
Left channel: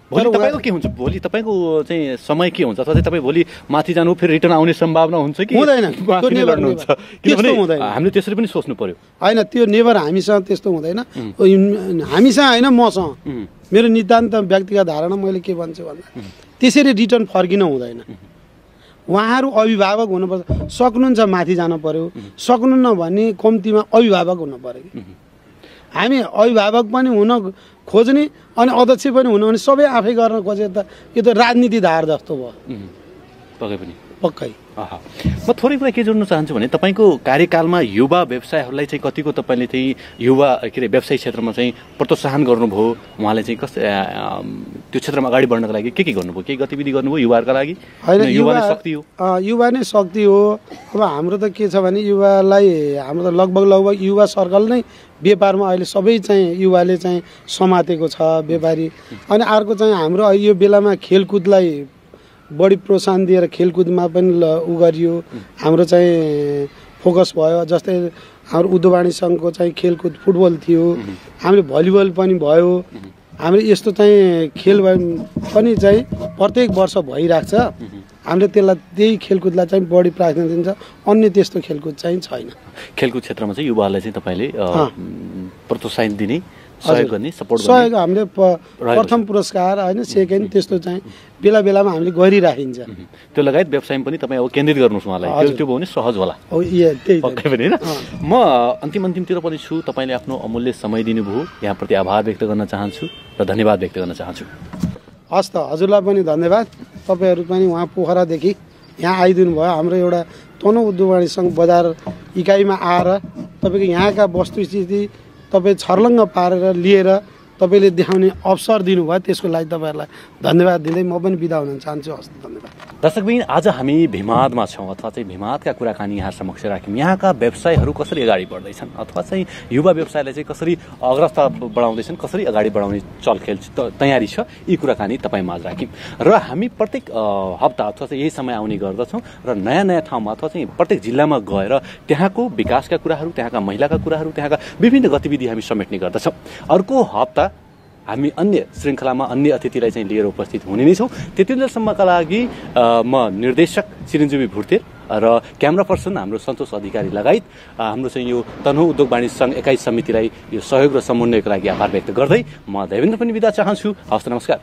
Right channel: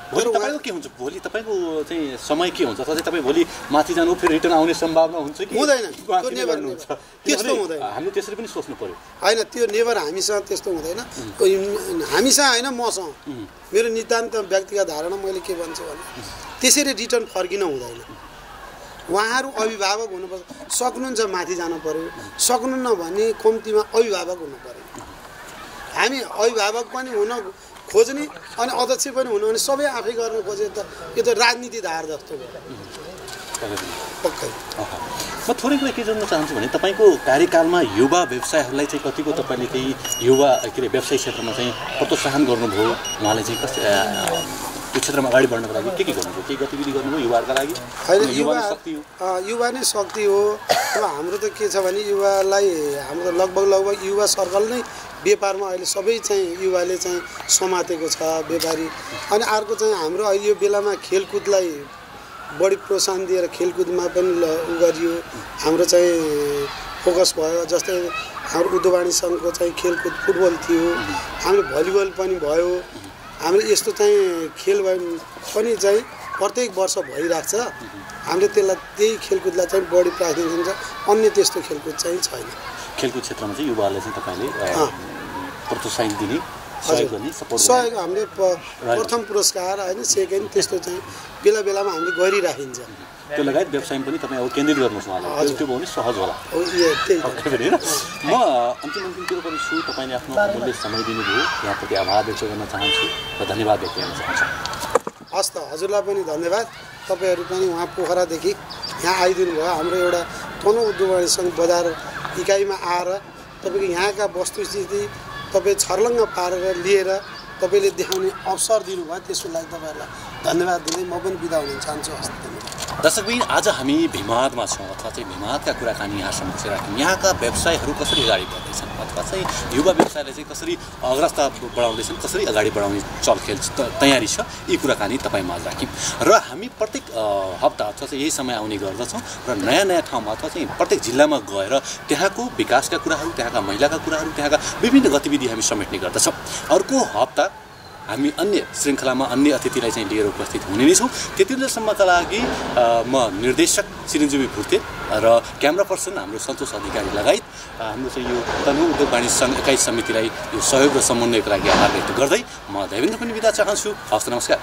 भोलि तपाईँको के हुन्छ? भोलि तपाईँको चाहिँ समय के हुन्छ? अथवा चाहिँ तपाईँ भोलि माथि जानु फेरि रिटर्न आउने सम्भावना हुन्छ कि हुँदैन? हामीले त्यसरी पनि सोच्नु पर्यो। होइन, त्यो नेभर हामीसँग त्यस्तो हुँदैन। हामीसँग होइन, मसँग मेरो नितान्त व्यक्तिगत धारणा मैले के भन्छु भने त्यसरी रिटर्न फर्किन हुँदैन। उहाँहरू अभिभावक हुनुपर्छ, सक्नुहुन्छ माथि जानु पर्यो, सक्नुहुन्न भने कम्तीमा अभिभावक हुनु पर्यो। हामी अभिभावक पनि हुन खोज्ने अनि अध्यक्ष पनि हुनु भने सबै आफै गर्न खोजे त यो त राजनीति धार जस्तो भयो। पक्कै म थोरै कुरा के जोड्न चाहन्छु भने तपाईँको कार्यकालमा युवा व्यवसायहरूलाई चाहिँ कतिको तपाईँले चाहिँ युवा व्यवसाय क्षेत्रमा चाहिँ प्रोत्साहन गर्नुभयो? उहाँले चाहिँ कस्तो त्यो क्षेत्रमा अगाडि बढ्नको लागि के गर्नुभयो? केही गतिविधि गर्नुभयो युवाहरूका लागि? होइन, युवा नै शक्ति हो। अब हाम्रो त के छ भने युवालाई हाम्रो त लगभग युवा सर्कल नै व्यापारमा अहिले सबै चाहिँ युवाले चाहिँ समातेको छ व्यापारी। अनि अर्को चाहिँ हाम्रो यो बेलामा खेलकुदलाई बढी प्रोत्साहन दिएर खेलकुदमा पनि उ गरियो। हाम्रो चाहिँ फोकस भयो। जस्तै हाम्रो उद्योगवाणी सङ्घको चाहिँ खेलकुद फुटबल थियो, हाम्रो भलिबल पनि भयो। हाम्रो यस्तो चाहिँ खेल पनि चाहिँ प्रत्येक वर्ष भइरहेको छ। हामीले त्यसलाई त्यही खेलकुदलाई चाहिँ बढी प्राथमिकता दिन्छ। अन्य त्यस्तो खेलकुद चाहिँ छैन। खेलकुद क्षेत्रमा चाहिँ युवाहरूलाई चाहिँ तपाईँले प्रोत्साहन दिने, सहयोग गर्ने, सपोर्ट गर्ने? सहयोग हामीले प्रथम पुरस्कार होइन, सेकेन्ड त्यस्तो चाहिँ बेला बेलामा हामीले गरिराखिन्छ। त्यो लगायत व्यवसायमा पनि तपाईँ केन्द्रित गर्नुहोस् उहाँलाई, त्यो भयो भने सहज होला। पक्कै पनि होइन। म अन्तिमतिर पनि छु। तपाईँले आफ्नो अमूल्य समय दिनुभयो, यहाँप्रति आभार व्यक्त गर्न चाहन्छु र धन्यवाद व्यक्त गर्न चाहन्छु। हस् त, हजुरलाई पनि धन्यवाद। तपाईँहरू पनि उहाँ पोखरादेखि यहाँ आइदिनु भयो। हाम्रो एउटा तनहुँ उद्योगवाणी सङ्घ बजार इकाइमा आएर तपाईँको यहाँका वस्तुस्थिति तपाईँ छर्लङ्ग पारेर लिएर तपाईँले देखाउने अवसर दिनुभयो, त्यसको लागि तपाईँहरूलाई धन्यवाद दिँदै म पनि बिदा हुन चाहन्छु। हस्, धन्यवाद। दर्शकबिन, आज हामी भिमादमा छौँ अथवा चाहिँ भिमादका कुराकानी यहाँ समक्ष राख्यौँ। यहाँका व्यवसायहरू कसरी अगाडि बढ्दैछन् अथवा चाहिँ युवा व्यवसायलाई चाहिँ कसरी अग्रता बढाउँदैछन्, कसरी अगाडि बढाउने चलखेल तयारी छ, यी कुराकानी तपाईँमा राख्यौँ। र हामी प्रत्येक हप्ता अथवा चाहिँ यही समय आउने गर्दछौँ र नयाँ नयाँ ठाउँमा अथवा चाहिँ प्रत्येक जिल्लामा गएर त्यहाँको विकासका कुराहरू, त्यहाँका महिलाका कुराहरू, त्यहाँका विभिन्न गतिविधि हामी समेट्ने गर्दछौँ। अर्को हप्ता हामी अन्य श्रृङ्खलामा अन्य अतिथिलाई चाहिँ लिएर उपस्थित हुने नै छौँ। त्यतिन्जेलसम्मका लागि म निर्देशक चिरञ्जीवी भुर्ते र क्यामेरा पर्सन हाम्रो सन्तोष अधिकारी लगायत हाम्रो चाहिँ यो तनहुँ उद्योग वाणिज्य सङ्घ एकाइ समितिलाई यो सहयोग र समन्वयको लागि आभार व्यक्त गर्दै म देवेन्द्र पनि बिदा चाहन्छु। हवस्, नमस्कार।